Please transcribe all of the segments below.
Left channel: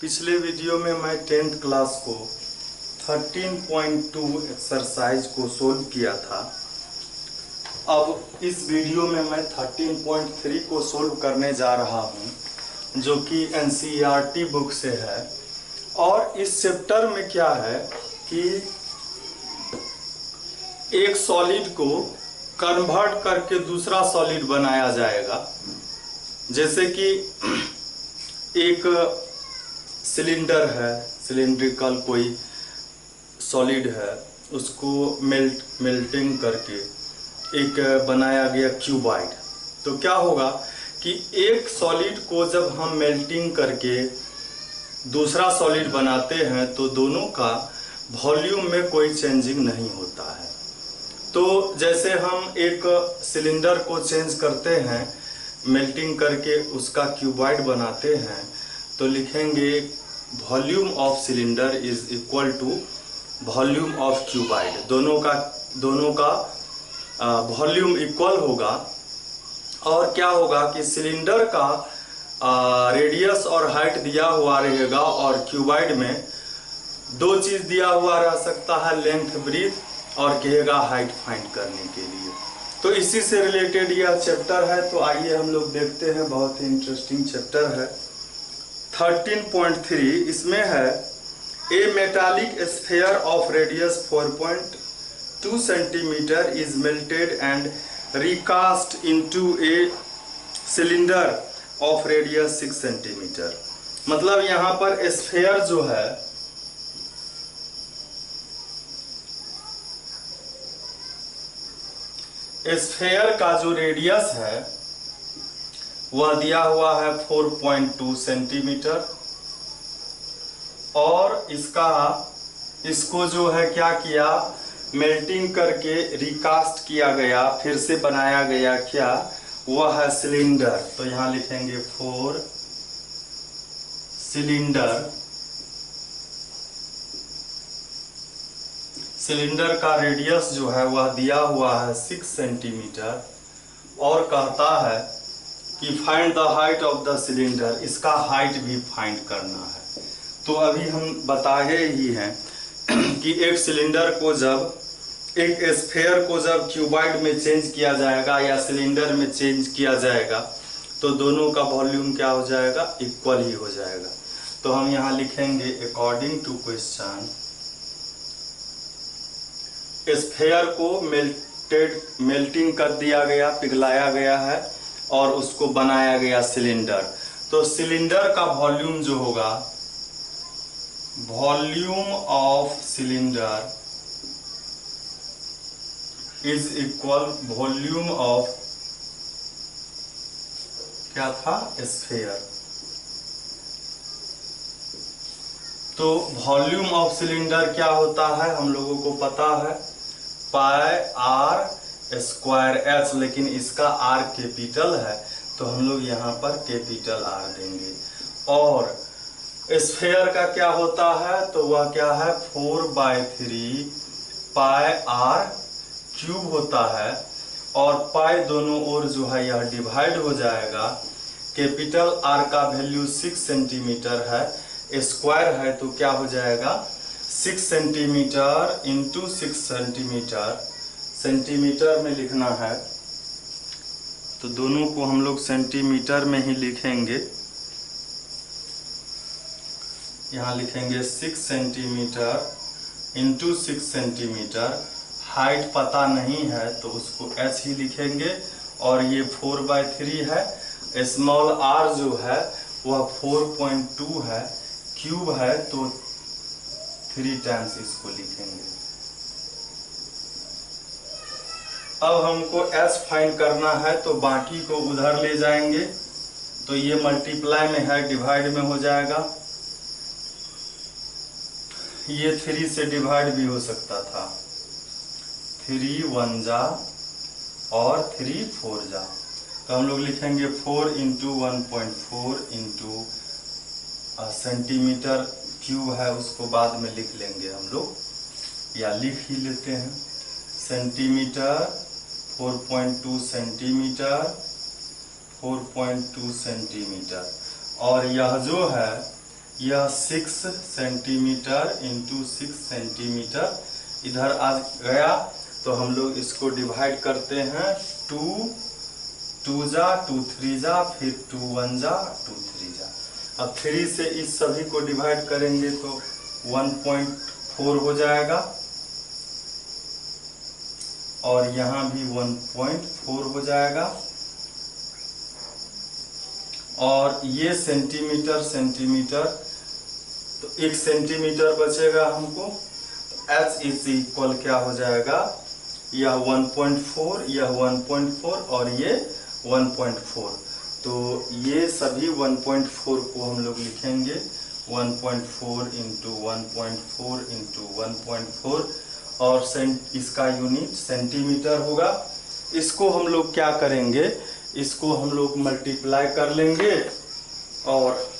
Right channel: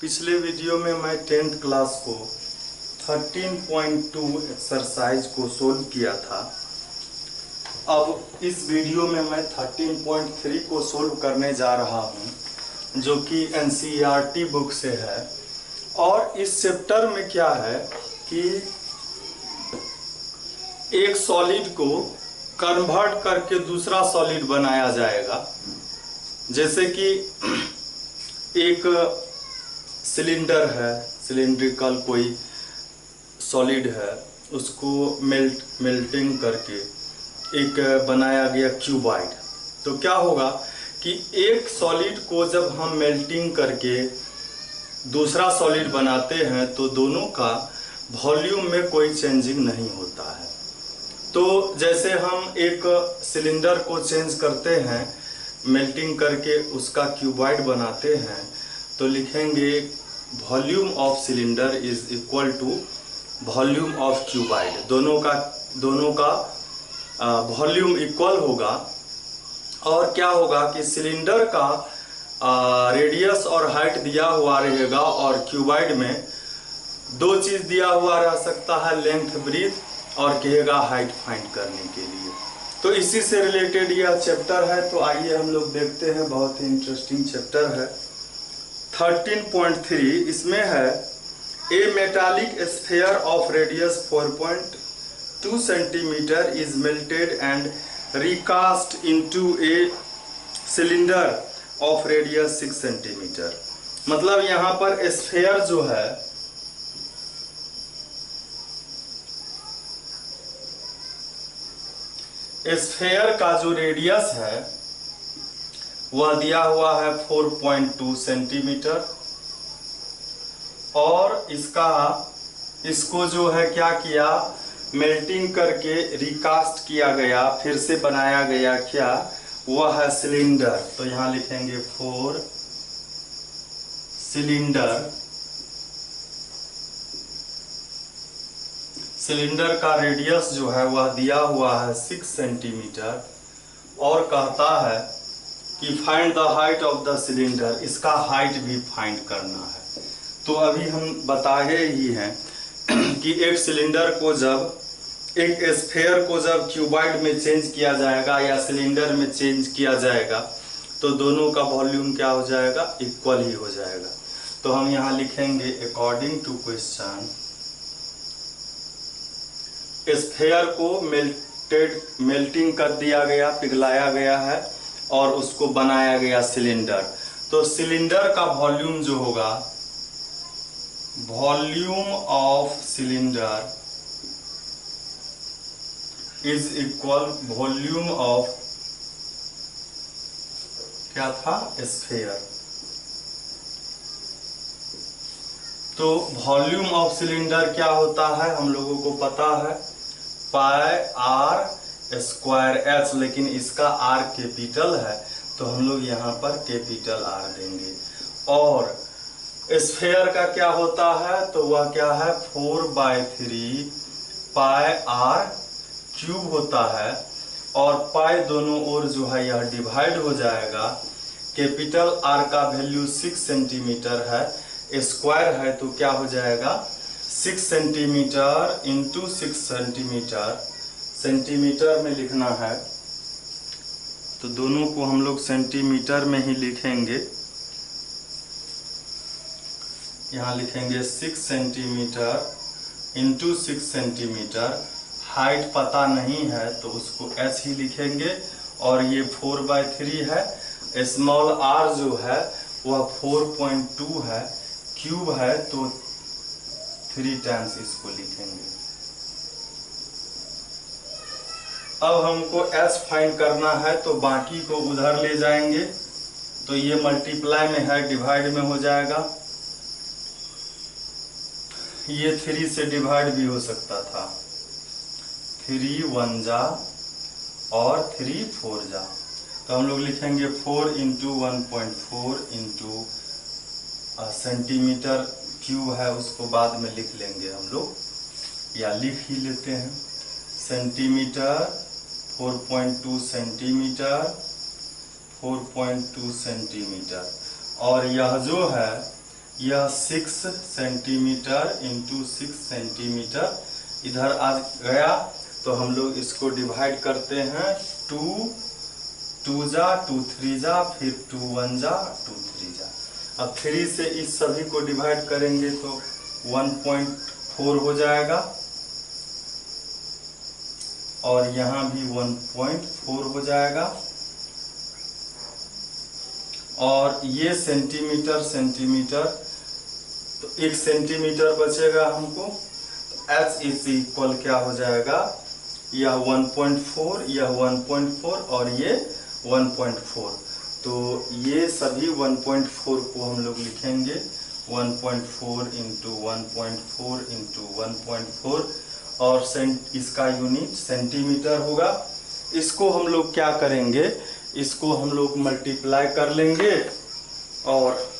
पिछले वीडियो में मैं 10th क्लास को 13.2 एक्सरसाइज को सोल्व किया था। अब इस वीडियो में मैं 13.3 को सोल्व करने जा रहा हूं, जो कि एनसीईआरटी बुक से है। और इस चैप्टर में क्या है कि एक सॉलिड को कन्वर्ट करके दूसरा सॉलिड बनाया जाएगा। जैसे कि एक सिलेंडर है, सिलिंड्रिकल कोई सॉलिड है, उसको मेल्टिंग करके एक बनाया गया क्यूबॉइड। तो क्या होगा कि एक सॉलिड को जब हम मेल्टिंग करके दूसरा सॉलिड बनाते हैं तो दोनों का वॉल्यूम में कोई चेंजिंग नहीं होता है। तो जैसे हम एक सिलेंडर को चेंज करते हैं, मेल्टिंग करके उसका क्यूबॉइड बनाते हैं, तो लिखेंगे volume of cylinder is equal to volume of cuboid. दोनों का वॉल्यूम इक्वल होगा। और क्या होगा कि सिलेंडर का रेडियस और हाइट दिया हुआ रहेगा और क्यूबॉइड में दो चीज दिया हुआ रह सकता है, लेंथ ब्रीथ, और कहेगा हाइट फाइंड करने के लिए। तो इसी से रिलेटेड यह चैप्टर है। तो आइए हम लोग देखते हैं, बहुत ही इंटरेस्टिंग चैप्टर है। 13.3 इसमें है a metallic sphere of radius 4.2 centimetre is melted and recast into a cylinder of radius 6 centimetre. मतलब यहाँ पर स्फीयर जो है स्फीयर का जो रेडियस है वह दिया हुआ है 4.2 सेंटीमीटर, और इसको जो है क्या किया, मेल्टिंग करके रिकास्ट किया गया, फिर से बनाया गया। क्या वह है सिलेंडर। तो यहां लिखेंगे 4 सिलेंडर। सिलेंडर का रेडियस जो है वह दिया हुआ है 6 सेंटीमीटर, और कहता है कि find the height of the cylinder. इसका हाइट भी फाइंड करना है। तो अभी हम बताए ही हैं कि एक सिलेंडर को जब, एक स्फीयर को जब क्यूबॉइड में चेंज किया जाएगा या सिलेंडर में चेंज किया जाएगा तो दोनों का वॉल्यूम क्या हो जाएगा, इक्वल ही हो जाएगा। तो हम यहाँ लिखेंगे अकॉर्डिंग टू क्वेश्चन, स्फीयर को मेल्टिंग कर दिया गया, पिघलाया गया है, और उसको बनाया गया सिलेंडर। तो सिलेंडर का वॉल्यूम जो होगा, volume of cylinder is equal volume of क्या था, स्फीयर। तो वॉल्यूम ऑफ सिलेंडर क्या होता है हम लोगों को पता है, पाई आर स्क्वायर एच, लेकिन इसका आर कैपिटल है तो हम लोग यहाँ पर कैपिटल आर देंगे। और स्फीयर का क्या होता है, तो वह क्या है 4/3 पाई आर क्यूब होता है, और पाई दोनों ओर जो है यह डिवाइड हो जाएगा। कैपिटल आर का वैल्यू 6 सेंटीमीटर है, स्क्वायर है तो क्या हो जाएगा 6 सेंटीमीटर इंटू 6 सेंटीमीटर। सेंटीमीटर में लिखना है तो दोनों को हम लोग सेंटीमीटर में ही लिखेंगे। यहाँ लिखेंगे 6 सेंटीमीटर इंटू 6 सेंटीमीटर। हाइट पता नहीं है तो उसको h ही लिखेंगे, और ये 4/3 है। स्मॉल r जो है वह 4.2 है, क्यूब है तो 3 टाइम्स इसको लिखेंगे। अब हमको h फाइंड करना है तो बाकी को उधर ले जाएंगे, तो ये मल्टीप्लाई में है, डिवाइड में हो जाएगा। ये 3 से डिवाइड भी हो सकता था, 3 1 जा और 3 4 जा। तो हम लोग लिखेंगे 4 इंटू 1.4 इंटू सेंटीमीटर क्यूब है, उसको बाद में लिख लेंगे हम लोग, या लिख ही लेते हैं। Centimetre 4.2 centimetre, 4.2 centimetre. और यह जो है यह 6 सेंटीमीटर इंटू 6 सेंटीमीटर इधर आ गया। तो हम लोग इसको डिवाइड करते हैं, 2 जा 2 3 जा, फिर 2 1 जा 2 3 जा। अब 3 से इस सभी को डिवाइड करेंगे तो 1.4 हो जाएगा, और यहाँ भी 1.4 हो जाएगा। और ये सेंटीमीटर सेंटीमीटर, तो 1 सेंटीमीटर बचेगा हमको। तो H इज इक्वल क्या हो जाएगा, यह 1.4, यह 1.4 और ये 1.4। तो ये सभी 1.4 को हम लोग लिखेंगे, 1.4 इंटू 1.4 इंटू 1.4, और इसका यूनिट सेंटीमीटर होगा। इसको हम लोग क्या करेंगे, इसको हम लोग मल्टीप्लाई कर लेंगे और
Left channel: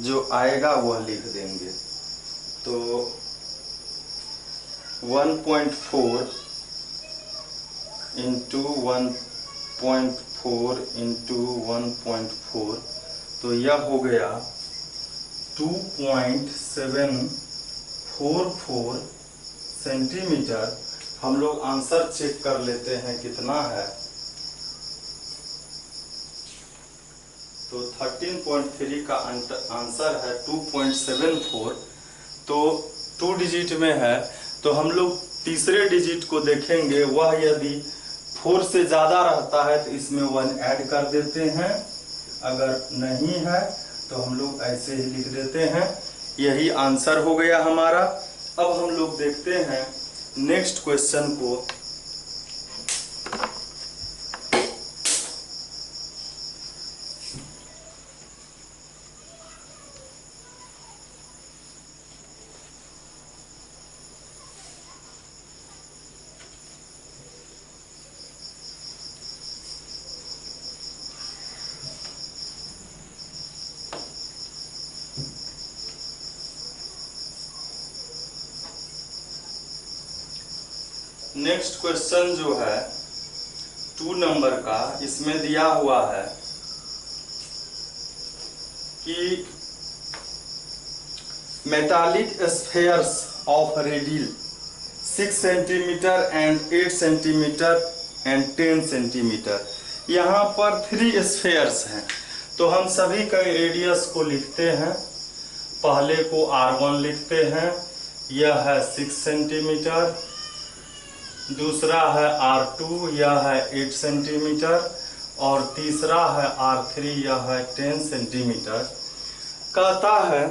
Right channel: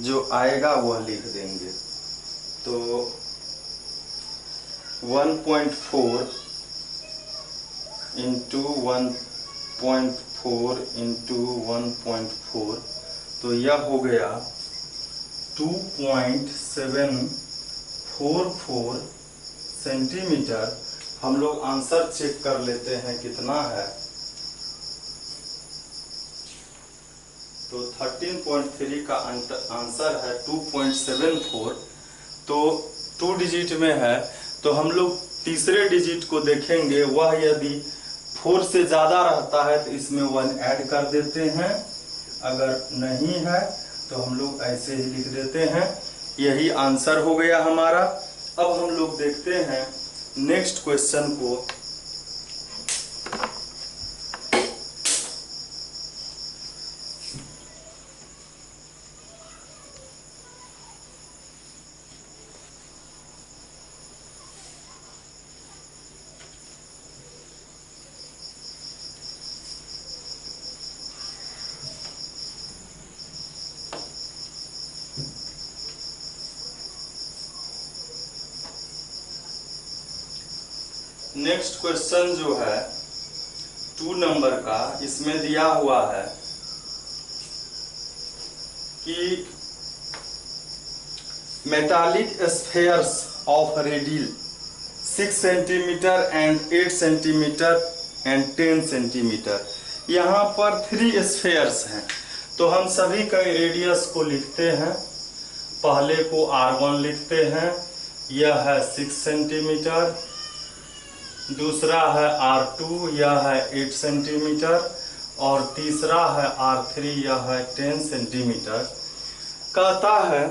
जो आएगा वह लिख देंगे। तो 1.4 इंटू 1.4 इंटू 1.4, तो यह हो गया 2.744 सेंटीमीटर। हम लोग आंसर चेक कर लेते हैं कितना है। तो 13.3 का आंसर है 2.74। तो 2 डिजिट में है, तो हम लोग तीसरे डिजिट को देखेंगे, वह यदि 4 से ज़्यादा रहता है तो इसमें 1 ऐड कर देते हैं, अगर नहीं है तो हम लोग ऐसे ही लिख देते हैं। यही आंसर हो गया हमारा। अब हम लोग देखते हैं नेक्स्ट क्वेश्चन को। नेक्स्ट क्वेश्चन जो है 2 नंबर का, इसमें दिया हुआ है कि metallic spheres of radius 6 centimetre and 8 centimetre and 10 centimetre. यहाँ पर 3 स्फेयर्स हैं, तो हम सभी का रेडियस को लिखते हैं। पहले को R1 लिखते हैं, यह है 6 सेंटीमीटर। दूसरा है R2, यह है 8 सेंटीमीटर, और तीसरा है R3, यह है 10 सेंटीमीटर। कहता है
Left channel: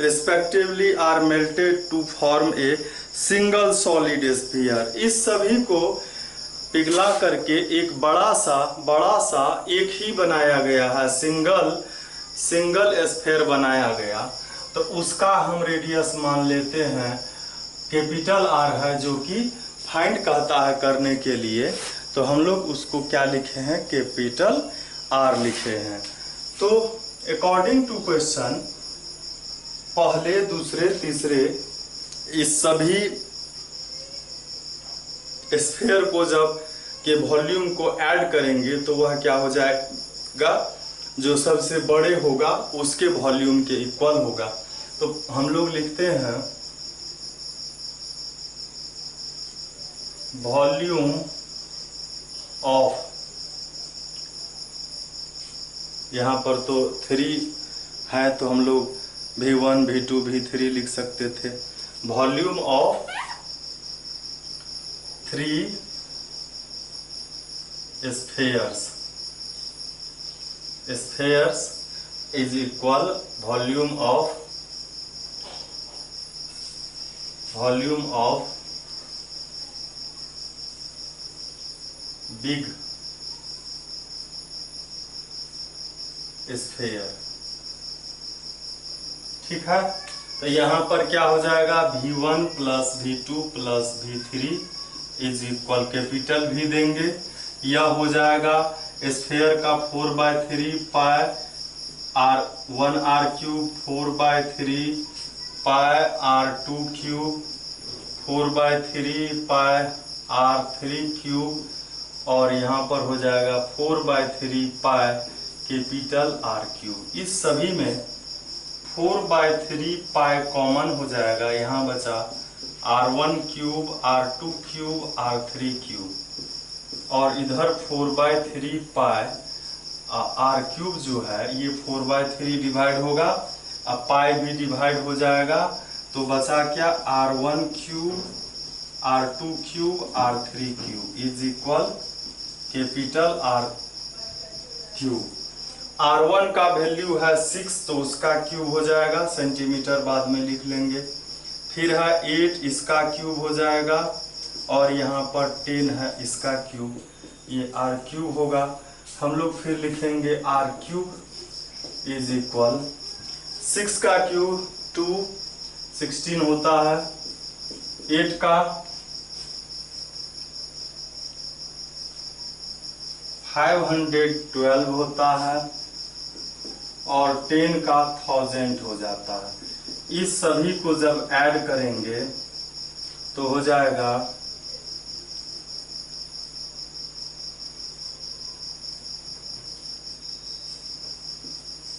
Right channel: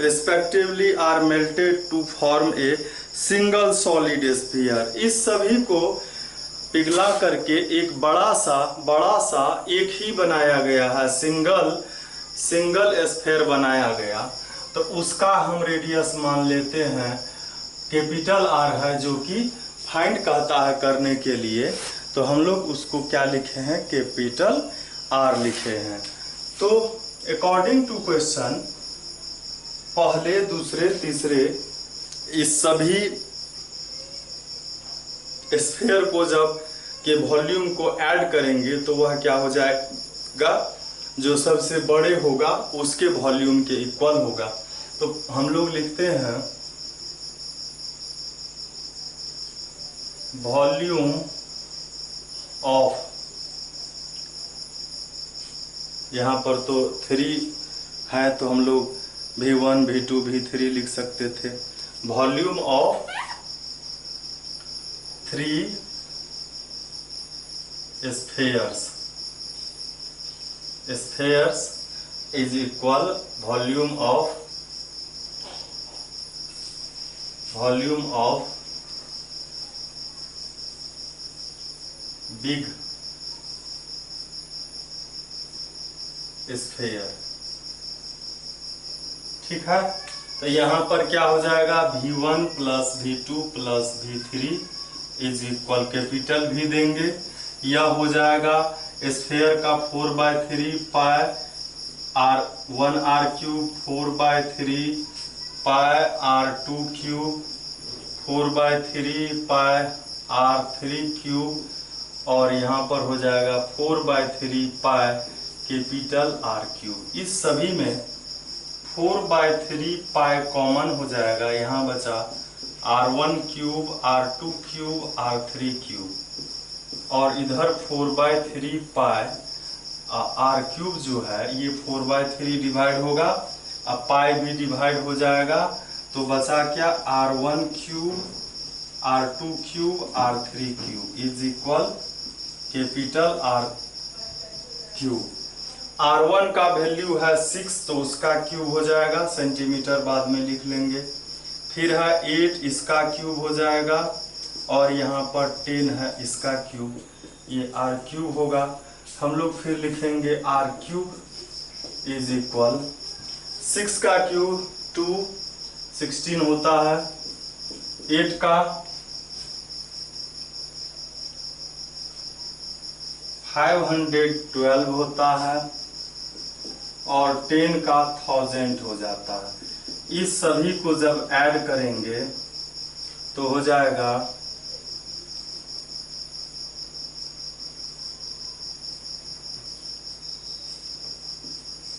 respectively are melted to form a single solid sphere. इस सभी को पिघला करके एक बड़ा सा एक ही बनाया गया है, सिंगल स्फीयर बनाया गया। तो उसका हम रेडियस मान लेते हैं कैपिटल R है, जो कि फाइंड कहता है करने के लिए। तो हम लोग उसको क्या लिखे हैं, कैपिटल R लिखे हैं। तो अकॉर्डिंग टू क्वेश्चन, पहले दूसरे तीसरे इस सभी स्फीयर को जब के वॉल्यूम को ऐड करेंगे तो वह क्या हो जाएगा, जो सबसे बड़े होगा उसके वॉल्यूम के इक्वल होगा। तो हम लोग लिखते हैं वॉल्यूम ऑफ, यहाँ पर तो 3 है तो हम लोग V1 V2 V3 लिख सकते थे। Volume of 3 spheres is equal volume of big sphere. ठीक है, तो यहाँ पर क्या हो जाएगा, V1 plus V2 plus V3 is equal capital V देंगे। यह हो जाएगा स्फीयर का 4/3 पाई R1 R क्यूब, 4/3 पाई R2 क्यूब, 4/3 पाई R3 क्यूब, और यहाँ पर हो जाएगा 4/3 पाई कैपिटल आर क्यूब। इस सभी में 4/3 पाई कॉमन हो जाएगा, यहाँ बचा R1 cube, R2 cube, R3 cube और इधर 4/3 पाई आर क्यूब जो है ये 4/3 डिवाइड होगा, अब पाई भी डिवाइड हो जाएगा, तो बचा क्या R1 cube, R2 cube, R3 cube is equal capital R cube. R1 का वैल्यू है 6 तो उसका क्यूब हो जाएगा, सेंटीमीटर बाद में लिख लेंगे। फिर है 8 इसका क्यूब हो जाएगा और यहाँ पर 10 है इसका क्यूब, ये R क्यूब होगा। हम लोग फिर लिखेंगे R क्यूब इज इक्वल 6 का क्यूब 2 16 होता है, 8 का 512 होता है और 10 का 1000 हो जाता है। इस सभी को जब ऐड करेंगे तो हो जाएगा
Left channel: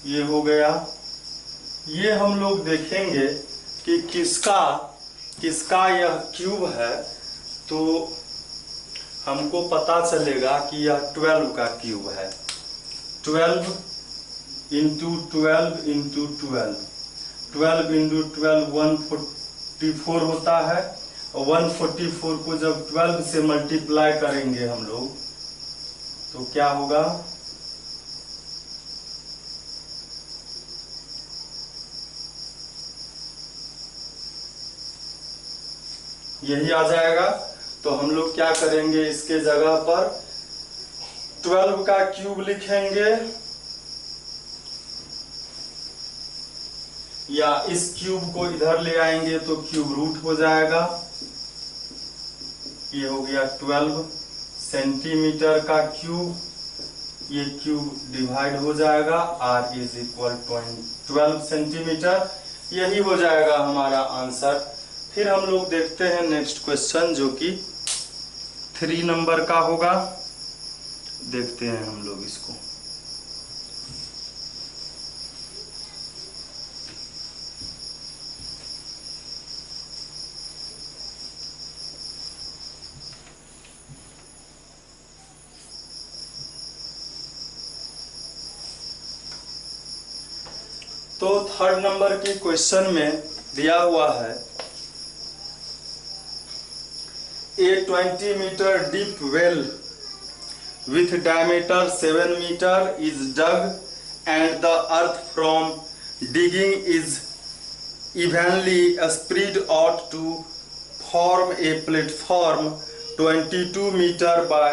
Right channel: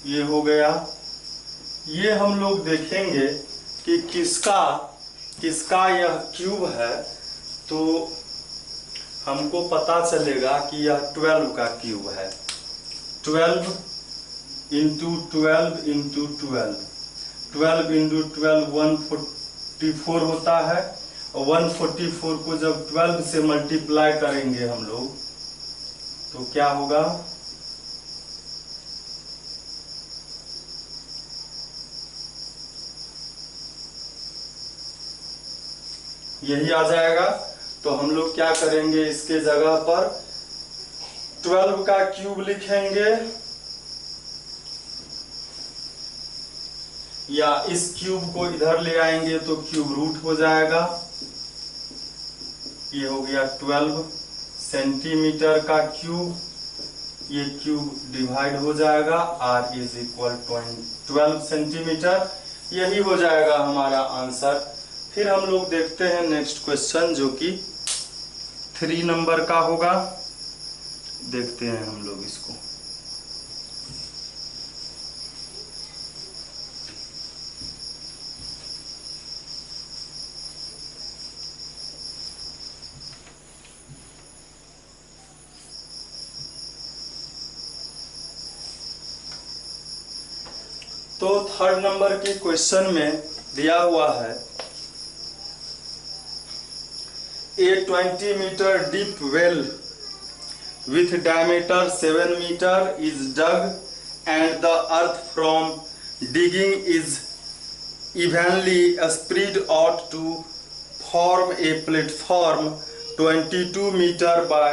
ये हो गया। ये हम लोग देखेंगे कि किसका यह क्यूब है, तो हमको पता चलेगा कि यह 12 का क्यूब है। 12 इंटू 12 इंटू 12, 12 इंटू 12 144 होता है और 144 को जब 12 से मल्टीप्लाई करेंगे हम लोग तो क्या होगा, यही आ जाएगा। तो हम लोग क्या करेंगे, इसके जगह पर 12 का क्यूब लिखेंगे या इस क्यूब को इधर ले आएंगे तो क्यूब रूट हो जाएगा। ये हो गया 12 सेंटीमीटर का क्यूब, ये क्यूब डिवाइड हो जाएगा, R इज इक्वल 12 सेंटीमीटर, यही हो जाएगा हमारा आंसर। फिर हम लोग देखते हैं नेक्स्ट क्वेश्चन जो कि 3 नंबर का होगा, देखते हैं हम लोग इसको। तो 3rd नंबर के क्वेश्चन में दिया हुआ है A 20 meter deep well with diameter 7 meter is dug and the earth from digging is evenly spread out to form a platform 22 meter by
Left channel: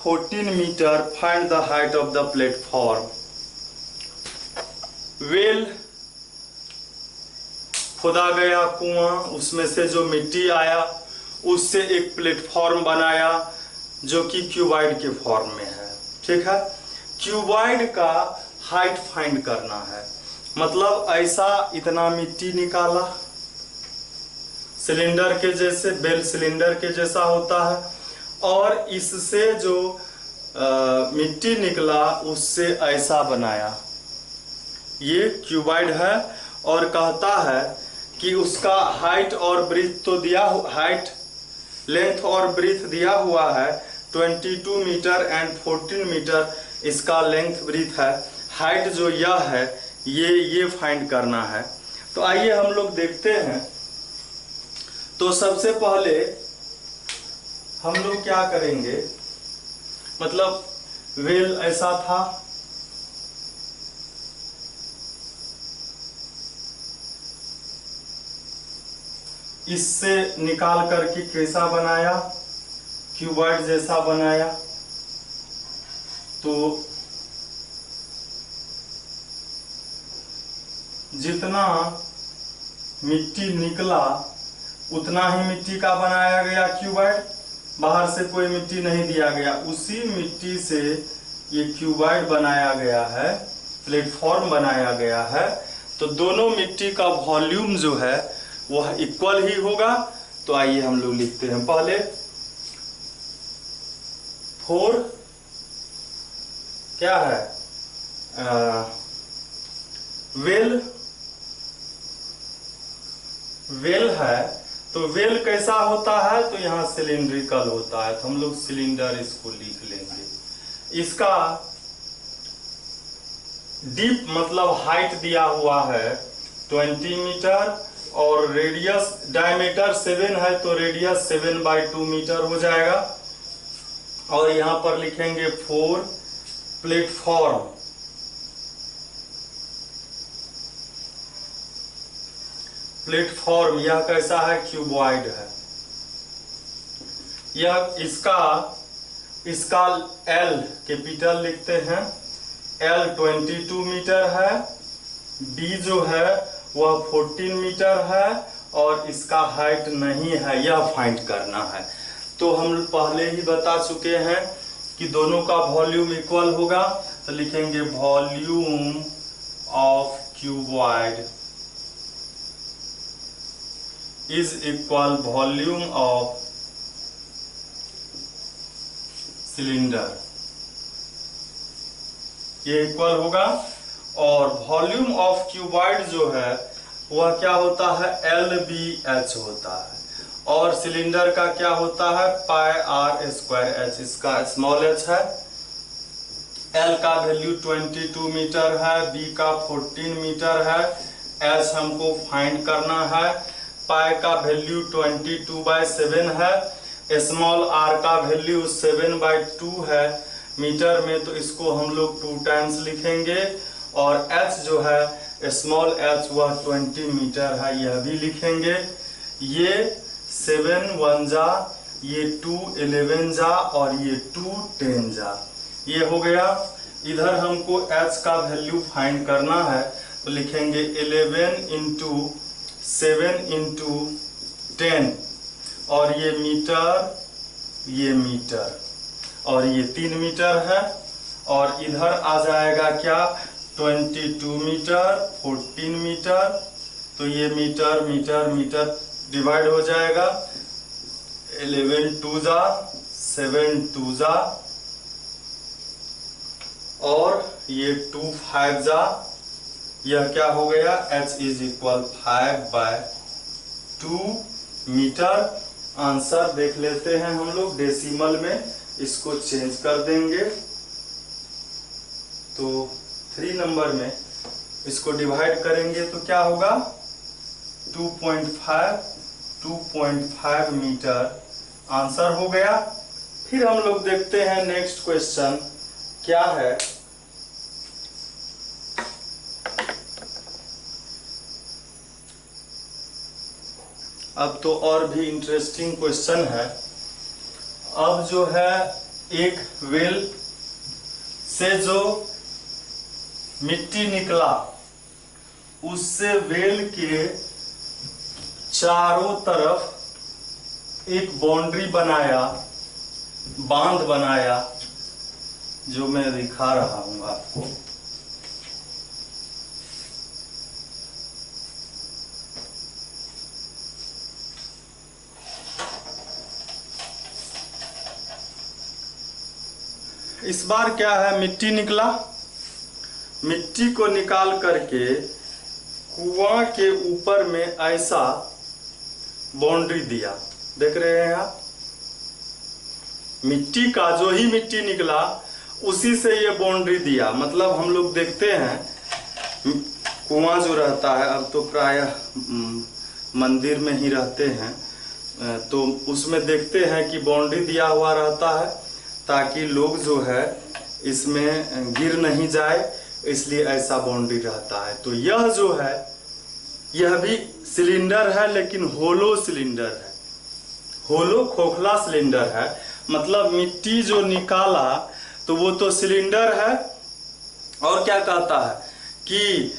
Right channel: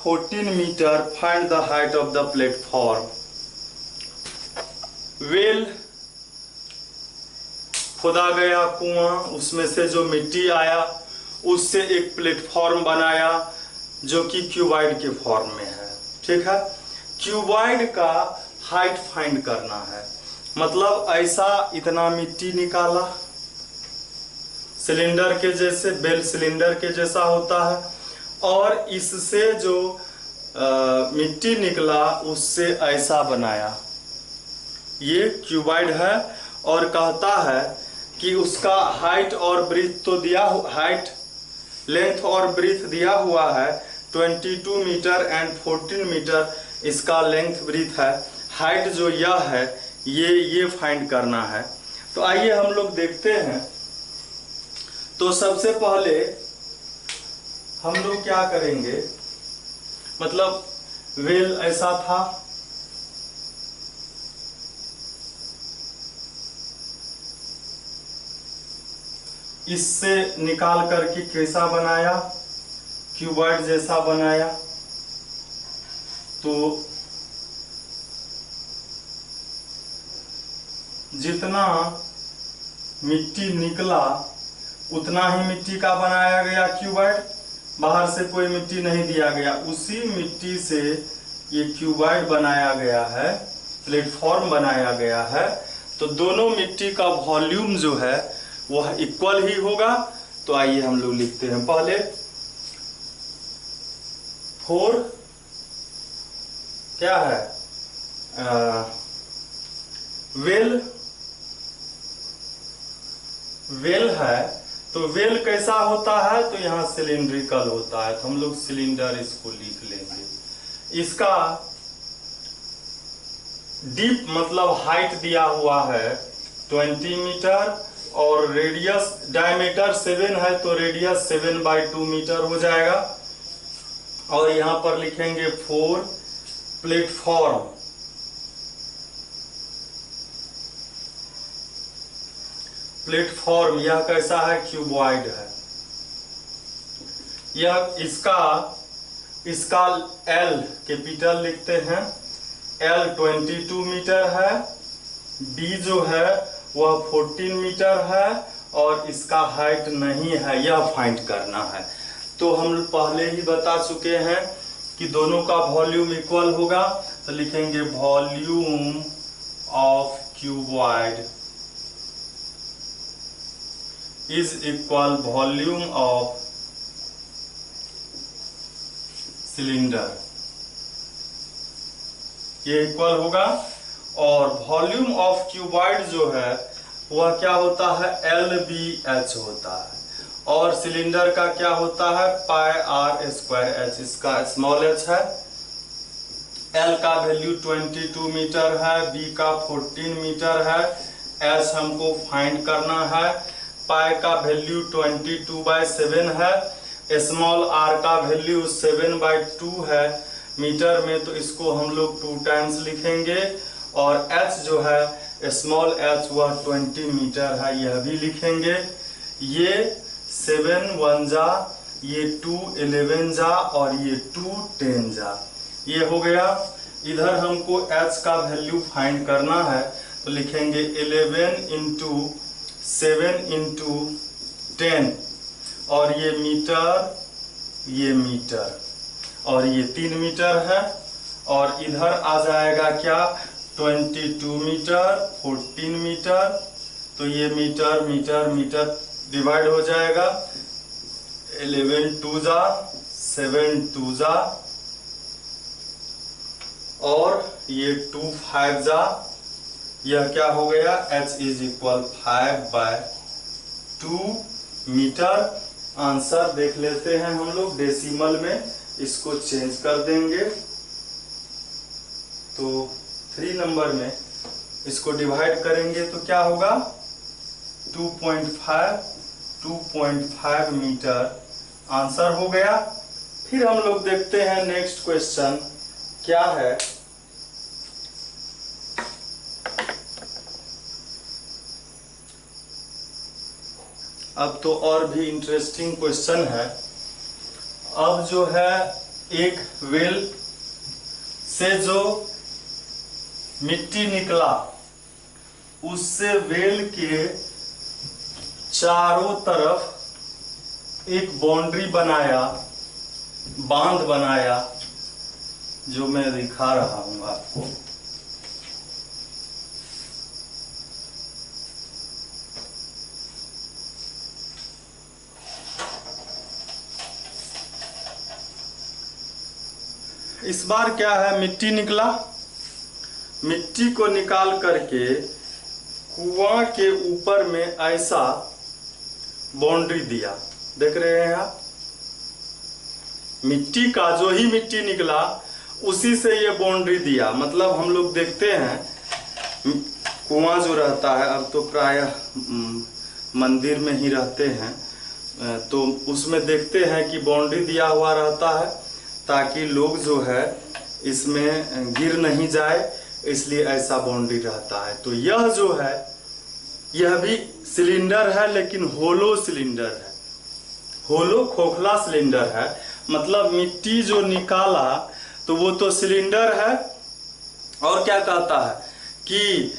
14 meter. Find the height of the platform. Well खोदा गया कुआं, उसमें से जो मिट्टी आया उससे एक प्लेटफॉर्म बनाया जो कि क्यूबॉइड के फॉर्म में है। ठीक है, क्यूबॉइड का हाइट फाइंड करना है, मतलब ऐसा इतना मिट्टी निकाला, सिलेंडर के जैसे, बेल सिलेंडर के जैसा होता है, और इससे जो मिट्टी निकला उससे ऐसा बनाया, ये क्यूबॉइड है। और कहता है कि उसका हाइट और ब्रीथ तो दिया, हाइट लेंथ और ब्रीथ दिया हुआ है 22 मीटर एंड 14 मीटर इसका लेंथ ब्रीथ है। हाइट जो यह है ये फाइंड करना है। तो आइए हम लोग देखते हैं। तो सबसे पहले हम लोग क्या करेंगे, मतलब वेल ऐसा था, इससे निकाल करके कैसा बनाया, क्यूबॉइड जैसा बनाया। तो जितना मिट्टी निकला उतना ही मिट्टी का बनाया गया क्यूबॉइड, बाहर से कोई मिट्टी नहीं दिया गया, उसी मिट्टी से ये क्यूबॉइड बनाया गया है, प्लेटफॉर्म बनाया गया है। तो दोनों मिट्टी का वॉल्यूम जो है वह इक्वल ही होगा। तो आइए हम लोग लिखते हैं, पहले 4 क्या है वेल है, तो वेल कैसा होता है, तो यहाँ सिलिंड्रिकल होता है, तो हम लोग सिलेंडर इसको लिख लेंगे। इसका डीप मतलब हाइट दिया हुआ है 20 मीटर और रेडियस डायमीटर 7 है, तो रेडियस 7/2 मीटर हो जाएगा। और यहाँ पर लिखेंगे 4 प्लेटफॉर्म। प्लेटफॉर्म यह कैसा है, क्यूबॉइड है। यह इसका L कैपिटल लिखते हैं, L 22 मीटर है, D जो है वह 14 मीटर है और इसका हाइट नहीं है, यह फाइंड करना है। तो हम पहले ही बता चुके हैं कि दोनों का वॉल्यूम इक्वल होगा, तो लिखेंगे volume of cuboid is equal volume of cylinder, ये इक्वल होगा। और वॉल्यूम ऑफ क्यूबॉइड जो है वह क्या होता है, LBH होता है। और सिलेंडर का क्या होता है, πr²h, इसका स्मॉल h है। L का वैल्यू 22 मीटर है, B का 14 मीटर है, H हमको फाइंड करना है। पाई का वैल्यू 22/7 है, स्मॉल r का वैल्यू 7/2 है मीटर में, तो इसको हम लोग 2 टाइम्स लिखेंगे। और h जो है स्मॉल h वह 20 मीटर है, यह भी लिखेंगे। ये 7 1 जा, ये 2 11 जा और ये 2 10 जा, ये हो गया। इधर हमको h का वैल्यू फाइंड करना है, तो लिखेंगे 11 × 7 × 10 और ये मीटर और ये 3 मीटर है। और इधर आ जाएगा क्या, 22 मीटर 14 मीटर, तो ये मीटर डिवाइड हो जाएगा। 11 2 जा, 7 2 जा और ये 2 5 जा, यह क्या हो गया, h is equal 5/2 metre. Answer देख लेते हैं हम लोग, डेसिमल में इसको चेंज कर देंगे, तो 3 नंबर में इसको डिवाइड करेंगे तो क्या होगा, 2.5 मीटर आंसर हो गया। फिर हम लोग देखते हैं नेक्स्ट क्वेश्चन क्या है। अब तो और भी इंटरेस्टिंग क्वेश्चन है। अब जो है एक वेल से जो मिट्टी निकला, उससे वेल के चारों तरफ एक बाउंड्री बनाया, बांध बनाया, जो मैं दिखा रहा हूं आपको। इस बार क्या है, मिट्टी निकला, मिट्टी को निकाल करके कुआं के ऊपर में ऐसा बाउंड्री दिया, देख रहे हैं आप। मिट्टी का जो ही मिट्टी निकला उसी से ये बाउंड्री दिया। मतलब हम लोग देखते हैं कुआं जो रहता है, अब तो प्रायः मंदिर में ही रहते हैं, तो उसमें देखते हैं कि बाउंड्री दिया हुआ रहता है ताकि लोग जो है इसमें गिर नहीं जाए, इसलिए ऐसा बाउंड्री रहता है। तो यह जो है यह भी सिलेंडर है, लेकिन होलो सिलेंडर है, होलो खोखला सिलेंडर है। मतलब मिट्टी जो निकाला तो वो तो सिलेंडर है। और क्या कहता है कि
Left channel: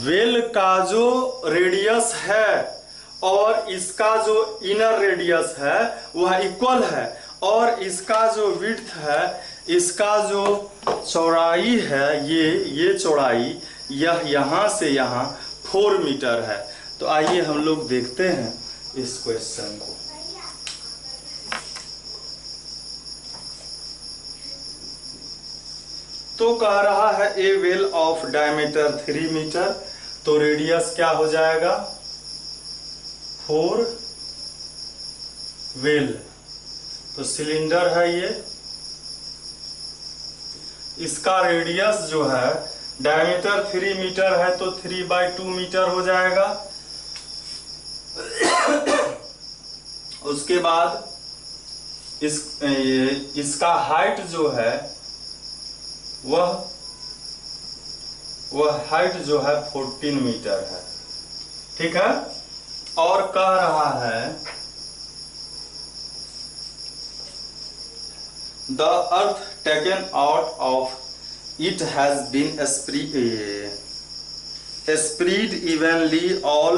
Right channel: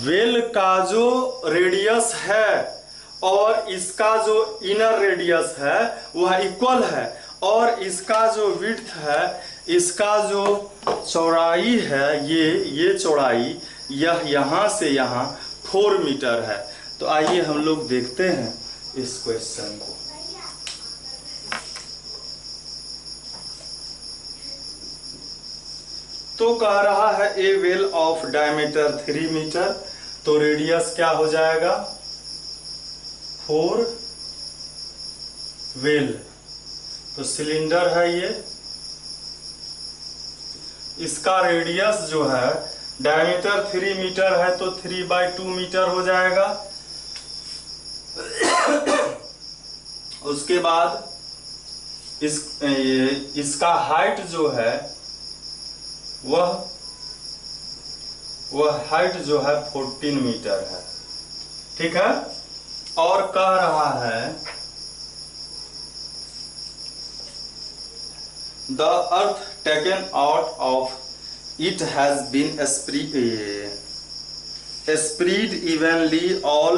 वेल का जो रेडियस है और इसका जो इनर रेडियस है वह इक्वल है, और इसका जो विड्थ है, इसका जो चौड़ाई है, ये चौड़ाई यह यहाँ से यहाँ 4 मीटर है। तो आइए हम लोग देखते हैं इस क्वेश्चन को। तो कह रहा है ए वेल ऑफ डायमीटर 3 मीटर, तो रेडियस क्या हो जाएगा 4 वेल। तो सिलेंडर है ये, इसका रेडियस जो है डायमीटर 3 मीटर है तो 3/2 मीटर हो जाएगा। उसके बाद इसका हाइट जो है वह हाइट जो है 14 मीटर है। ठीक है। और कह रहा है the earth taken out of it has been spread evenly all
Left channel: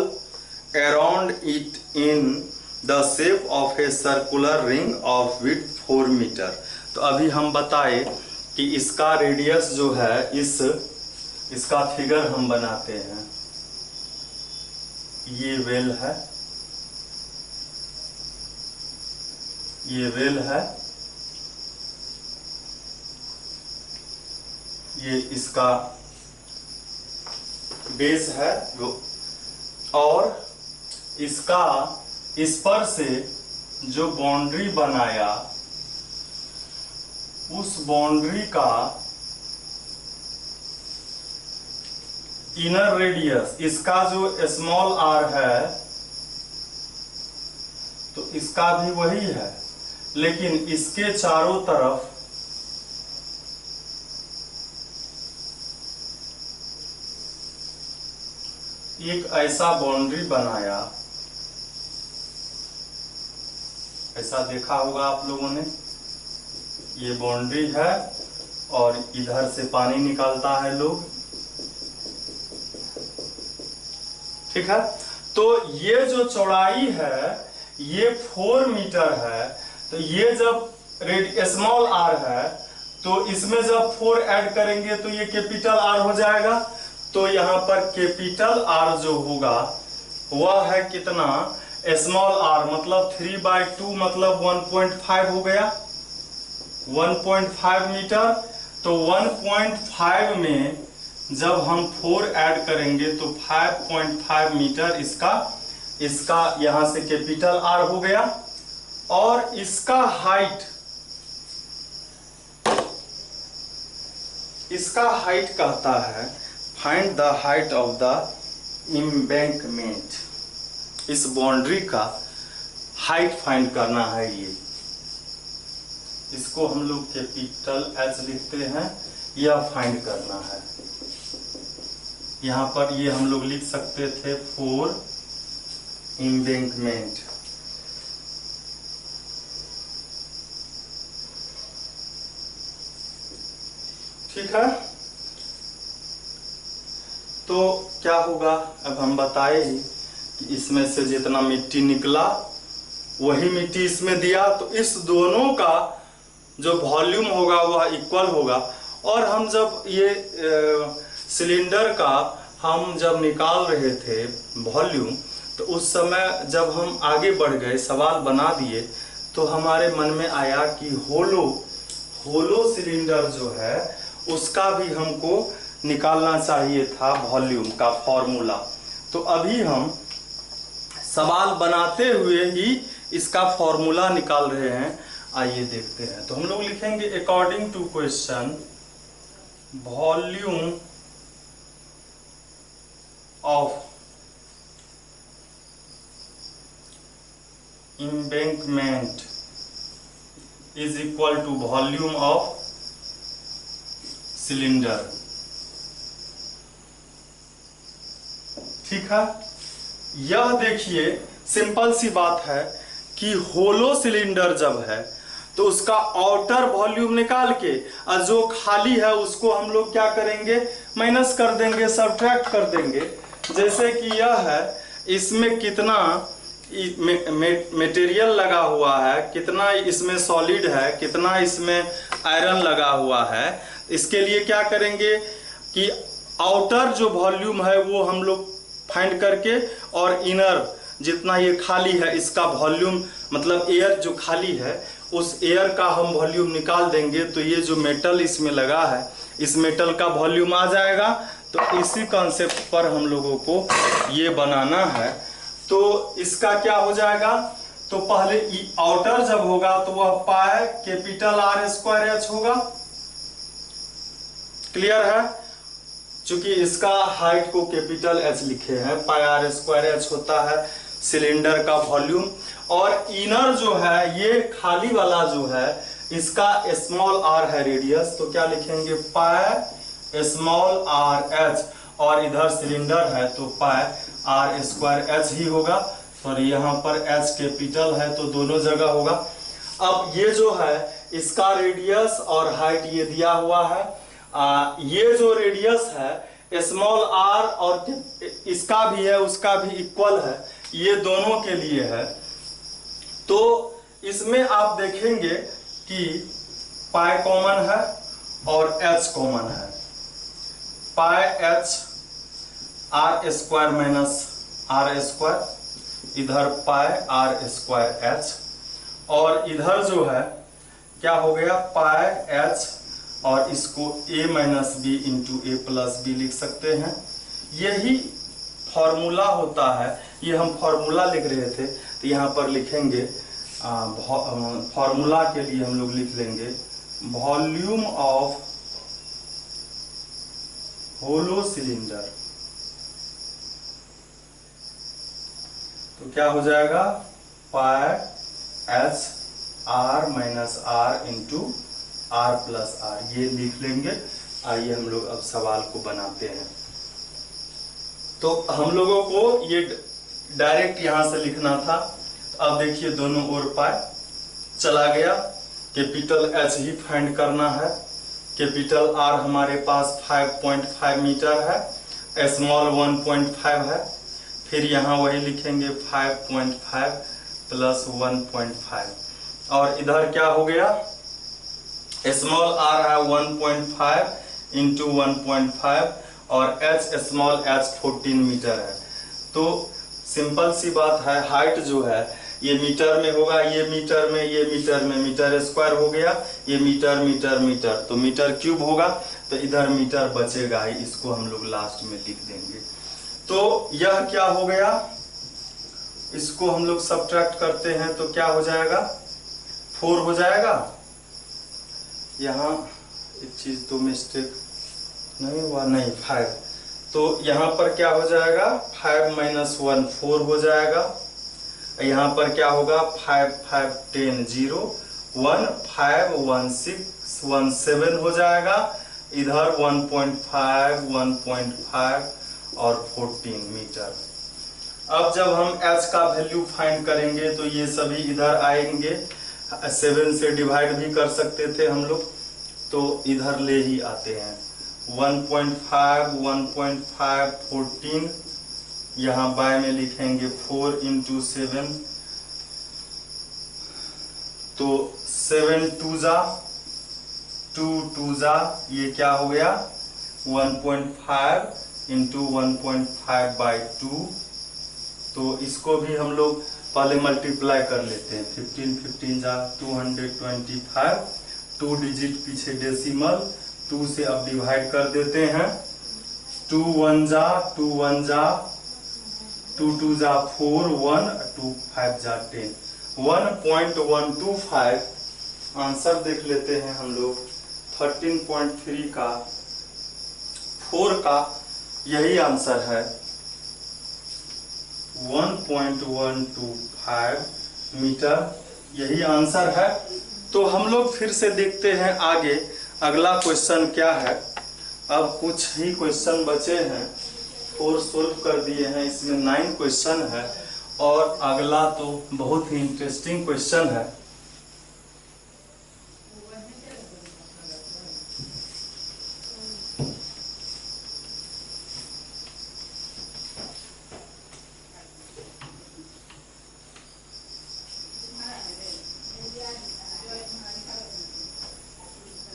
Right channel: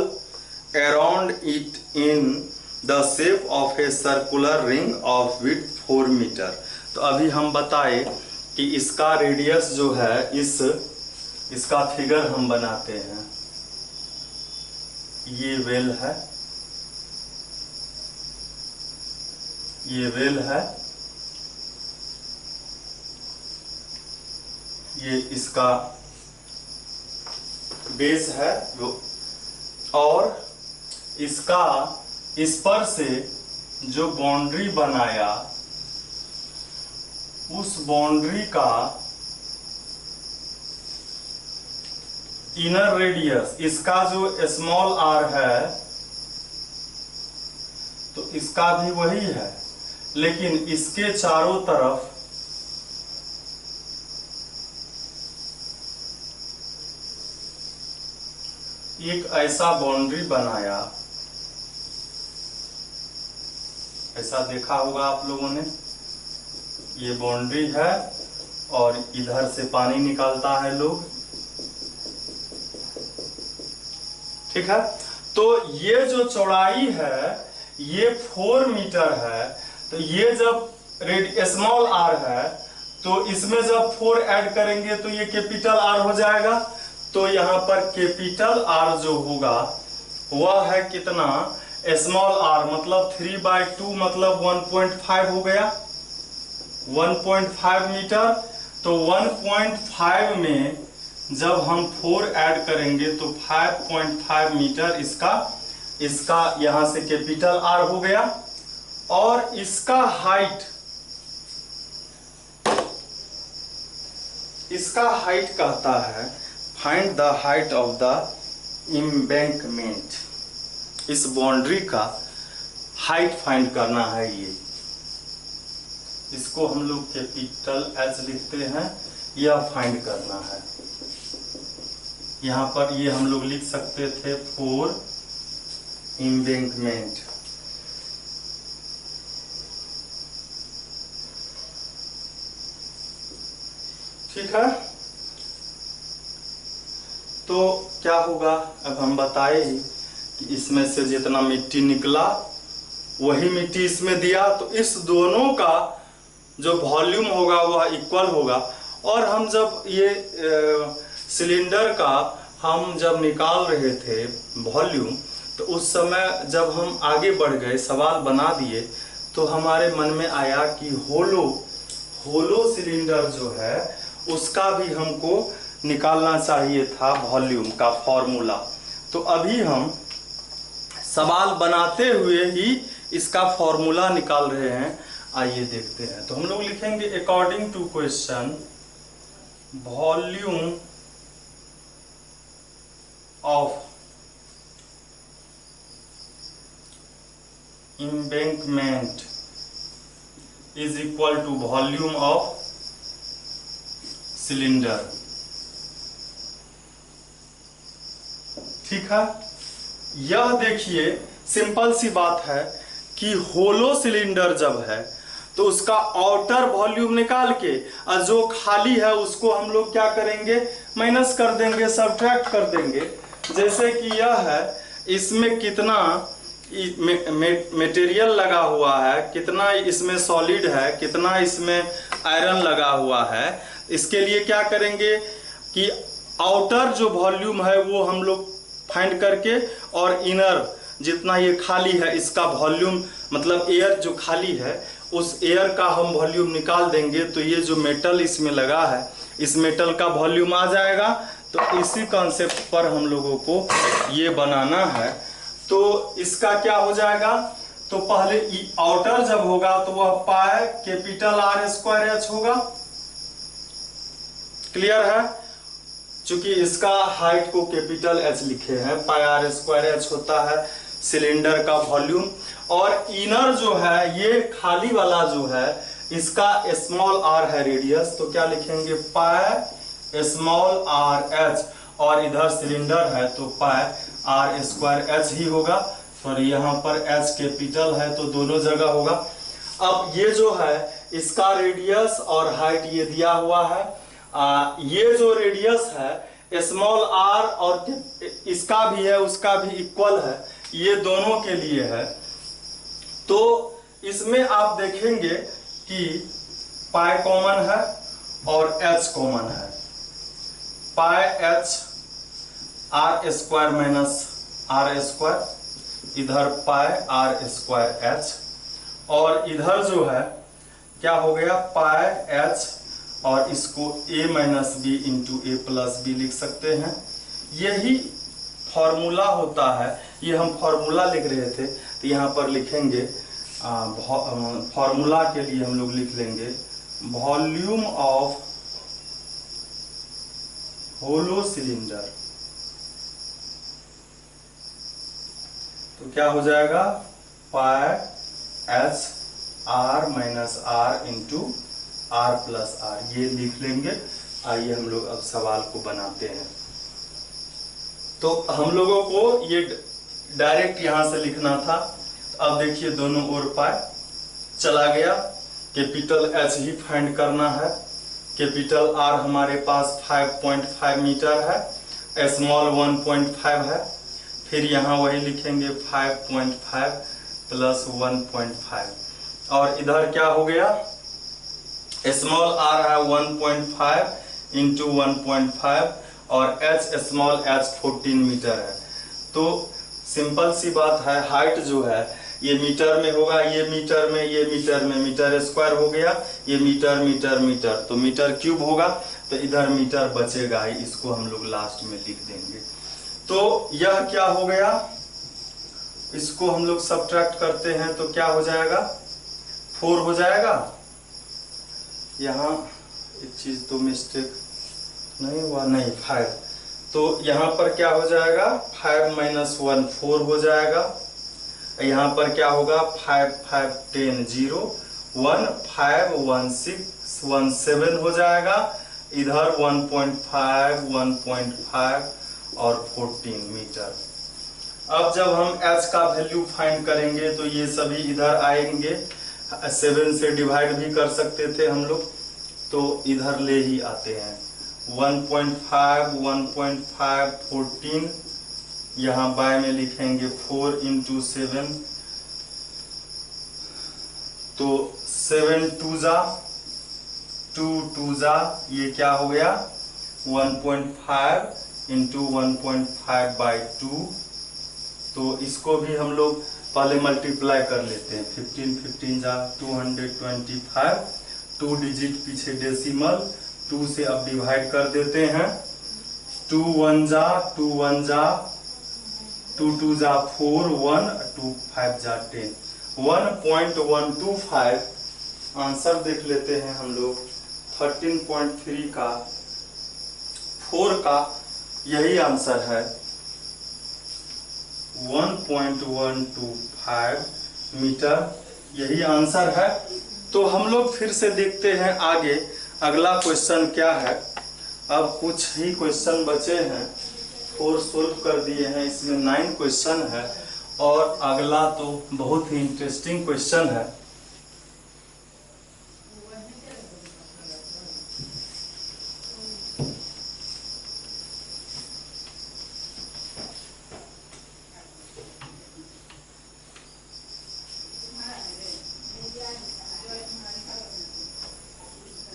around it in the shape of a circular ring of width 4 metre. तो अभी हम बताए कि इसका रेडियस जो है इसका फिगर हम बनाते हैं। ये वेल है, ये वेल है, ये इसका बेस है और इसका इस पर से जो बाउंड्री बनाया उस बाउंड्री का इनर रेडियस, इसका जो स्मॉल आर है तो इसका भी वही है, लेकिन इसके चारों तरफ एक ऐसा बाउंड्री बनाया, ऐसा देखा होगा आप लोगों ने, ये बाउंड्री है और इधर से पानी निकालता है लोग। ठीक है। तो ये जो चौड़ाई है ये 4 मीटर है, तो ये जब स्मॉल आर है तो इसमें जब 4 ऐड करेंगे तो ये कैपिटल आर हो जाएगा। तो यहाँ पर कैपिटल आर जो होगा वह है कितना, स्मॉल आर मतलब 3/2 मतलब 1.5 हो गया, 1.5 मीटर। तो 1.5 में जब हम 4 ऐड करेंगे तो 5.5 मीटर इसका यहां से कैपिटल आर हो गया। और इसका हाइट कहता है find the height of the embankment, इस बाउंड्री का हाइट फाइंड करना है। ये इसको हम लोग कैपिटल एच लिखते हैं, यह फाइंड करना है। यहाँ पर ये हम लोग लिख सकते थे 4 एम्बैंकमेंट। ठीक है। तो क्या होगा, अब हम बताए कि इसमें से जितना मिट्टी निकला वही मिट्टी इसमें दिया, तो इस दोनों का जो वॉल्यूम होगा वह इक्वल होगा। और हम जब ये सिलेंडर का हम जब निकाल रहे थे वॉल्यूम, तो उस समय जब हम आगे बढ़ गए, सवाल बना दिए, तो हमारे मन में आया कि होलो सिलेंडर जो है उसका भी हमको निकालना चाहिए था वॉल्यूम का फॉर्मूला। तो अभी हम सवाल बनाते हुए ही इसका फॉर्मूला निकाल रहे हैं। आइए देखते हैं। तो हम लोग लिखेंगे according to question volume of embankment is equal to volume of cylinder। ठीक है। यह देखिए सिंपल सी बात है कि होलो सिलेंडर जब है तो उसका आउटर वॉल्यूम निकाल के और जो खाली है उसको हम लोग क्या करेंगे, माइनस कर देंगे, सब्ट्रैक्ट कर देंगे। जैसे कि यह है, इसमें कितना मटेरियल लगा हुआ है, कितना इसमें सॉलिड है, कितना इसमें आयरन लगा हुआ है। इसके लिए क्या करेंगे कि आउटर जो वॉल्यूम है वो हम लोग फाइंड करके और इनर जितना ये खाली है इसका वॉल्यूम मतलब एयर जो खाली है उस एयर का हम वॉल्यूम निकाल देंगे तो ये जो मेटल इसमें लगा है इस मेटल का वॉल्यूम आ जाएगा। तो इसी कॉन्सेप्ट पर हम लोगों को ये बनाना है। तो इसका क्या हो जाएगा, तो पहले आउटर जब होगा तो वह pi capital R square H होगा। क्लियर है, चूंकि इसका हाइट को कैपिटल H लिखे हैं, पाई R स्क्वायर H होता है सिलेंडर का वॉल्यूम। और इनर जो है ये खाली वाला जो है इसका स्मॉल r है रेडियस, तो क्या लिखेंगे पाई स्मॉल r h, और इधर सिलेंडर है तो पाई R स्क्वायर H ही होगा। और यहाँ पर H कैपिटल है तो दोनों जगह होगा। अब ये जो है इसका रेडियस और हाइट ये दिया हुआ है। ये जो रेडियस है स्मॉल r और इसका भी है उसका भी इक्वल है, ये दोनों के लिए है। तो इसमें आप देखेंगे कि पाई कॉमन है और H कॉमन है। पाई H R square minus R square, इधर पाई R स्क्वायर H, और इधर जो है क्या हो गया पाई H, और इसको a minus B into A plus B लिख सकते हैं। यही फॉर्मूला होता है, ये हम फॉर्मूला लिख रहे थे तो यहाँ पर लिखेंगे फॉर्मूला के लिए हम लोग लिख लेंगे वॉल्यूम ऑफ होलो सिलेंडर। तो क्या हो जाएगा पाई H R minus R into R plus R, ये लिख लेंगे। आइए हम लोग अब सवाल को बनाते हैं। तो हम लोगों को ये डायरेक्ट यहां से लिखना था। अब देखिए दोनों ओर पाई चला गया, कैपिटल H ही फाइंड करना है। कैपिटल R हमारे पास 5.5 मीटर है, स्मॉल 1.5 है, फिर यहाँ वही लिखेंगे 5.5 प्लस 1.5, और इधर क्या हो गया स्मॉल r है 1.5 इंटू 1.5 और h स्मॉल h 14 मीटर है। तो सिंपल सी बात है, हाइट जो है ये मीटर में होगा, ये मीटर में, ये मीटर में, मीटर स्क्वायर हो गया, ये मीटर मीटर मीटर, तो मीटर क्यूब होगा, तो इधर मीटर बचेगा ही, इसको हम लोग लास्ट में लिख देंगे। तो यह क्या हो गया, इसको हम लोग सब्ट्रैक्ट करते हैं तो क्या हो जाएगा 4 हो जाएगा। यहाँ एक चीज तो मिस्टेक नहीं हुआ, नहीं 5, तो यहाँ पर क्या हो जाएगा 5 माइनस 1 4 हो जाएगा। यहाँ पर क्या होगा 5 5 10 0 1 5 1 6 1 7 हो जाएगा। इधर 1.5 1.5 और 14 मीटर। अब जब हम h का वैल्यू फाइंड करेंगे तो ये सभी इधर आएंगे, 7 से डिवाइड भी कर सकते थे हम लोग, तो इधर ले ही आते हैं। 1.5 1.5 14, यहाँ बाय में लिखेंगे 4 इंटू 7, तो 7 2 जा 2 2 जा, ये क्या हो गया 1.5 इंटू 1.5 बाई 2। तो इसको भी हम लोग पहले मल्टीप्लाई कर लेते हैं, 15 15 जा 225, 2 डिजिट पीछे डेसिमल, 2 से अब डिवाइड कर देते हैं, 2 1 जा 2 1 जा 2 2 जा 4 1 2 5 जा 10, 1.125 आंसर देख लेते हैं हम लोग। 13.3 का 4 का यही आंसर है, 1.125 मीटर, यही आंसर है। तो हम लोग फिर से देखते हैं आगे अगला क्वेश्चन क्या है। अब कुछ ही क्वेश्चन बचे हैं, 4 सोल्व कर दिए हैं, इसमें 9 क्वेश्चन है, और अगला तो बहुत ही इंटरेस्टिंग क्वेश्चन है।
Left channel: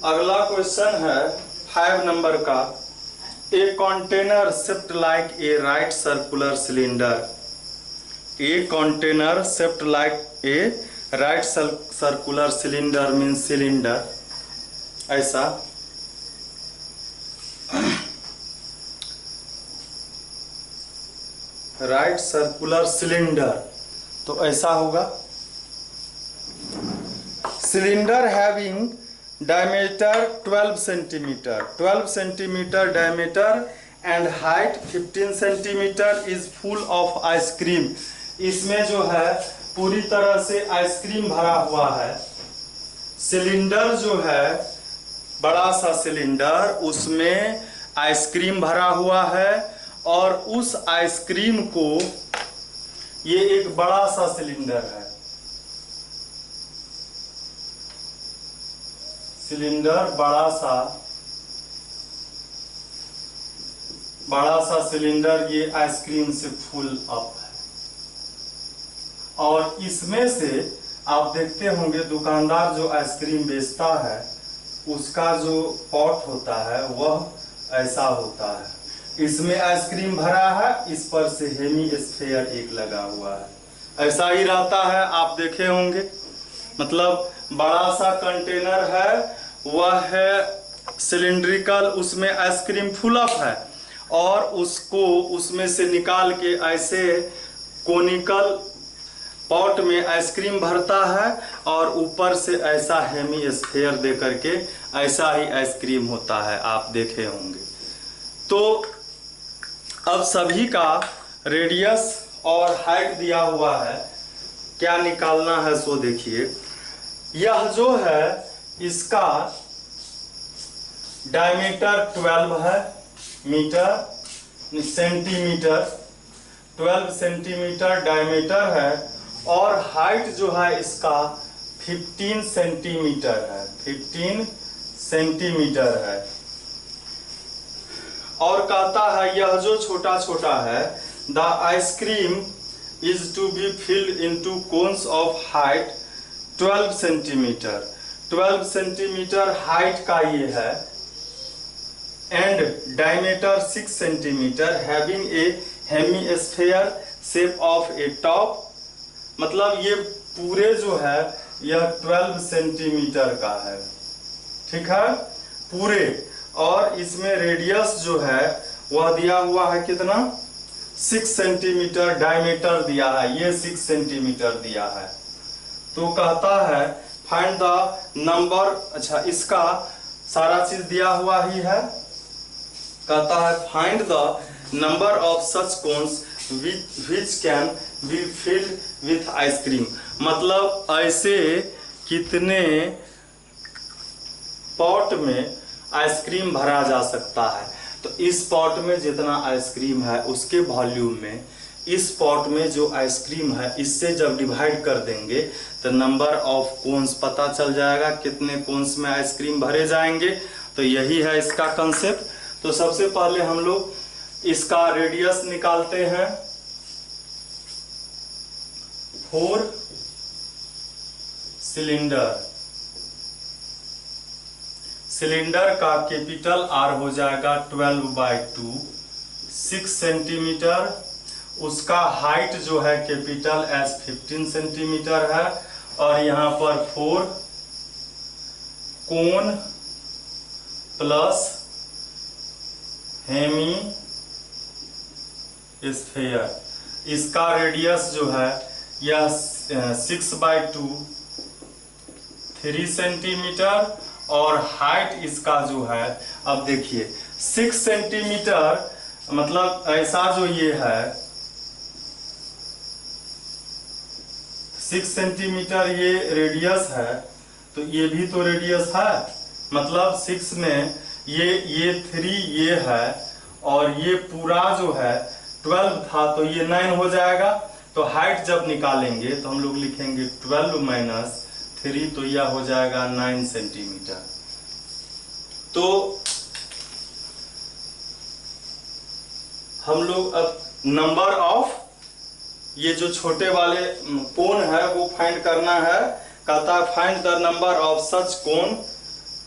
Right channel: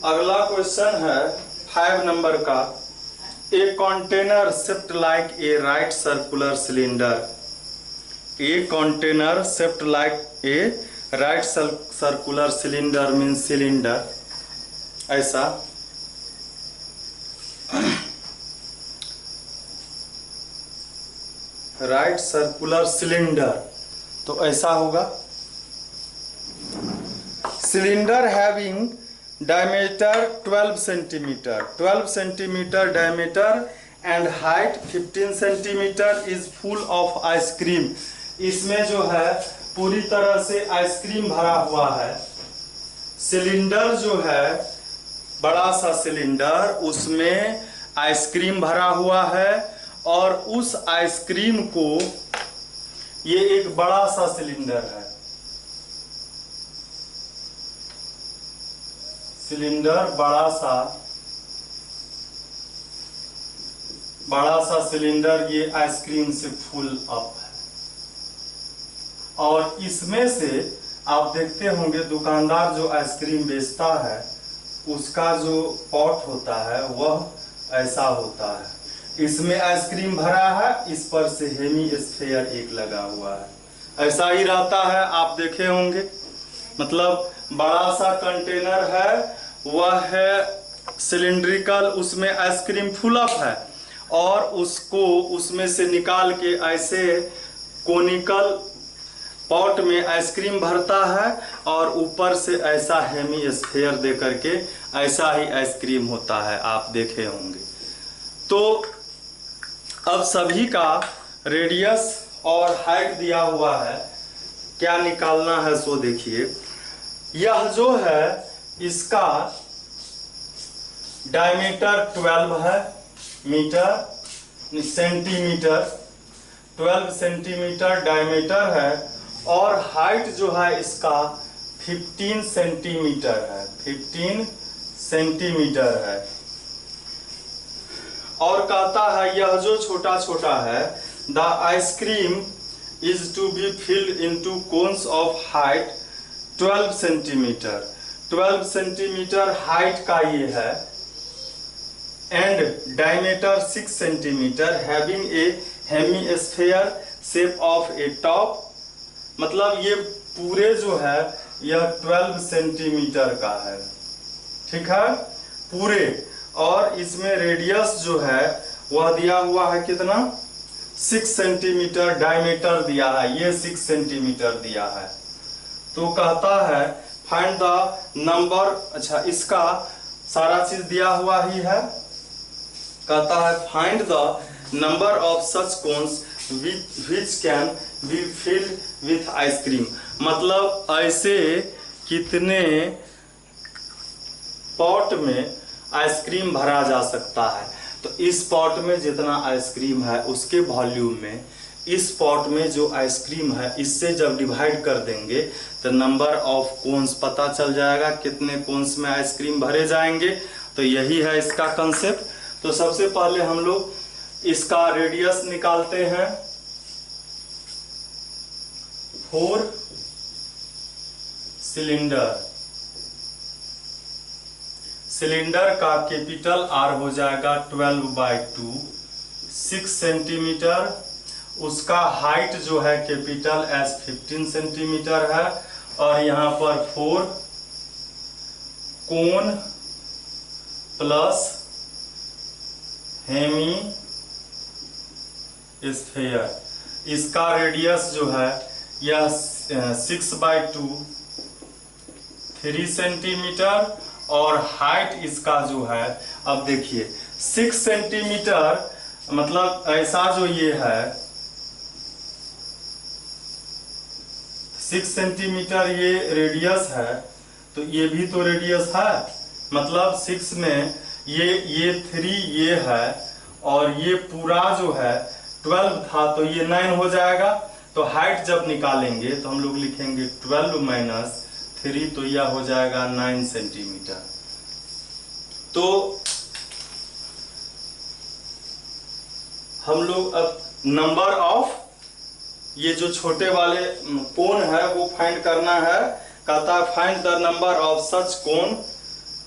अगला क्वेश्चन है 5 नंबर का, a container shaped like a right circular cylinder, a container shaped like a right circular cylinder means cylinder, ऐसा राइट सर्कुलर सिलेंडर, तो ऐसा होगा। Cylinder having diameter 12 centimetre, 12 centimetre diameter and height 15 centimetre is full of ice cream. इसमें जो है पूरी तरह से आइसक्रीम भरा हुआ है। सिलेंडर जो है बड़ा सा सिलेंडर, उसमें आइसक्रीम भरा हुआ है और उस आइसक्रीम को, ये एक बड़ा सा सिलेंडर है, सिलेंडर बड़ा सा सिलेंडर, ये आइसक्रीम से फुल अप है। और इसमें से आप देखते होंगे दुकानदार जो आइसक्रीम बेचता है उसका जो पॉट होता है वह ऐसा होता है। इसमें आइसक्रीम भरा है, इस पर से हेमी स्फीयर एक लगा हुआ है। ऐसा ही रहता है, आप देखे होंगे। मतलब बड़ा सा कंटेनर है, वह है सिलिंड्रिकल, उसमें आइसक्रीम फुल अप है और उसको उसमें से निकाल के ऐसे कोनिकल पॉट में आइसक्रीम भरता है और ऊपर से ऐसा हेमी स्फीयर दे करके ऐसा ही आइसक्रीम होता है, आप देखे होंगे। तो अब सभी का रेडियस और हाइट दिया हुआ है, क्या निकालना है सो देखिए। यह जो है इसका डायमीटर 12 है मीटर सेंटीमीटर, 12 सेंटीमीटर डायमीटर है और हाइट जो है इसका 15 सेंटीमीटर है, 15 सेंटीमीटर है। और कहता है यह जो छोटा छोटा है, the ice cream is to be filled into cones of height 12 centimetre, 12 centimetre height का ये है and diameter 6 centimetre having a hemisphere shape of a top. मतलब ये पूरे जो है यह 12 सेंटीमीटर का है, ठीक है पूरे। और इसमें रेडियस जो है वह दिया हुआ है कितना, 6 सेंटीमीटर डायमीटर दिया है, ये 6 सेंटीमीटर दिया है। तो कहता है फाइंड द नंबर, अच्छा इसका सारा चीज दिया हुआ ही है। कहता है find the number of such cones which can be filled with ice cream. मतलब ऐसे कितने पॉट में आइसक्रीम भरा जा सकता है। तो इस पॉट में जितना आइसक्रीम है उसके वॉल्यूम में इस पॉट में जो आइसक्रीम है इससे जब डिवाइड कर देंगे तो नंबर ऑफ कोन्स पता चल जाएगा, कितने कोन्स में आइसक्रीम भरे जाएंगे। तो यही है इसका कंसेप्ट। तो सबसे पहले हम लोग इसका रेडियस निकालते हैं। 4 सिलेंडर का कैपिटल आर हो जाएगा 12/2, 6 सेंटीमीटर। उसका हाइट जो है कैपिटल एस 15 सेंटीमीटर है और यहाँ पर 4 कोन प्लस हेमी स्फीयर, इसका रेडियस जो है यह 6/2 3 सेंटीमीटर और हाइट इसका जो है, अब देखिए 6 सेंटीमीटर मतलब ऐसा जो ये है 6 सेंटीमीटर ये रेडियस है, तो ये भी तो रेडियस है। मतलब 6 में ये 3 ये है और ये पूरा जो है 12 था तो ये 9 हो जाएगा। तो हाइट जब निकालेंगे तो हम लोग लिखेंगे 12 माइनस 3, तो यह हो जाएगा 9 सेंटीमीटर। तो हम लोग अब नंबर ऑफ ये जो छोटे वाले कोन है वो फाइंड करना है। कहता है find the number of such cone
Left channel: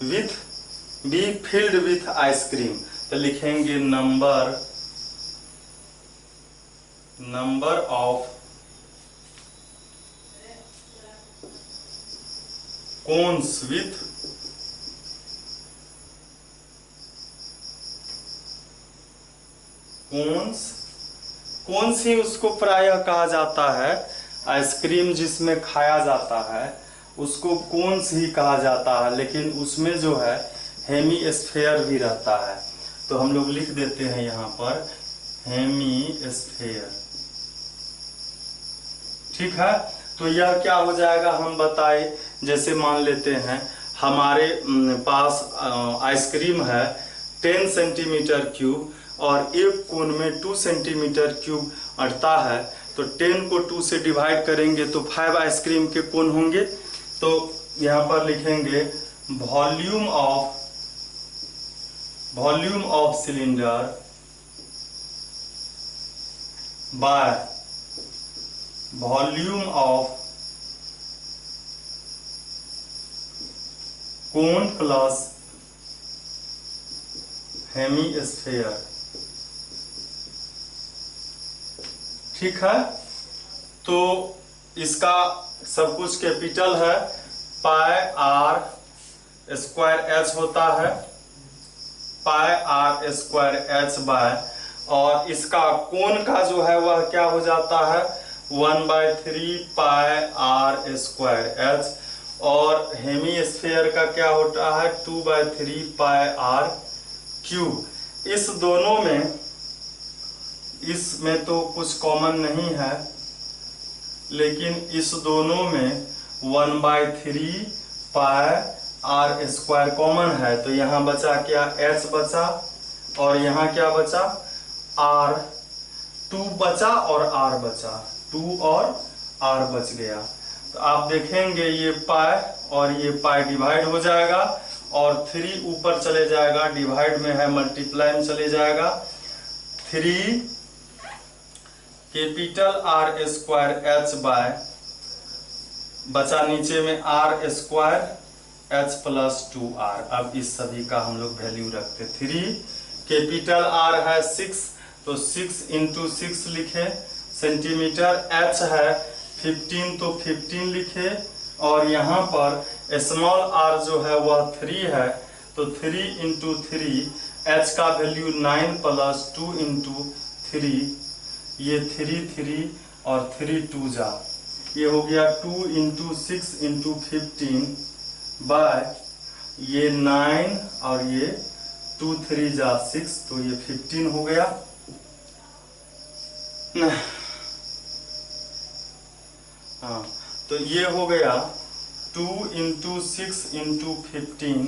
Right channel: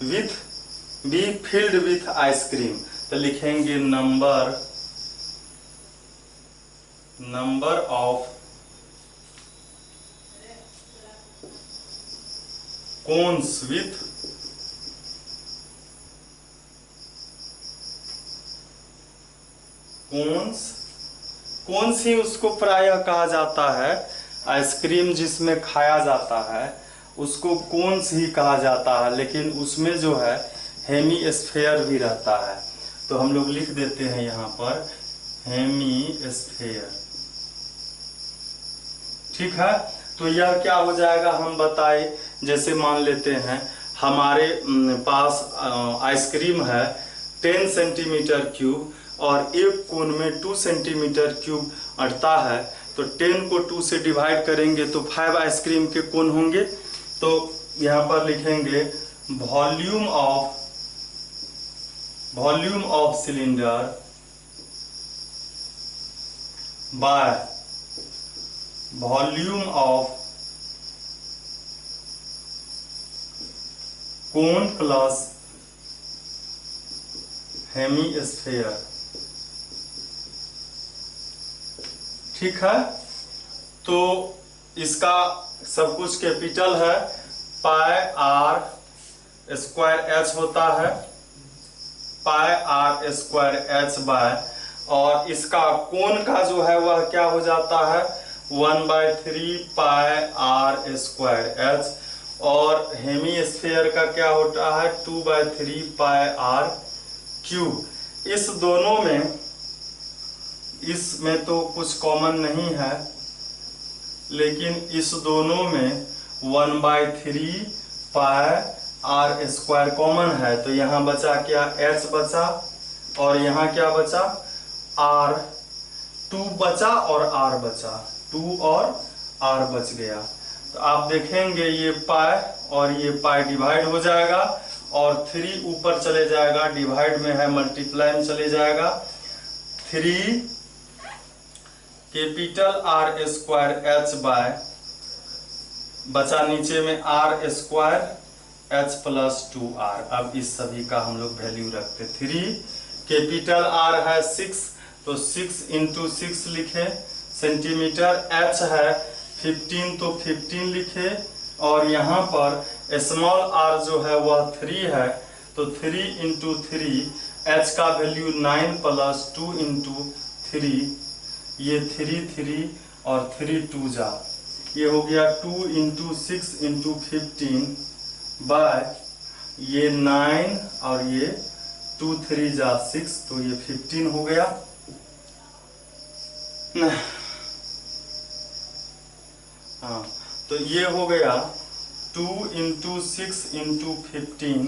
with be filled with ice cream. तो लिखेंगे number of cones with cones ही उसको प्रायः कहा जाता है। आइसक्रीम जिसमें खाया जाता है उसको कोन्स ही कहा जाता है, लेकिन उसमें जो है हेमीस्फेयर भी रहता है। तो हम लोग लिख देते हैं यहाँ पर हेमीस्फेयर। ठीक है, तो यह क्या हो जाएगा हम बताए। जैसे मान लेते हैं हमारे पास आइसक्रीम है 10 सेंटीमीटर क्यूब और एक कोन में 2 सेंटीमीटर क्यूब अटता है, तो 10 को 2 से डिवाइड करेंगे तो 5 आइसक्रीम के कोन होंगे। तो यहाँ पर लिखेंगे volume of cylinder bye volume of cone plus hemisphere. ठीक है, तो इसका सब कुछ कैपिटल है, पाई आर स्क्वायर एच होता है, पाई आर स्क्वायर एच बाय, और इसका कोण का जो है वह क्या हो जाता है 1/3 पाई आर स्क्वायर एच, और हेमीस्फेयर का क्या होता है 2/3 पाई आर क्यूब। इस दोनों में इसमें तो कुछ कॉमन नहीं है, लेकिन इस दोनों में 1/3 पाई आर स्क्वायर कॉमन है। तो यहाँ बचा क्या h बचा, और यहाँ क्या बचा r, 2 बचा और r बचा, 2 और r बच गया। तो आप देखेंगे ये पाई और ये पाई डिवाइड हो जाएगा और 3 ऊपर चले जाएगा, डिवाइड में है मल्टीप्लाई में चले जाएगा। 3 capital R square H by, बचा नीचे में are square H plus 2r। अब इस सभी का हम लोग वैल्यू रखते। 3 कैपिटल आर है 6, तो 6 × 6 लिखे सेंटीमीटर, एच है 15 तो 15 लिखे, और यहाँ पर स्मॉल r जो है वह 3 है, तो 3 × 3, h का वैल्यू 9 प्लस 2 × 3, ये 3 3 और 3 2 जा, ये हो गया 2 × 6 × 15 बाय ये 9 और ये 2 3 जा 6, तो ये 15 हो गया। हाँ, तो ये हो गया 2 × 6 × 15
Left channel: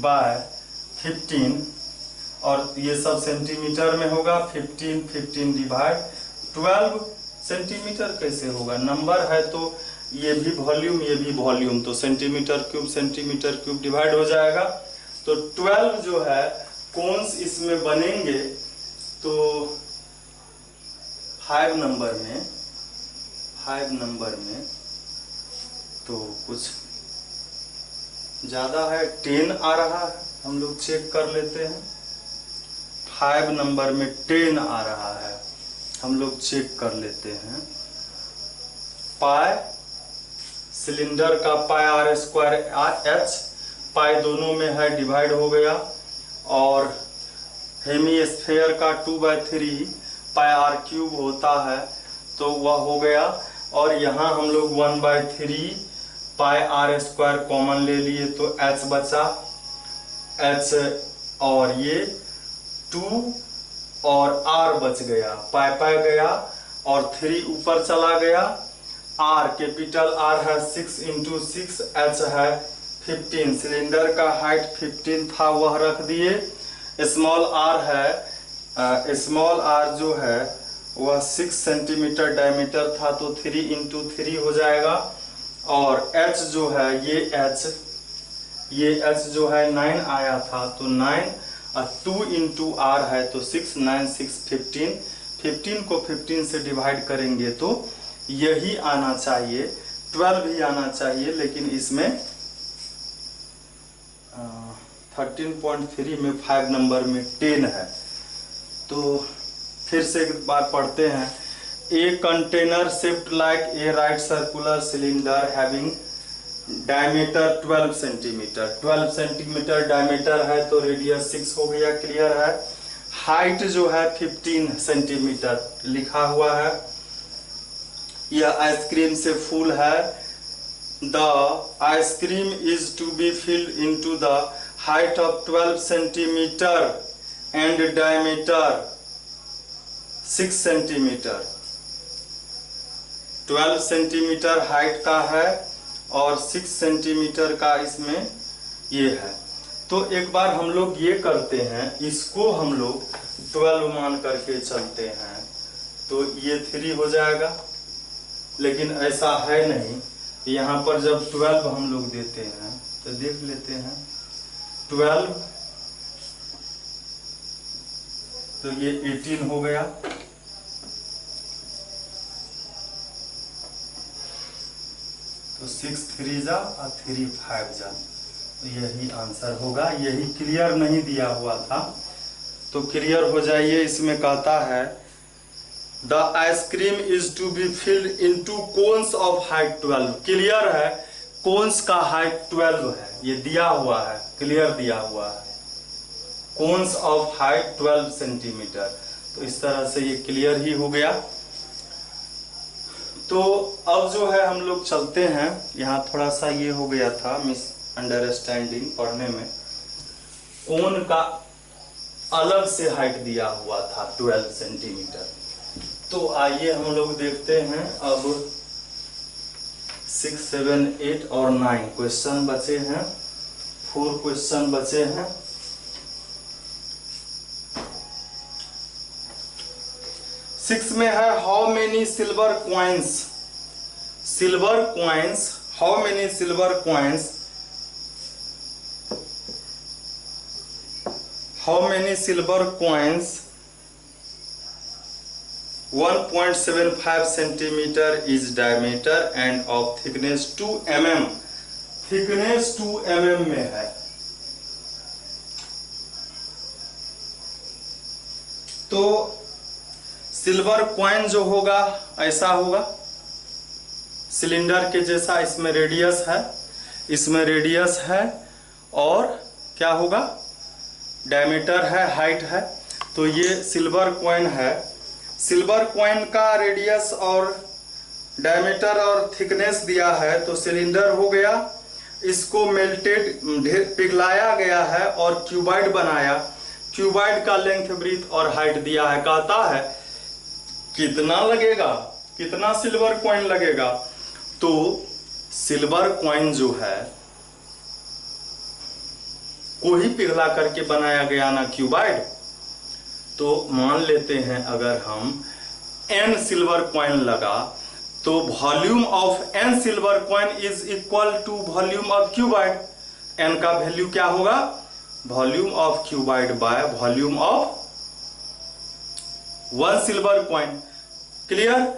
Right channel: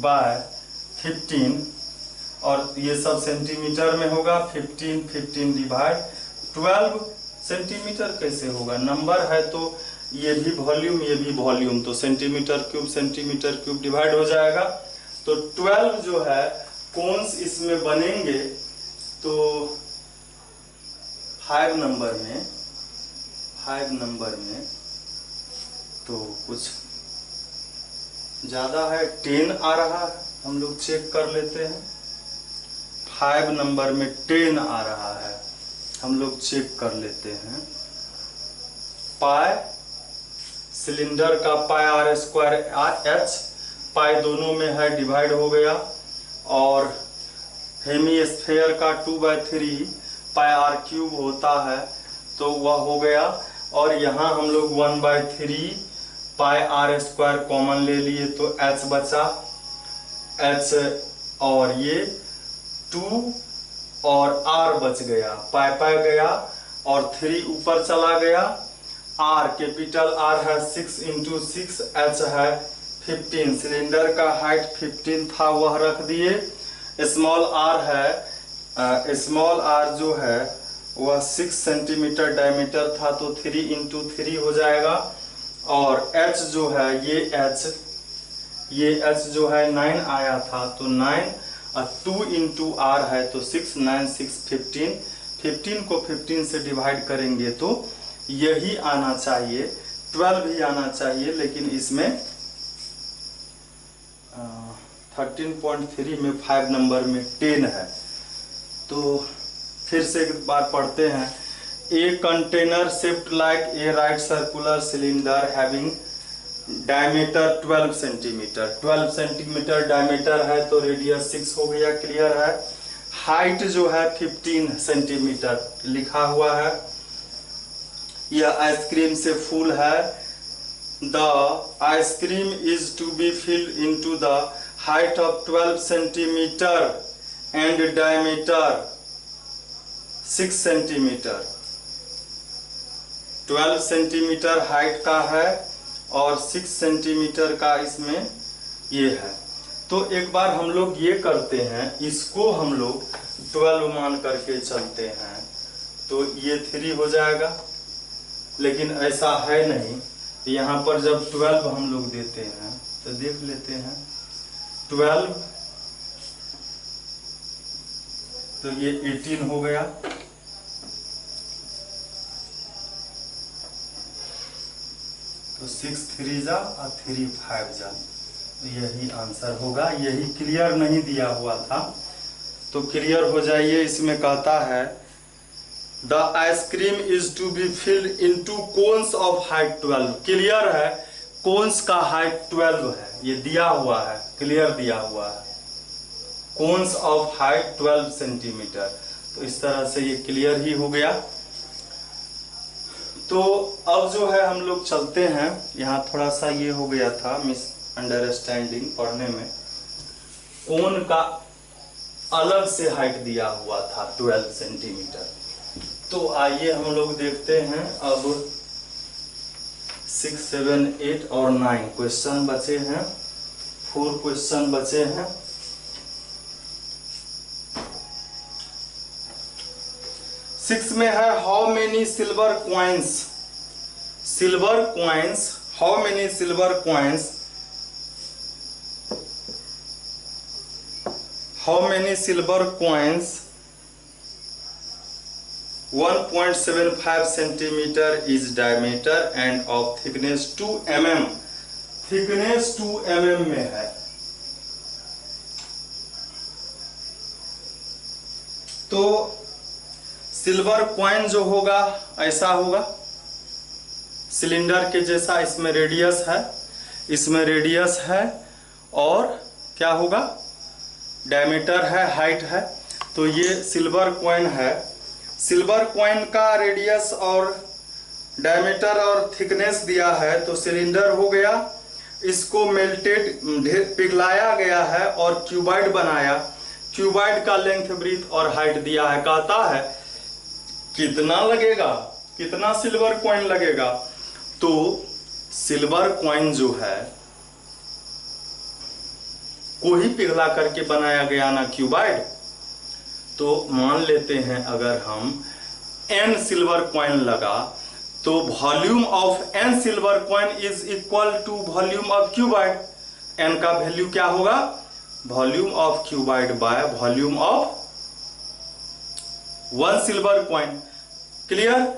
बाय 15, और ये सब सेंटीमीटर में होगा। 15 15 डिवाइड 12 सेंटीमीटर कैसे होगा, नंबर है तो ये भी वॉल्यूम ये भी वॉल्यूम, तो सेंटीमीटर क्यूब डिवाइड हो जाएगा। तो 12 जो है कोन्स इसमें बनेंगे, तो 5 नंबर में तो कुछ ज़्यादा है, 10 आ रहा है, हम लोग चेक कर लेते हैं। 5 नंबर में 10 आ रहा है, हम लोग चेक कर लेते हैं। पाई सिलेंडर का पाई आर स्क्वायर एच, पाई दोनों में है डिवाइड हो गया, और हेमीस्फेयर का 2/3 पाई आर क्यूब होता है, तो वह हो गया। और यहाँ हम लोग 1/3 पाई आर स्क्वायर कॉमन ले लिए, तो h बचा, h और ये 2 और r बच गया, पाई गया और 3 ऊपर चला गया। r कैपिटल R है 6 × 6, h है 15, सिलेंडर का हाइट 15 था वह रख दिए। स्मॉल r है, स्मॉल r जो है वह 6 सेंटीमीटर डायमीटर था, तो 3 × 3 हो जाएगा। और h जो है ये h जो है 9 आया था, तो 9 और 2 × r है, तो 6 9 6 15, 15 को 15 से डिवाइड करेंगे तो यही आना चाहिए, 12 ही आना चाहिए, लेकिन इसमें 13.3 में 5 नंबर में 10 है। तो फिर से एक बार पढ़ते हैं। A container shaped like a right circular cylinder having diameter 12 centimetre, 12 centimetre diameter है तो रेडियस 6 हो गया, क्लियर है। हाइट जो है 15 सेंटीमीटर लिखा हुआ है। यह आइसक्रीम से फुल है। The ice cream is to be filled into the height of 12 centimetre and diameter 6 centimetre. 12 centimetre height का है और 6 सेंटीमीटर का इसमें ये है। तो एक बार हम लोग ये करते हैं, इसको हम लोग 12 मान करके चलते हैं तो ये 3 हो जाएगा, लेकिन ऐसा है नहीं। यहाँ पर जब 12 हम लोग देते हैं तो देख लेते हैं 12 तो ये 18 हो गया। तो 6 3 जा और 3 5 जा, तो यही आंसर होगा। यही क्लियर नहीं दिया हुआ था तो क्लियर हो जाइए। इसमें कहता है the ice cream is to be filled into cones of height 12। Clear है, कोन्स का हाइट 12 है, ये दिया हुआ है, क्लियर दिया हुआ है। कोन्स ऑफ हाइट 12 सेंटीमीटर, तो इस तरह से ये क्लियर ही हो गया। तो अब जो है हम लोग चलते हैं, यहाँ थोड़ा सा ये हो गया था मिसअंडरस्टैंडिंग पढ़ने में। कोन का अलग से हाइट दिया हुआ था 12 सेंटीमीटर। तो आइए हम लोग देखते हैं अब 6 7 8 और 9 क्वेश्चन बचे हैं, 4 क्वेश्चन बचे हैं। सिक्स में है how many silver coins. Silver coins, how many silver coins, how many silver coins 1.75 centimetre is diameter and of thickness 2 mm। Thickness 2 mm में है। तो सिल्वर कॉइन जो होगा ऐसा होगा, सिलेंडर के जैसा। इसमें रेडियस है, इसमें रेडियस है और क्या होगा, डायमीटर है, हाइट है। तो ये सिल्वर कॉइन है। सिल्वर कॉइन का रेडियस और डायमीटर और थिकनेस दिया है तो सिलेंडर हो गया। इसको मेल्टेड पिघलाया गया है और क्यूबाइड बनाया। क्यूबाइड का लेंथ, ब्रीथ और हाइट दिया है। कहता है कितना लगेगा, कितना सिल्वर कॉइन लगेगा। तो सिल्वर कॉइन जो है को ही पिघला करके बनाया गया ना क्यूबाइड। तो मान लेते हैं अगर हम n सिल्वर कॉइन लगा तो volume of n silver coin is equal to volume of cuboid. n का वैल्यू क्या होगा, volume of cuboid by volume of 1 silver coin. Clear,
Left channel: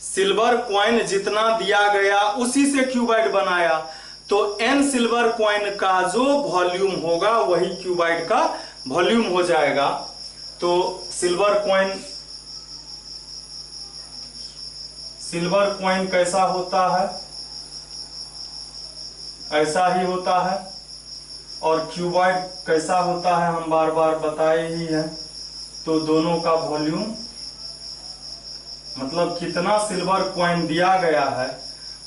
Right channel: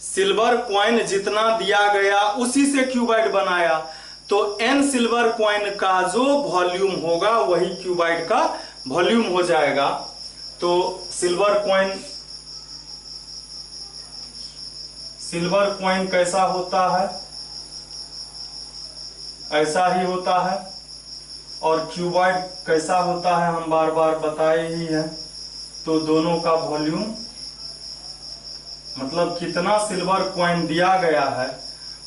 silver coin जितना दिया गया उसी से क्यूबाइड बनाया। तो n सिल्वर कॉइन का जो वॉल्यूम होगा वही क्यूबाइड का वॉल्यूम हो जाएगा। तो सिल्वर कॉइन कैसा होता है, ऐसा ही होता है। और क्यूबाइड कैसा होता है हम बार बार बताए ही हैं। तो दोनों का वॉल्यूम मतलब कितना सिल्वर कॉइन दिया गया है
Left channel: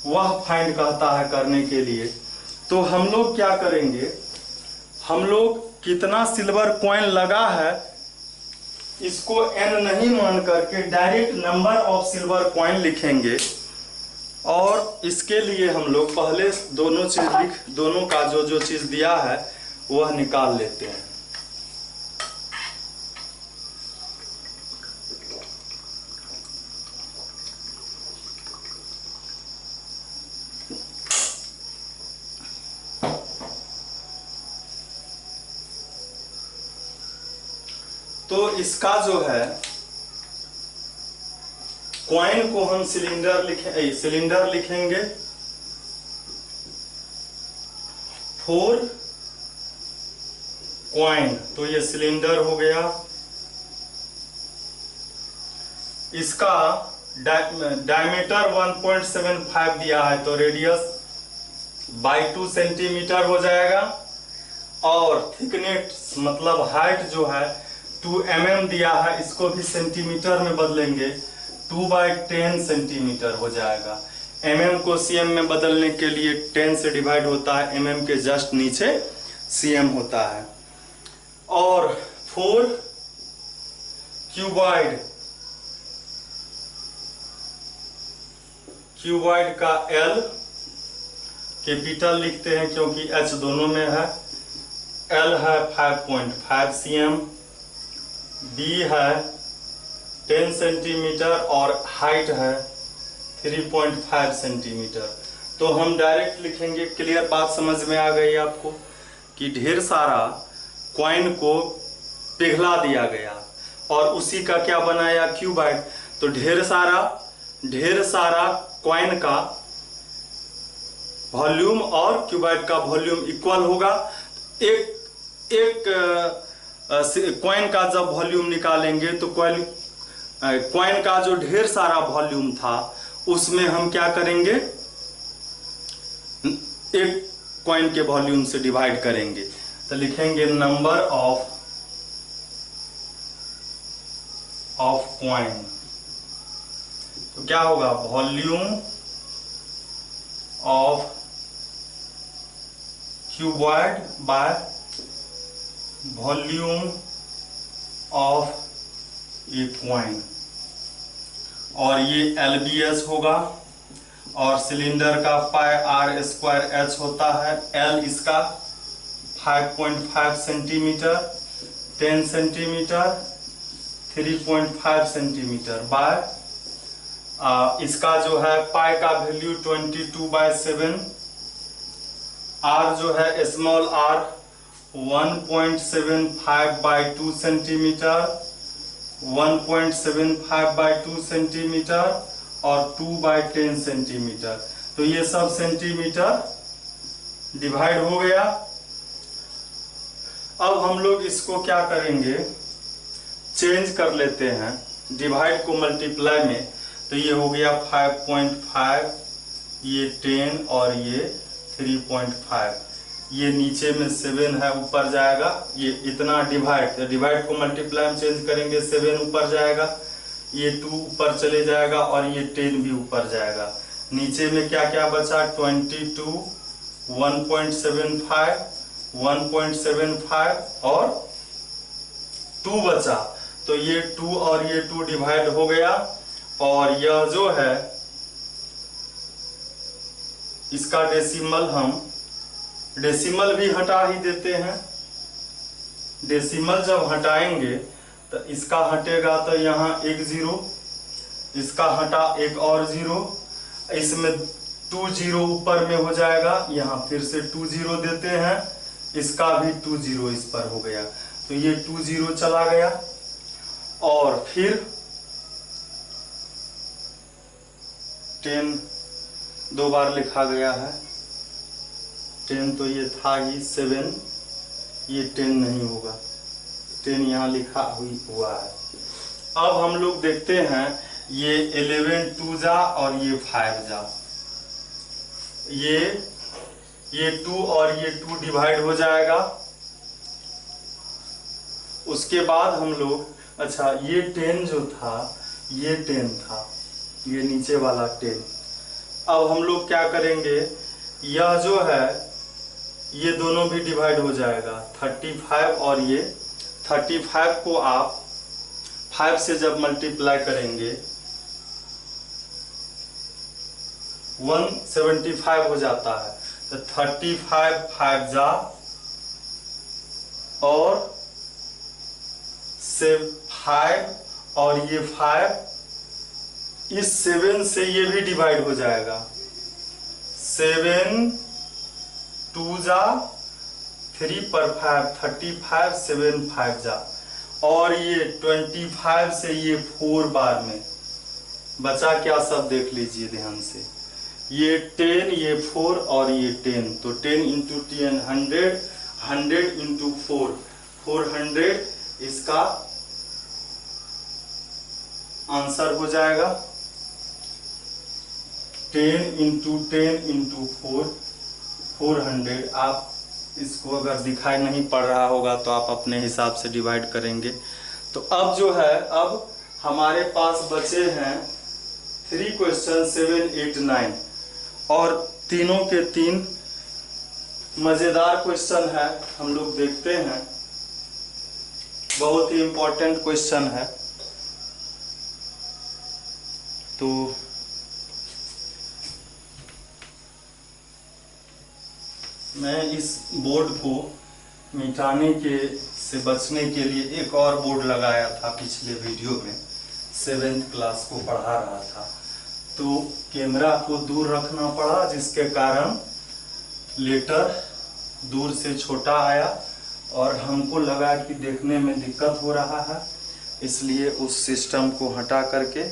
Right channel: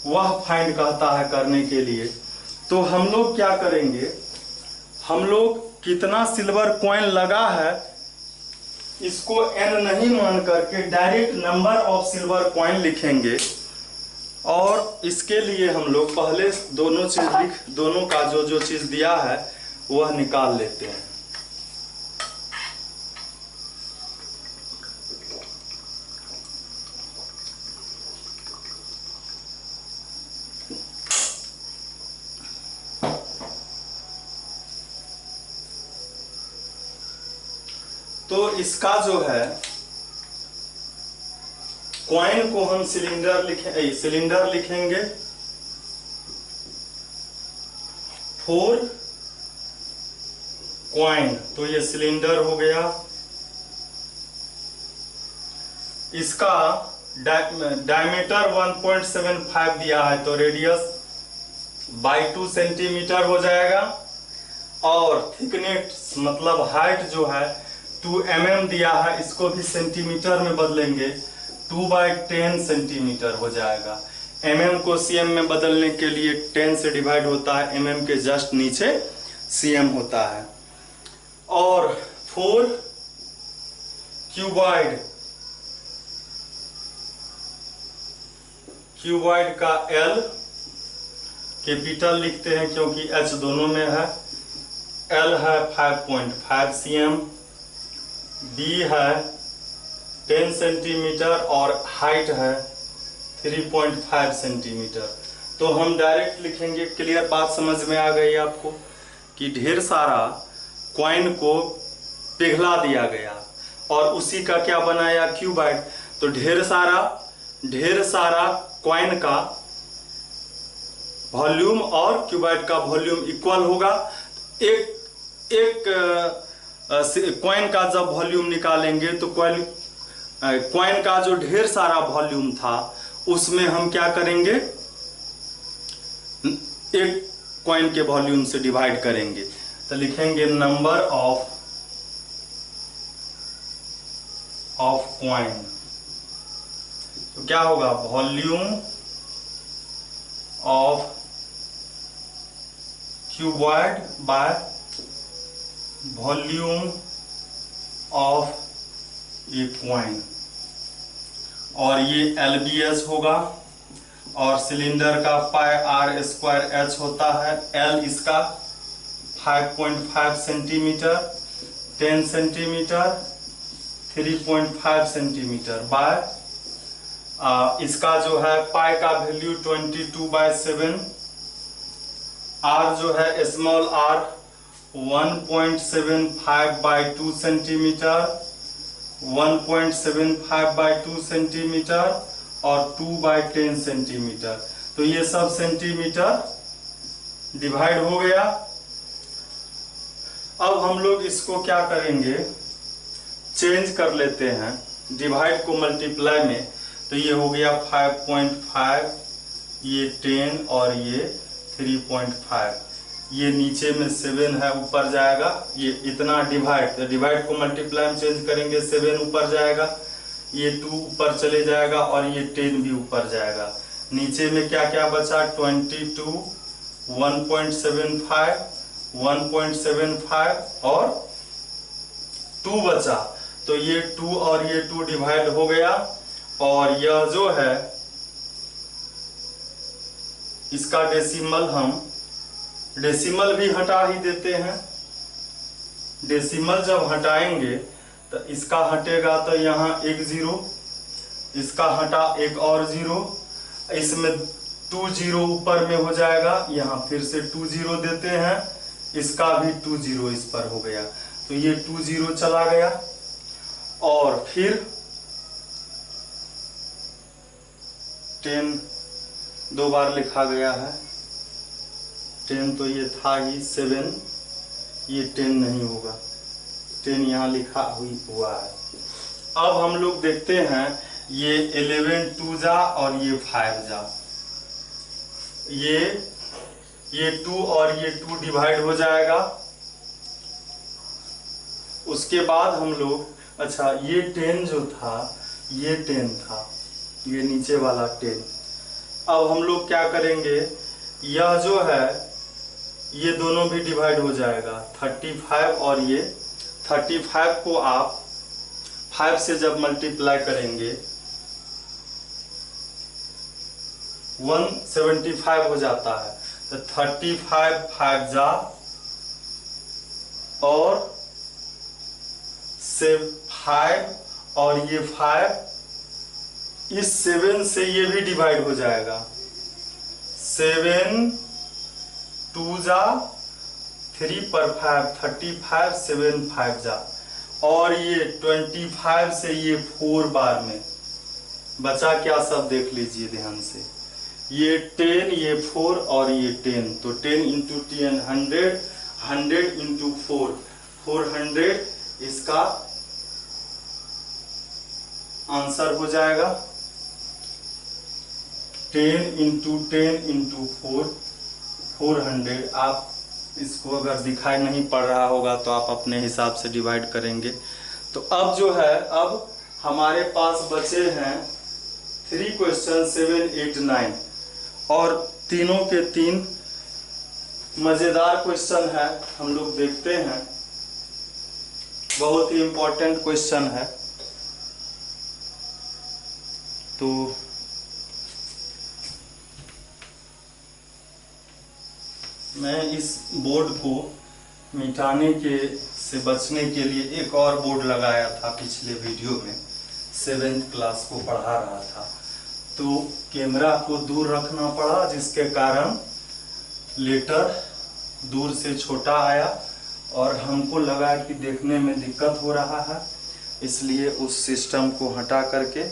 वह फाइंड कहता है करने के लिए। तो हम लोग क्या करेंगे, हम लोग कितना सिल्वर कॉइन लगा है इसको n नहीं मान करके direct number of silver coin लिखेंगे। और इसके लिए हम लोग पहले दोनों चीज दोनों का जो जो चीज दिया है वह निकाल लेते हैं। तो इसका जो है कॉइन को हम सिलेंडर लिखेंगे 4 कॉइन। तो ये सिलेंडर हो गया। इसका डायमीटर 1.75 दिया है तो रेडियस बाई 2 सेंटीमीटर हो जाएगा। और थिकनेस मतलब हाइट जो है 2 mm दिया है, इसको भी सेंटीमीटर में बदलेंगे, 2/10 सेंटीमीटर हो जाएगा। mm को cm में बदलने के लिए 10 से डिवाइड होता है, mm के जस्ट नीचे cm होता है। और 4 क्यूबॉइड का L कैपिटल लिखते हैं क्योंकि H दोनों में है। L है 5.5 cm, B है 10 सेंटीमीटर और हाइट है 3.5 सेंटीमीटर। तो हम डायरेक्ट लिखेंगे। क्लियर बात समझ में आ गई आपको कि ढेर सारा कॉइन को पिघला दिया गया और उसी का क्या बनाया, क्यूबॉइड। तो ढेर सारा कॉइन का वॉल्यूम और क्यूबॉइड का वॉल्यूम इक्वल होगा। एक कॉइन का जब वॉल्यूम निकालेंगे तो कॉइन का जो ढेर सारा वॉल्यूम था उसमें हम क्या करेंगे, एक कॉइन के वॉल्यूम से डिवाइड करेंगे। तो लिखेंगे नंबर ऑफ कॉइन। तो क्या होगा, volume of cuboid bye volume of a coin. और ये LBH होगा और सिलेंडर का πr² होता है। L इसका 5.5 सेंटीमीटर, 10 सेंटीमीटर, 3.5 सेंटीमीटर बाय इसका जो है पाई का वैल्यू 22/7, R जो है स्मॉल r 1.75/2 सेंटीमीटर, 1.75/2 सेंटीमीटर और 2/10 सेंटीमीटर। तो ये सब सेंटीमीटर डिवाइड हो गया। अब हम लोग इसको क्या करेंगे, चेंज कर लेते हैं डिवाइड को मल्टीप्लाई में। तो ये हो गया 5.5, ये 10 और ये 3.5। ये नीचे में 7 है, ऊपर जाएगा। ये इतना डिवाइड को मल्टीप्लाई में चेंज करेंगे, 7 ऊपर जाएगा, ये 2 ऊपर चले जाएगा और ये 10 भी ऊपर जाएगा। नीचे में क्या क्या बचा, 22, 1.75, 1.75 और 2 बचा। तो ये 2 और ये 2 डिवाइड हो गया। और यह जो है इसका डेसिमल भी हटा ही देते हैं। डेसिमल जब हटाएंगे तो इसका हटेगा तो यहाँ एक 0, इसका हटा एक और 0, इसमें 2 0 ऊपर में हो जाएगा। यहाँ फिर से 2 0 देते हैं, इसका भी 2 0 इस पर हो गया। तो ये 2 0 चला गया। और फिर 10 2 बार लिखा गया है, 10 तो ये था ही, 7 ये 10 नहीं होगा, 10 यहाँ लिखा हुआ है। अब हम लोग देखते हैं ये 11 2 जा और ये 5 जा, ये 2 और ये 2 डिवाइड हो जाएगा। उसके बाद हम लोग, अच्छा ये 10 जो था ये 10 था, ये नीचे वाला 10। अब हम लोग क्या करेंगे, यह जो है ये दोनों भी डिवाइड हो जाएगा, 35 और ये 35 को आप 5 से जब मल्टीप्लाई करेंगे 175 हो जाता है। तो 35 5 जा और 5 और ये 5, इस 7 से ये भी डिवाइड हो जाएगा। 7 2 जा 3 पर 5, 35, 7 5 जा। और ये 25 से ये 4 बार में बचा क्या, सब देख लीजिए ध्यान से। ये 10, ये 4 और ये 10। तो 10 × 10 100, 100 × 4 400 इसका आंसर हो जाएगा। 10 × 10 × 4 400। आप इसको अगर दिखाई नहीं पड़ रहा होगा तो आप अपने हिसाब से डिवाइड करेंगे। तो अब जो है, अब हमारे पास बचे हैं 3 क्वेश्चन 7, 8, 9 और तीनों के तीन मज़ेदार क्वेश्चन है। हम लोग देखते हैं, बहुत ही इम्पोर्टेंट क्वेश्चन है। तो मैं इस बोर्ड को मिटाने के से बचने के लिए एक और बोर्ड लगाया था पिछले वीडियो में। 7th क्लास को पढ़ा रहा था, तो कैमरा को दूर रखना पड़ा, जिसके कारण लेटर दूर से छोटा आया और हमको लगा कि देखने में दिक्कत हो रहा है, इसलिए उस सिस्टम को हटा करके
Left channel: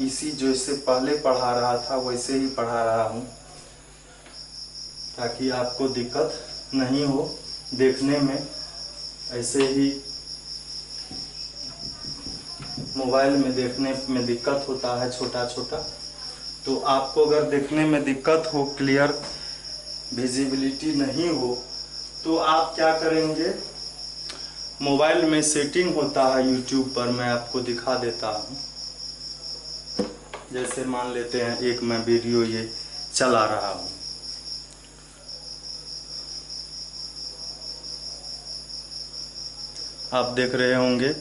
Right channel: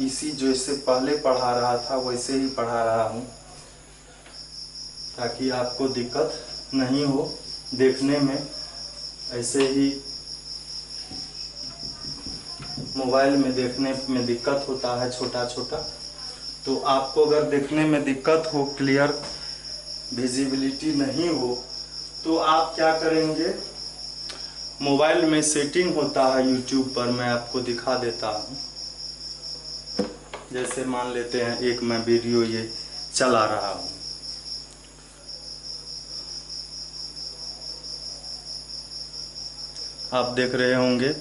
इसी जैसे पहले पढ़ा रहा था वैसे ही पढ़ा रहा हूँ, ताकि आपको दिक्कत नहीं हो देखने में। ऐसे ही मोबाइल में देखने में दिक्कत होता है छोटा छोटा, तो आपको अगर देखने में दिक्कत हो, क्लियर विजिबिलिटी नहीं हो, तो आप क्या करेंगे, मोबाइल में सेटिंग होता है यूट्यूब पर, मैं आपको दिखा देता हूँ। जैसे मान लेते हैं एक मैं वीडियो ये चला रहा हूँ, आप देख रहे होंगे।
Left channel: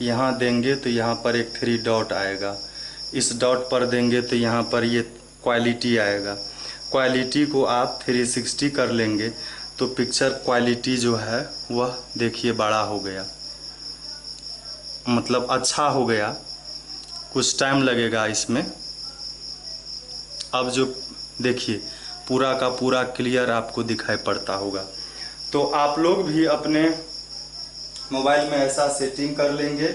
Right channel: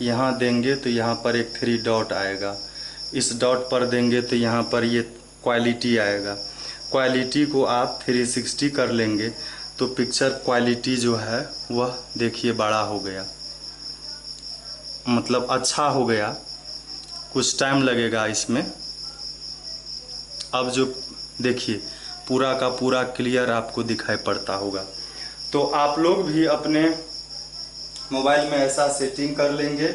यहाँ देंगे तो यहाँ पर एक 3 डॉट आएगा, इस डॉट पर देंगे तो यहाँ पर ये क्वालिटी आएगा। क्वालिटी को आप 360 कर लेंगे तो पिक्चर क्वालिटी जो है वह देखिए बड़ा हो गया, मतलब अच्छा हो गया। कुछ टाइम लगेगा इसमें। अब जो देखिए पूरा का पूरा क्लियर आपको दिखाई पड़ता होगा। तो आप लोग भी अपने मोबाइल में ऐसा सेटिंग कर लेंगे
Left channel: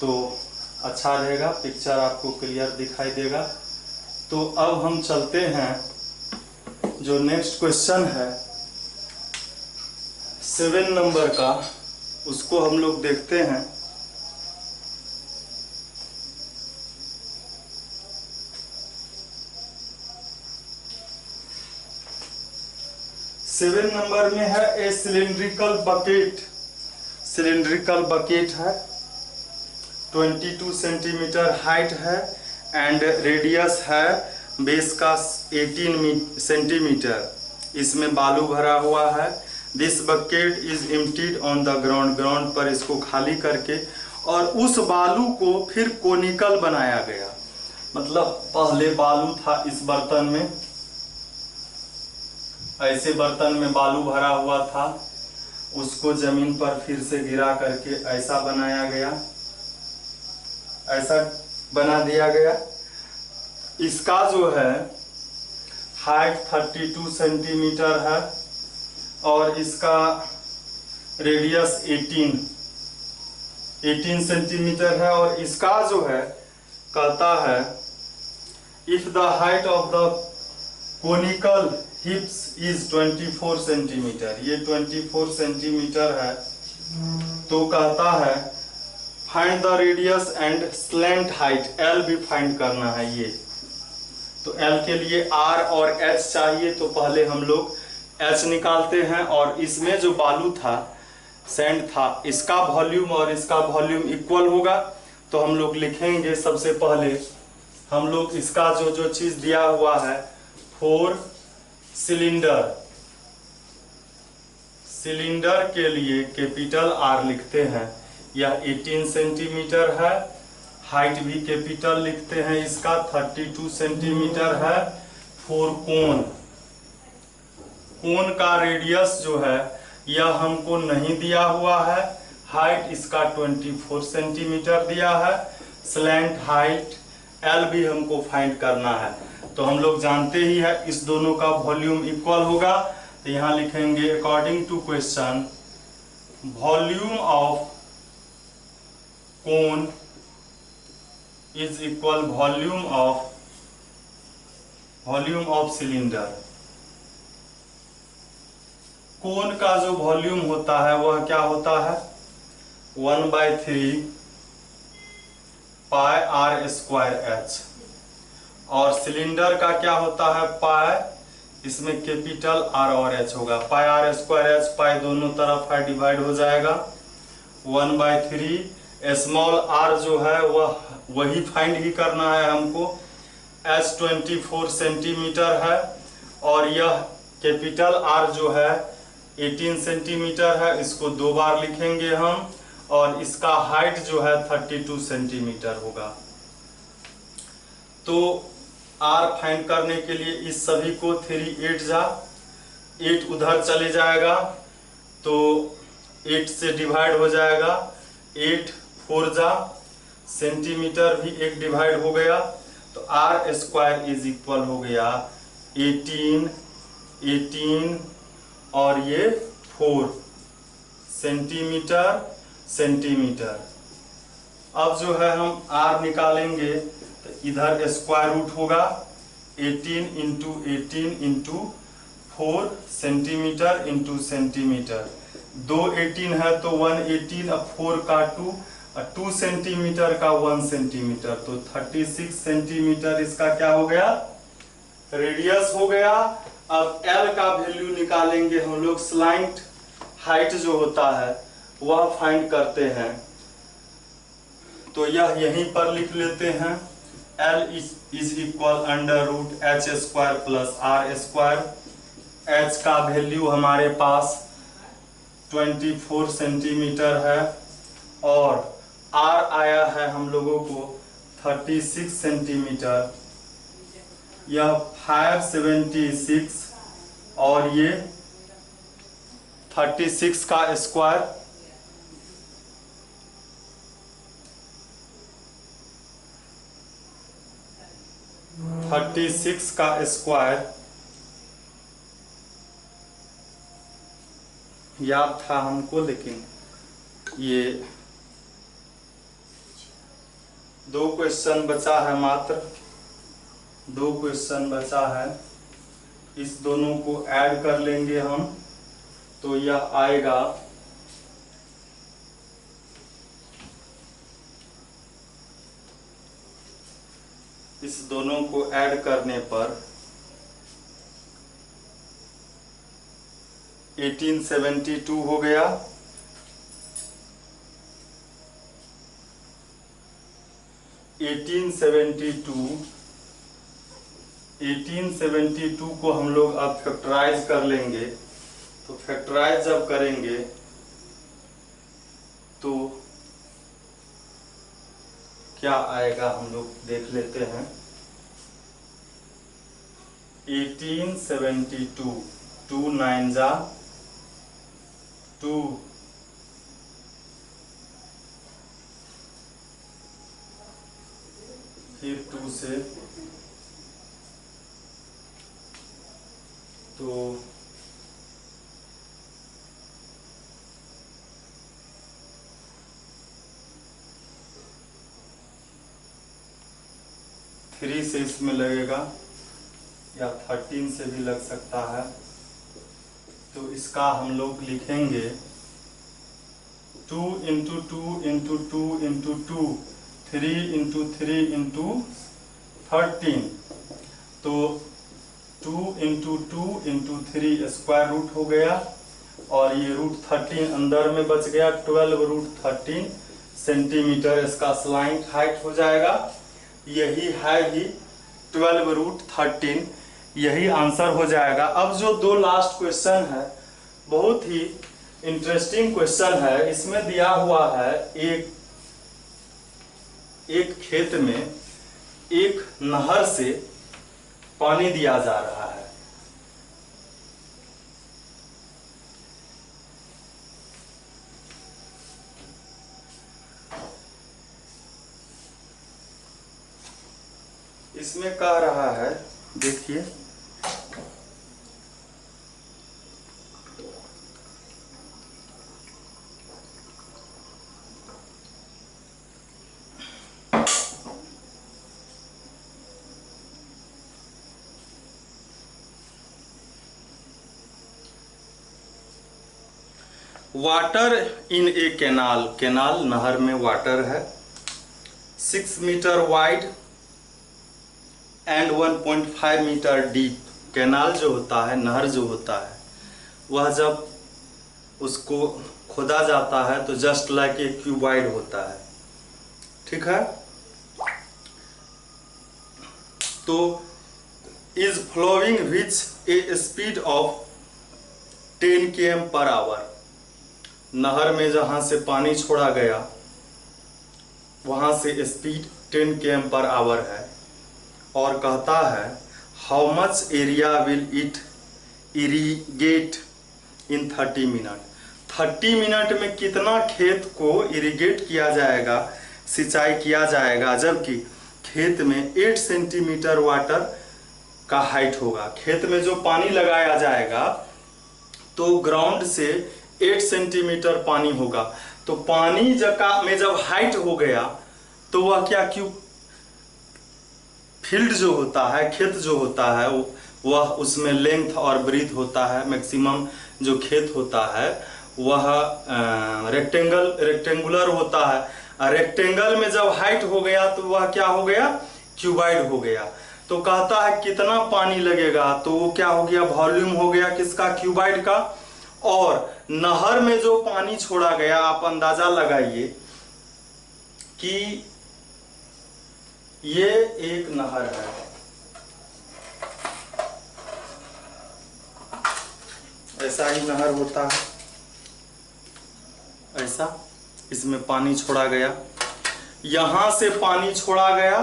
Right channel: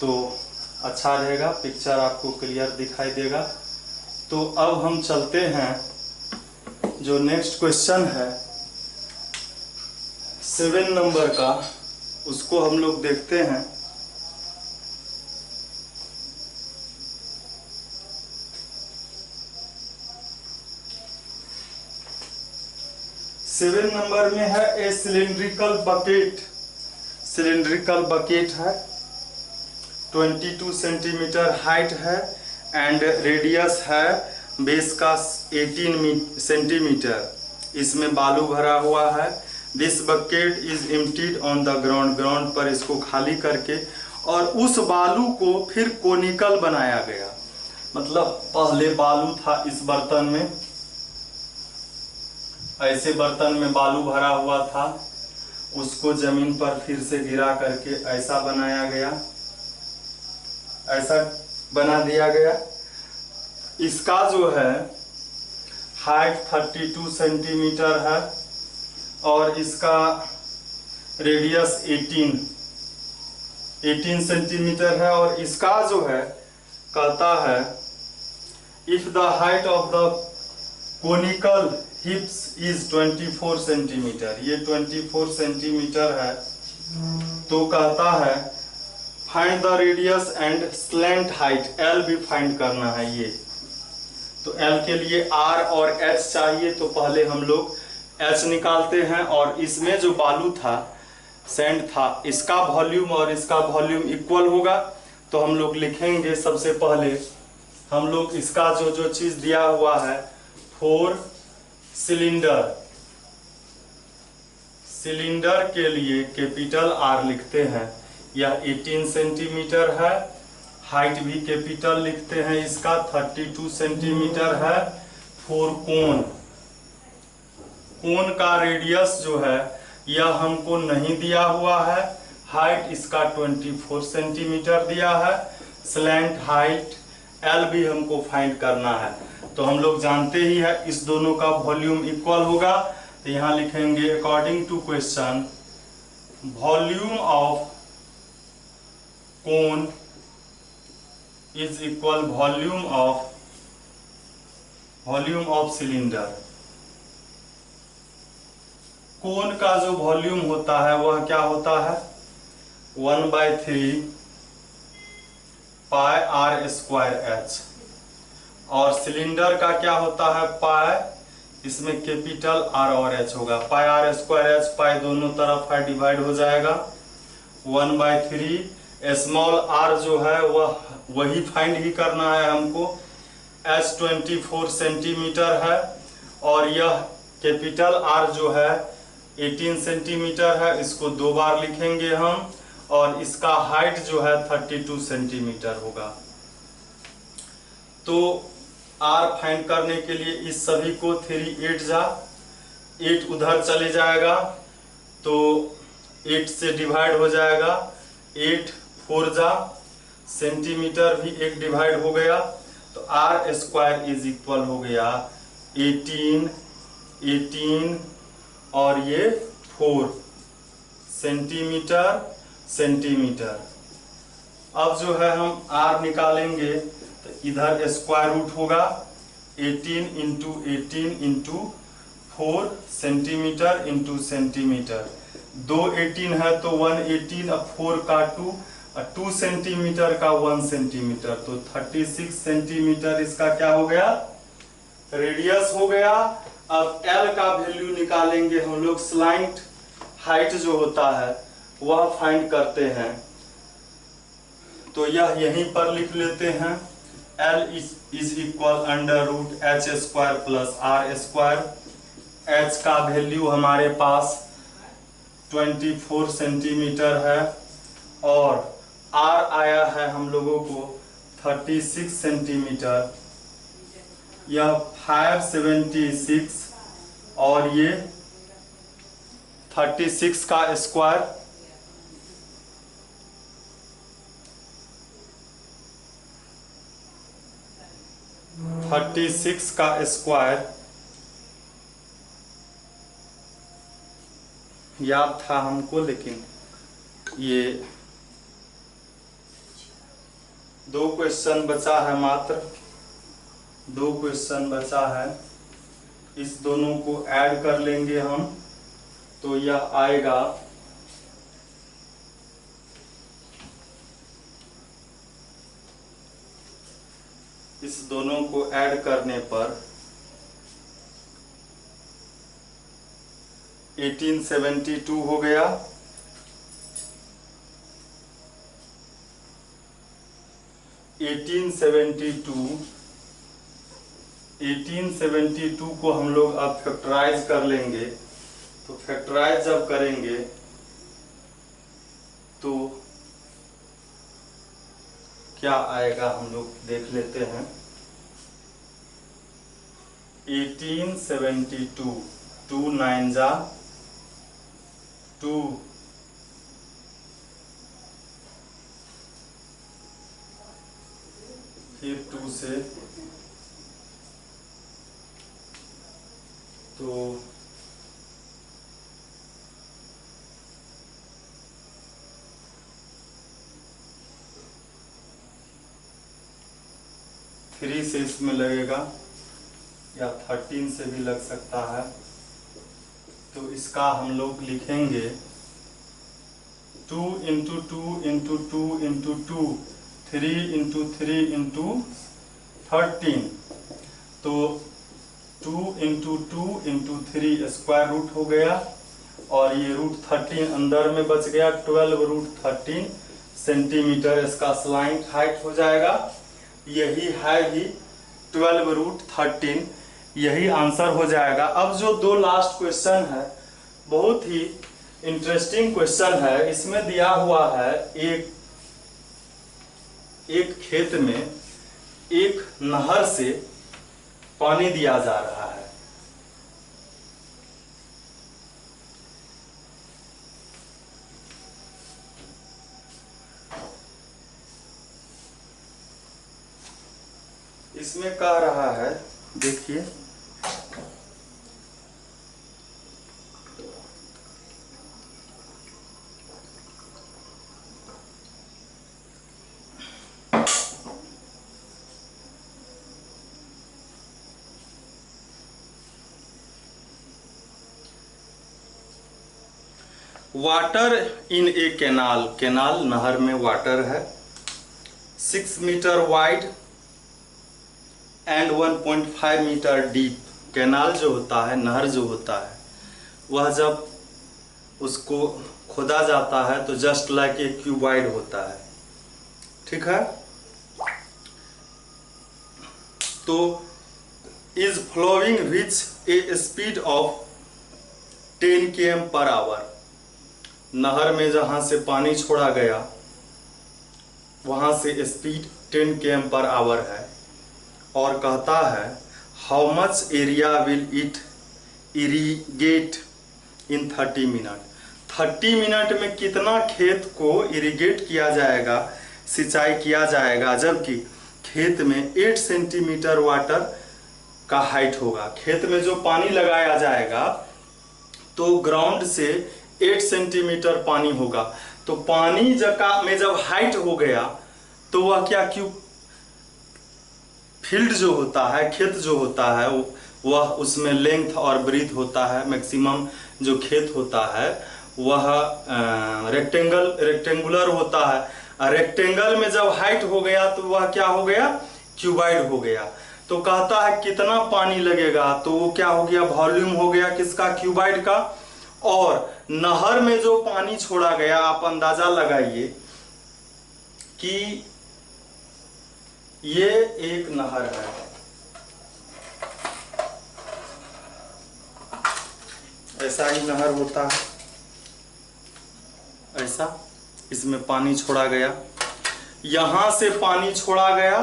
तो अच्छा रहेगा, पिक्चर आपको क्लियर दिखाई देगा। तो अब हम चलते हैं, जो नेक्स्ट क्वेश्चन है 7 नंबर का, उसको हम लोग देखते हैं। सेवन नंबर में है ए सिलिंड्रिकल बकेट। सिलिंड्रिकल बकेट है, 22 सेंटीमीटर हाइट है एंड रेडियस है बेस का 18 सेंटीमीटर। इसमें बालू भरा हुआ है। This bucket is emptied on the ground. Ground पर इसको खाली करके और उस बालू को फिर कोनिकल बनाया गया। मतलब पहले बालू था इस बर्तन में, ऐसे बर्तन में बालू भरा हुआ था, उसको जमीन पर फिर से गिरा करके ऐसा बनाया गया, ऐसा बना दिया गया। इसका जो है हाइट 32 सेंटीमीटर है और इसका रेडियस 18 सेंटीमीटर है। और इसका जो है कहता है if the height of the conical हिप्स is 24 centimetre, ये 24 सेंटीमीटर है, तो कहता है find the radius and slant height. L भी फाइंड करना है ये, तो एल के लिए आर और एच चाहिए, तो पहले हम लोग एच निकालते हैं। और इसमें जो बालू था, सैंड था, इसका वॉल्यूम और इसका वॉल्यूम इक्वल होगा, तो हम लोग लिखेंगे सबसे पहले हम लोग इसका जो जो चीज दिया हुआ है 4 सिलेंडर, सिलेंडर के लिए कैपिटल आर लिखते हैं। यह 18 सेंटीमीटर है, हाइट भी कैपिटल लिखते हैं, इसका 32 सेंटीमीटर है। 4 कोन, कोन का रेडियस जो है यह हमको नहीं दिया हुआ है, हाइट इसका 24 सेंटीमीटर दिया है। स्लैंट हाइट एल भी हमको फाइंड करना है, तो हम लोग जानते ही है इस दोनों का वॉल्यूम इक्वल होगा, तो यहाँ लिखेंगे according to question volume of cone is equal volume of cylinder. Cone का जो वॉल्यूम होता है वह क्या होता है 1/3 पाई आर स्क्वायर एच, और सिलेंडर का क्या होता है पाई इसमें कैपिटल आर और एच होगा। पाई आर स्क्वायर एच, पाई दोनों तरफ है, डिवाइड हो जाएगा 1/3। स्मॉल आर जो है वह वही फाइंड ही करना है हमको। एच 24 सेंटीमीटर है और यह कैपिटल आर जो है 18 सेंटीमीटर है। इसको 2 बार लिखेंगे हम और इसका हाइट जो है 32 सेंटीमीटर होगा। तो आर फाइंड करने के लिए इस सभी को 3 8 जा 8 उधर चले जाएगा तो 8 से डिवाइड हो जाएगा। 8 4 जा सेंटीमीटर भी एक डिवाइड हो गया तो आर स्क्वायर इज इक्वल हो गया 18 और ये 4 सेंटीमीटर। अब जो है हम आर निकालेंगे तो इधर स्क्वायर रूट होगा 18 इंटू 4 सेंटीमीटर इंटू सेंटीमीटर। 2 18 है तो 118, अब 4 का 2 और 2 सेंटीमीटर का 1 सेंटीमीटर तो 36 सेंटीमीटर इसका क्या हो गया, रेडियस हो गया। अब एल का वैल्यू निकालेंगे हम लोग। स्लाइंट हाइट जो होता है वह फाइंड करते हैं तो यह यहीं पर लिख लेते हैं। L is equal under root H square plus R square. H का वैल्यू हमारे पास 24 सेंटीमीटर है और आर आया है हम लोगों को 36 सेंटीमीटर। यह 576 और ये 36 का स्क्वायर 36 का स्क्वायर याद था हमको, लेकिन ये 2 क्वेश्चन बचा है, मात्र 2 क्वेश्चन बचा है। इस दोनों को ऐड कर लेंगे हम तो यह आएगा इस दोनों को ऐड करने पर 1872 हो गया। 1872 को हम लोग अब फैक्टराइज कर लेंगे तो फैक्टराइज जब करेंगे तो क्या आएगा हम लोग देख लेते हैं। 1872 2 9 जा 2 फिर 2 से तो 3 से इसमें लगेगा या 13 से भी लग सकता है तो इसका हम लोग लिखेंगे 2 into 2 into 2 into 2 3 into 3 into 13 तो 2 इंटू 2 इंटू 3 स्क्वायर रूट हो गया और ये रूट 13 अंदर में बच गया। 12 रूट 13 सेंटीमीटर इसका स्लाइंट हाइट हो जाएगा। यही है ही 12 रूट 13, यही आंसर हो जाएगा। अब जो 2 लास्ट क्वेश्चन है बहुत ही इंटरेस्टिंग क्वेश्चन है। इसमें दिया हुआ है एक खेत में एक नहर से पानी दिया जा रहा है। इसमें कह रहा है, देखिए water in a canal, canal नहर में वाटर है, 6 metre wide and 1.5 metre deep. Canal जो होता है, नहर जो होता है, वह जब उसको खोदा जाता है तो जस्ट लाइक ए क्यूबॉइड होता है, ठीक है। तो is flowing which a speed of 10 km/h। नहर में जहां से पानी छोड़ा गया वहां से स्पीड 10 km/h है, और कहता है how much area will it irrigate in 30 minute. 30 minute में कितना खेत को इरिगेट किया जाएगा, सिंचाई किया जाएगा, जबकि खेत में 8 सेंटीमीटर वाटर का हाइट होगा। खेत में जो पानी लगाया जाएगा तो ग्राउंड से 8 सेंटीमीटर पानी होगा। तो पानी जगह में जब हाइट हो गया तो वह क्या, क्यों फील्ड जो होता है, खेत जो होता है, वह उसमें लेंथ और ब्रीथ होता है। मैक्सिमम जो खेत होता है वह रेक्टेंगुलर होता है। रेक्टेंगल में जब हाइट हो गया तो वह क्या हो गया, क्यूबाइड हो गया। तो कहता है कितना पानी लगेगा, तो वो क्या हो गया, वॉल्यूम हो गया किसका, क्यूबाइड का। और नहर में जो पानी छोड़ा गया, आप अंदाजा लगाइए कि ये एक नहर है, ऐसा ही नहर होता है, ऐसा इसमें पानी छोड़ा गया, यहां से पानी छोड़ा गया,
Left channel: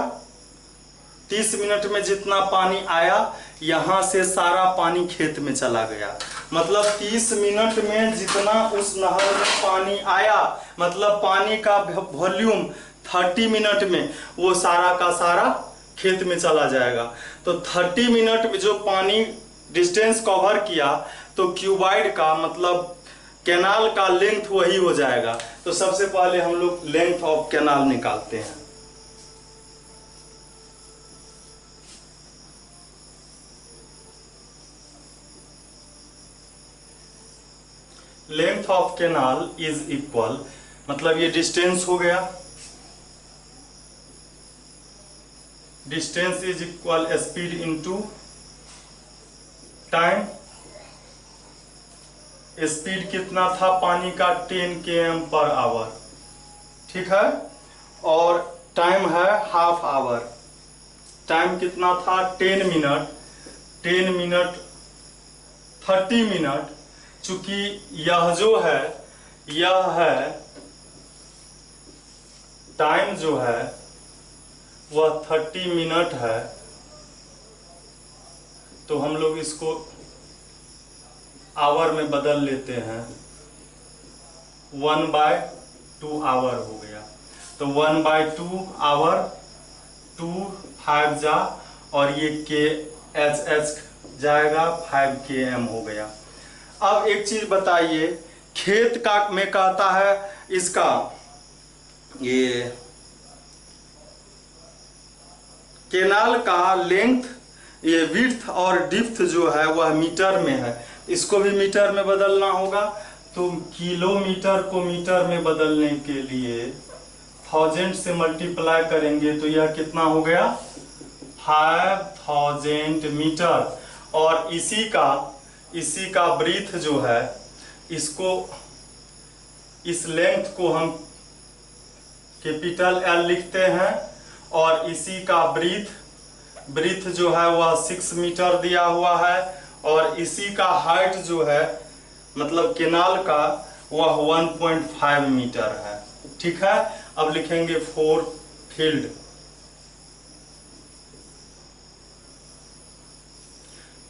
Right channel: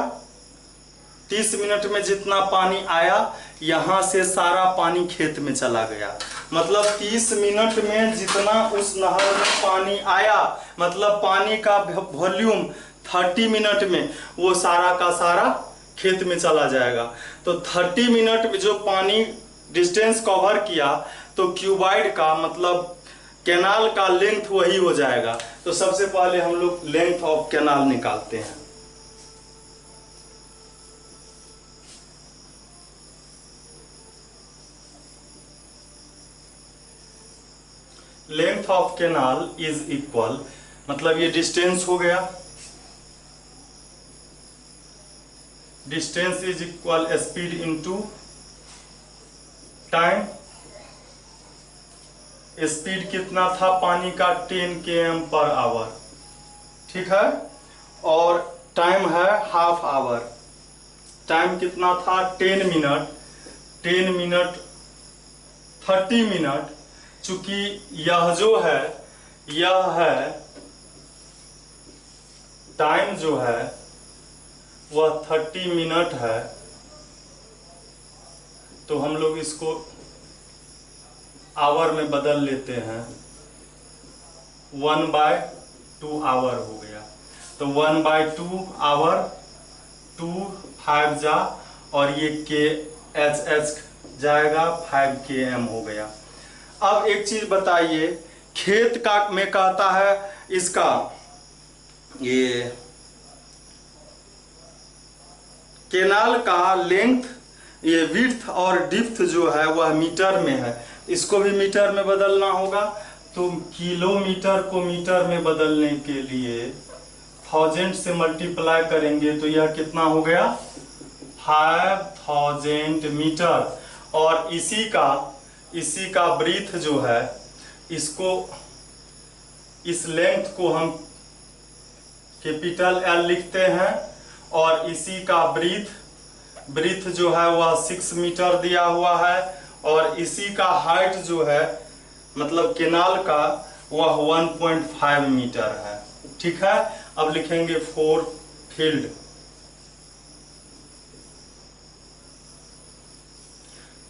30 मिनट में जितना पानी आया यहां से सारा पानी खेत में चला गया। मतलब 30 मिनट में जितना उस नहर में पानी आया, मतलब पानी का वॉल्यूम 30 मिनट में वो सारा का सारा खेत में चला जाएगा। तो 30 मिनट में जो पानी डिस्टेंस कवर किया तो क्यूबाइड का मतलब कैनाल का लेंथ वही हो जाएगा। तो सबसे पहले हम लोग लेंथ ऑफ कैनाल निकालते हैं। Length of canal is equal, मतलब ये डिस्टेंस हो गया, distance is equal speed into time. Speed कितना था पानी का, 10 km/h, ठीक है। और टाइम है हाफ आवर। टाइम कितना था, 10 मिनट, 10 मिनट 30 मिनट। चूंकि यह जो है, यह है टाइम जो है वह 30 मिनट है, तो हम लोग इसको आवर में बदल लेते हैं, 1/2 आवर हो गया। तो 1/2 आवर, 2 5 जा, और ये KH जाएगा, 5 km हो गया। अब एक चीज बताइए, खेत का में कहता है इसका ये केनाल का लेंथ, ये विड्थ और डिप्थ जो है वह मीटर में है, इसको भी मीटर में बदलना होगा। तो किलोमीटर को मीटर में बदलने के लिए 1000 से मल्टीप्लाई करेंगे तो यह कितना हो गया, 5000 मीटर। और इसी का ब्रीथ जो है, इसको, इस लेंथ को हम कैपिटल L लिखते हैं, और इसी का ब्रीथ जो है वह 6 मीटर दिया हुआ है, और इसी का हाइट जो है मतलब केनाल का वह 1.5 मीटर है, ठीक है। अब लिखेंगे फॉर फील्ड।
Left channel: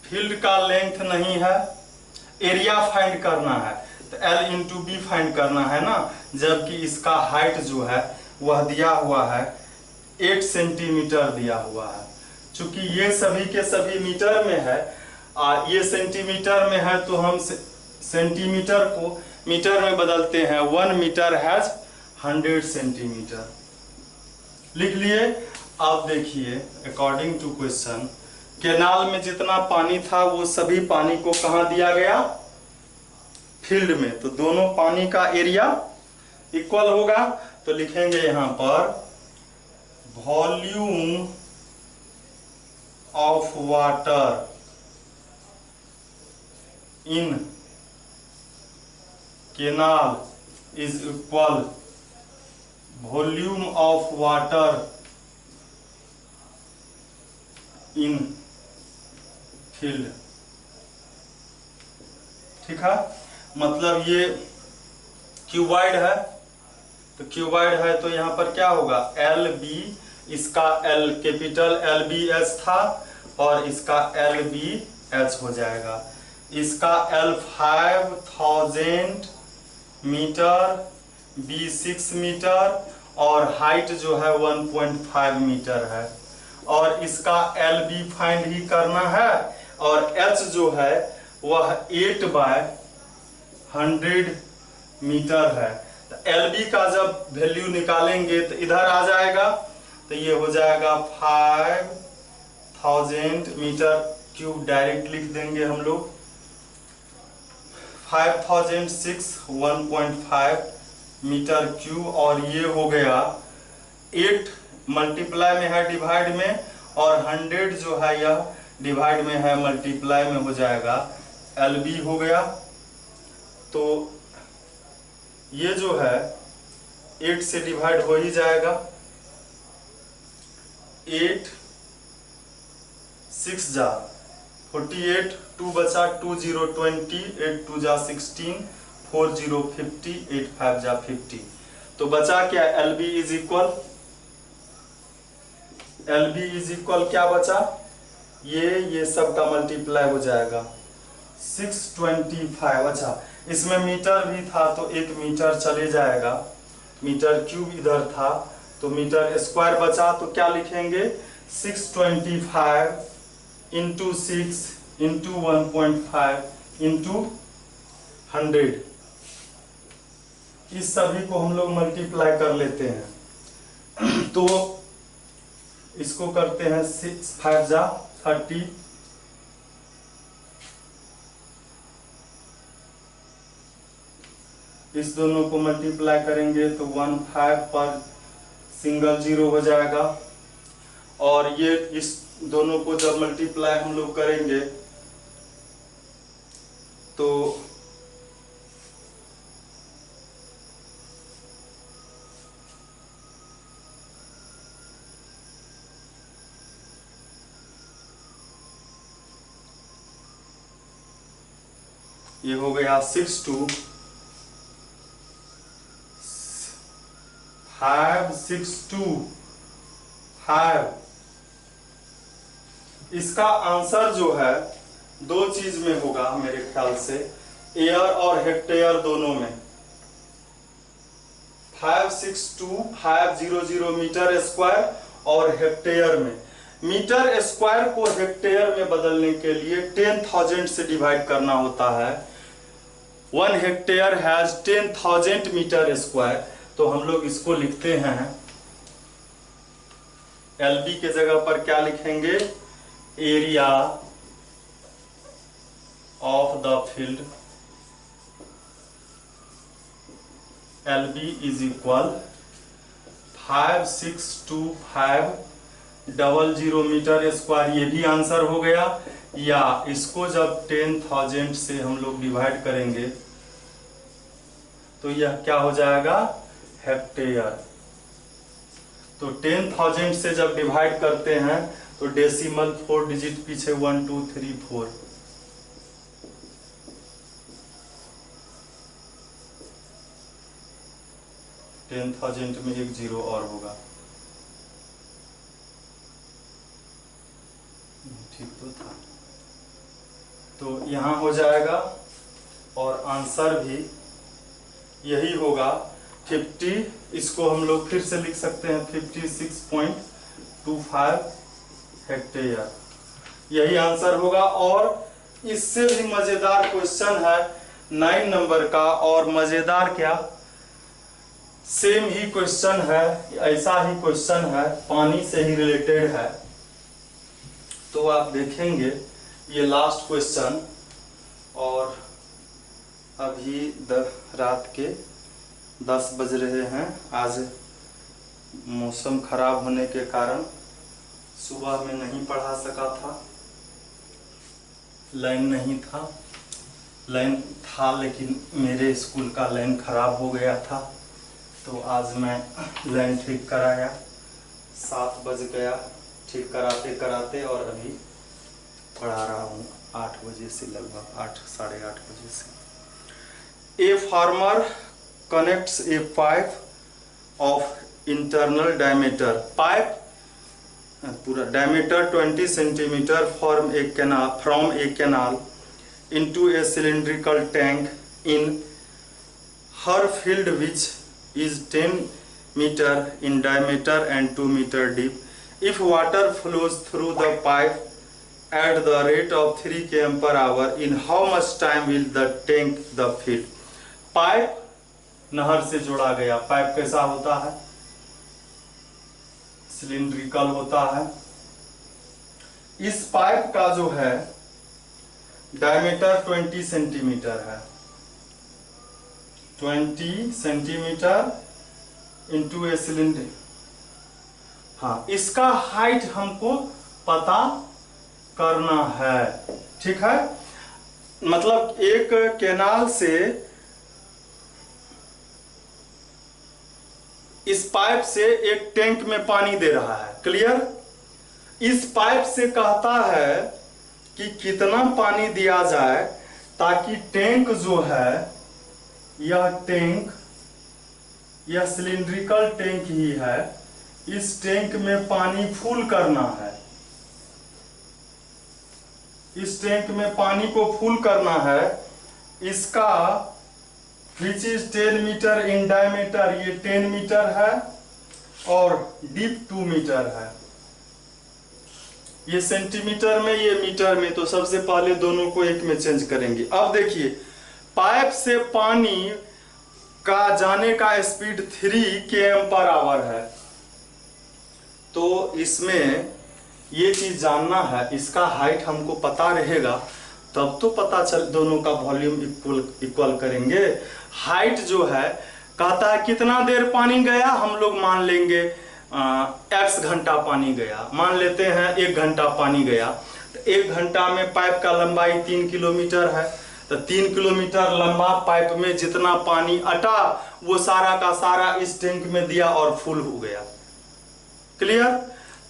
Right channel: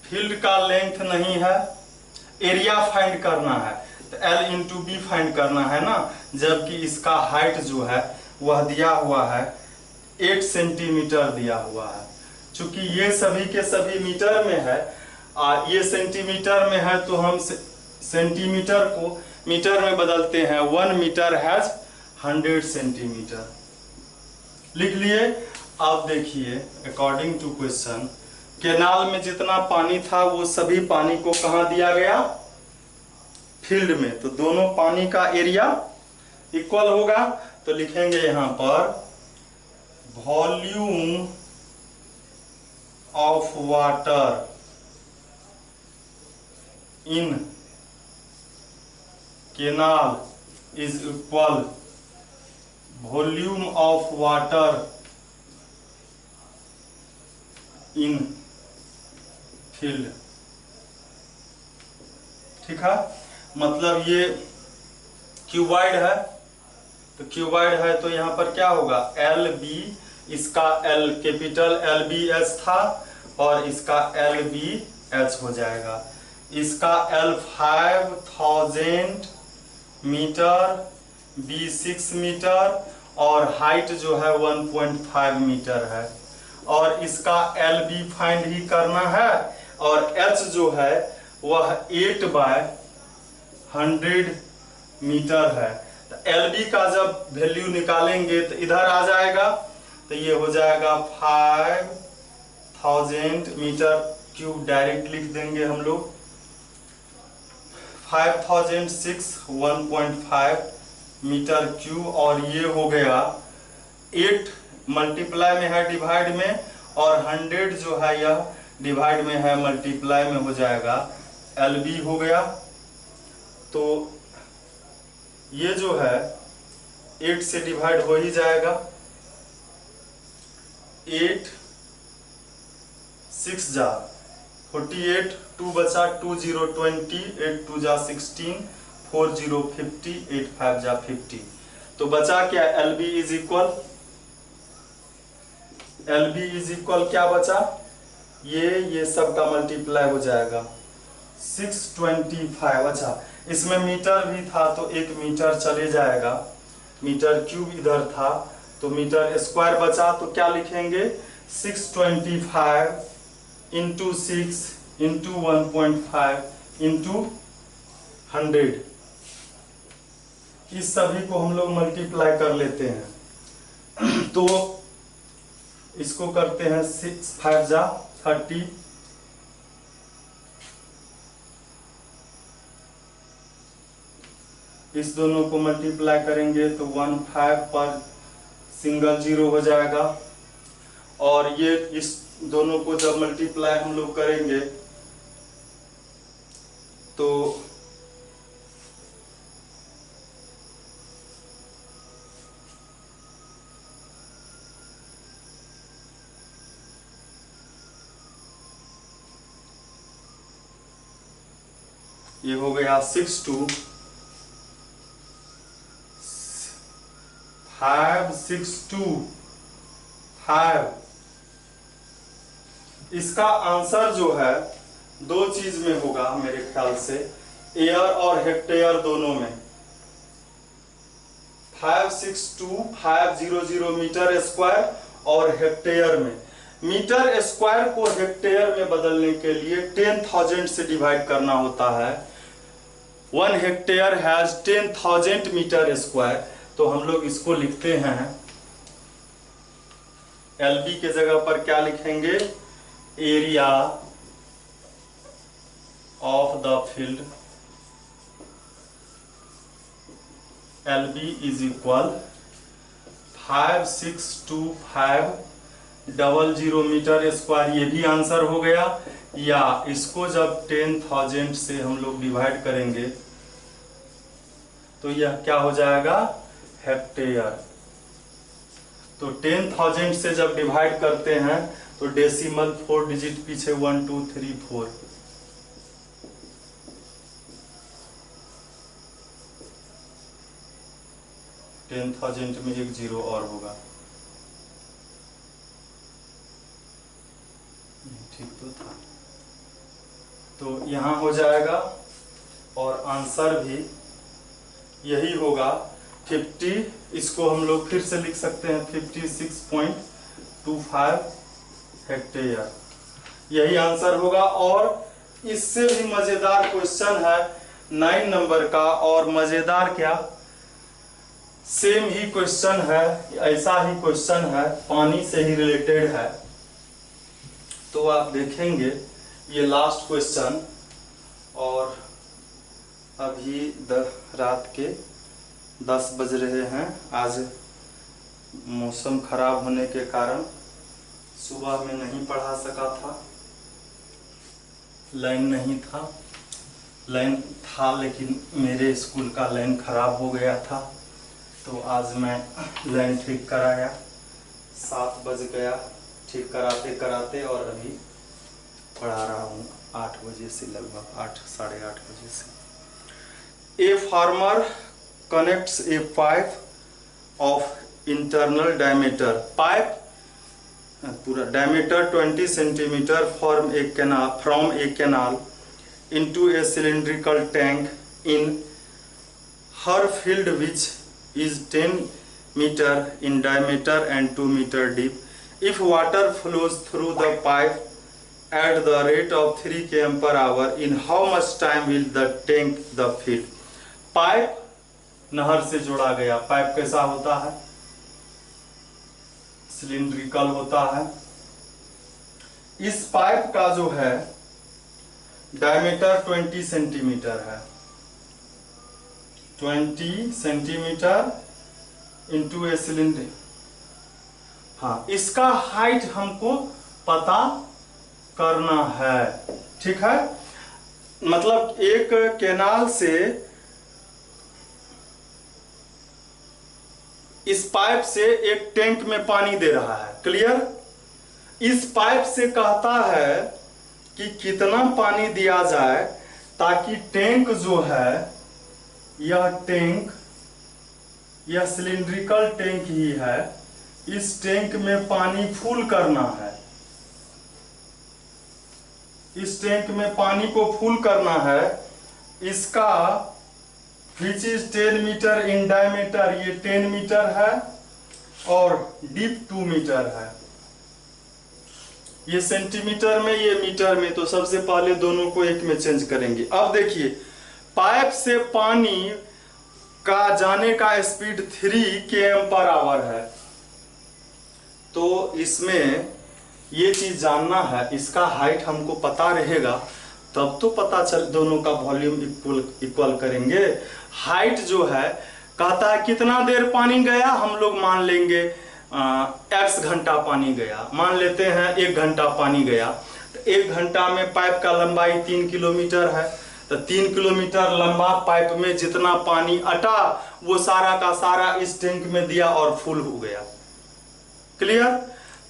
फील्ड का लेंथ नहीं है, एरिया फाइंड करना है, तो L/B फाइंड करना है ना, जबकि इसका हाइट जो है वह दिया हुआ है 8 सेंटीमीटर दिया हुआ है। चूंकि ये सभी के सभी मीटर में है, ये सेंटीमीटर में है, तो हम सेंटीमीटर को मीटर में बदलते हैं। 1 मीटर हैज 100 सेंटीमीटर, लिख लिए। आप देखिए, अकॉर्डिंग टू क्वेश्चन, केनाल में जितना पानी था वो सभी पानी को कहाँ दिया गया, फील्ड में। तो दोनों पानी का एरिया इक्वल होगा, तो लिखेंगे यहाँ पर volume of water in canal is equal volume of water in field. ठीक है, मतलब ये क्यूबॉइड है, तो क्यूबॉइड है तो यहाँ पर क्या होगा, एल बी, इसका L capital L B H था और इसका एल बी एच हो जाएगा। इसका एल 5000 मीटर, बी 6 मीटर और हाइट जो है 1.5 मीटर है। और इसका एल बी फाइंड ही करना है और एच जो है वह 8/100 मीटर है। तो एल बी का जब वैल्यू निकालेंगे तो इधर आ जाएगा, तो ये हो जाएगा 5000 मीटर क्यूब, डायरेक्ट लिख देंगे हम लोग 5006 1.5 मीटर क्यूब। और ये हो गया 8 मल्टीप्लाई में है डिवाइड में, और 100 जो है यह डिवाइड में है मल्टीप्लाई में हो जाएगा, एल बी हो गया। तो ये जो है 8 से डिवाइड हो ही जाएगा, 8 6 जा 48, 2 बचा 2 0 20, 8 2 जा 16, 4 0 50, 8 5 जा 50। तो बचा क्या, L B is equal, L B is equal क्या बचा, ये सब का मल्टीप्लाई हो जाएगा 625। अच्छा, इसमें मीटर भी था तो 1 मीटर चले जाएगा, मीटर क्यूब इधर था तो मीटर स्क्वायर बचा, तो क्या लिखेंगे 625 इंटू 6 इंटू 1.5 इंटू 100। इस सभी को हम लोग मल्टीप्लाई कर लेते हैं। तो इसको करते हैं 6 5 जा 30, इस दोनों को मल्टीप्लाई करेंगे तो 15 पर सिंगल जीरो हो जाएगा। और ये इस दोनों को जब मल्टीप्लाई हम लोग करेंगे तो ये हो गया 6 2 5 6 2 5। इसका आंसर जो है दो चीज में होगा मेरे ख्याल से, एयर और हेक्टेयर दोनों में। 562,500 मीटर स्क्वायर और हेक्टेयर में। मीटर स्क्वायर को हेक्टेयर में बदलने के लिए 10,000 से डिवाइड करना होता है। 1 हेक्टेयर हैज 10,000 मीटर स्क्वायर। तो हम लोग इसको लिखते हैं, एलबी के जगह पर क्या लिखेंगे, area of the field LB is equal 562500 metre square. ये भी आंसर हो गया। या इसको जब 10,000 से हम लोग डिवाइड करेंगे तो यह क्या हो जाएगा, हेक्टेयर। तो 10,000 से जब डिवाइड करते हैं तो डेसिमल 4 डिजिट पीछे 1 2 3 4। टेन 10,000 में एक जीरो और होगा, ठीक तो था। तो यहां हो जाएगा और आंसर भी यही होगा 50। इसको हम लोग फिर से लिख सकते हैं 56.25 हेक्टेयर, यही आंसर होगा। और इससे भी मजेदार क्वेश्चन है 9 नंबर का, और मजेदार क्या, सेम ही क्वेश्चन है, ऐसा ही क्वेश्चन है, पानी से ही रिलेटेड है। तो आप देखेंगे ये लास्ट क्वेश्चन, और अभी रात के 10 बज रहे हैं। आज मौसम खराब होने के कारण सुबह में नहीं पढ़ा सका था, लाइन नहीं था, लाइन था, लेकिन मेरे स्कूल का लाइन खराब हो गया था, तो आज मैं लाइन ठीक कराया। 7 बज गया ठीक कराते कराते, और अभी पढ़ा रहा हूँ 8 बजे से, लगभग 8 साढ़े 8 बजे से। A farmer connects a pipe of internal diameter, pipe पूरा diameter 20 centimetre from a canal into a cylindrical tank in her field, which is 10 meter in diameter and 2 meter deep. If water flows through the pipe at the rate of 3 km per hour, in how much time will the tank the field? Pipe नहर से जोड़ा गया। Pipe कैसा होता है? Cylindrical होता है। इस पाइप का जो है डायमीटर 20 सेंटीमीटर है, 20 सेंटीमीटर इंटू ए सिलेंडर। हाँ, इसका हाइट हमको पता करना है, ठीक है। मतलब एक कैनाल से इस पाइप से एक टैंक में पानी दे रहा है, क्लियर। इस पाइप से कहता है कि कितना पानी दिया जाए ताकि टैंक जो है, यह टैंक, यह सिलिंड्रिकल टैंक ही है, इस टैंक में पानी फुल करना है। इस टैंक में पानी को फुल करना है। इसका which is 10 metre in diameter, ये 10 मीटर है, और डीप 2 मीटर है। ये सेंटीमीटर में, ये मीटर में, तो सबसे पहले दोनों को एक में चेंज करेंगे। अब देखिए, पाइप से पानी का जाने का स्पीड 3 km पर आवर है, तो इसमें ये चीज जानना है। इसका हाइट हमको पता रहेगा तब तो पता चल, दोनों का वॉल्यूम इक्वल करेंगे। हाइट जो है कहता है कितना देर पानी गया, हम लोग मान लेंगे x घंटा पानी गया, मान लेते हैं 1 घंटा पानी गया, तो 1 घंटा में पाइप का लंबाई 3 किलोमीटर है, तो 3 किलोमीटर लंबा पाइप में जितना पानी अटा वो सारा का सारा इस टैंक में दिया और फुल हो गया, क्लियर।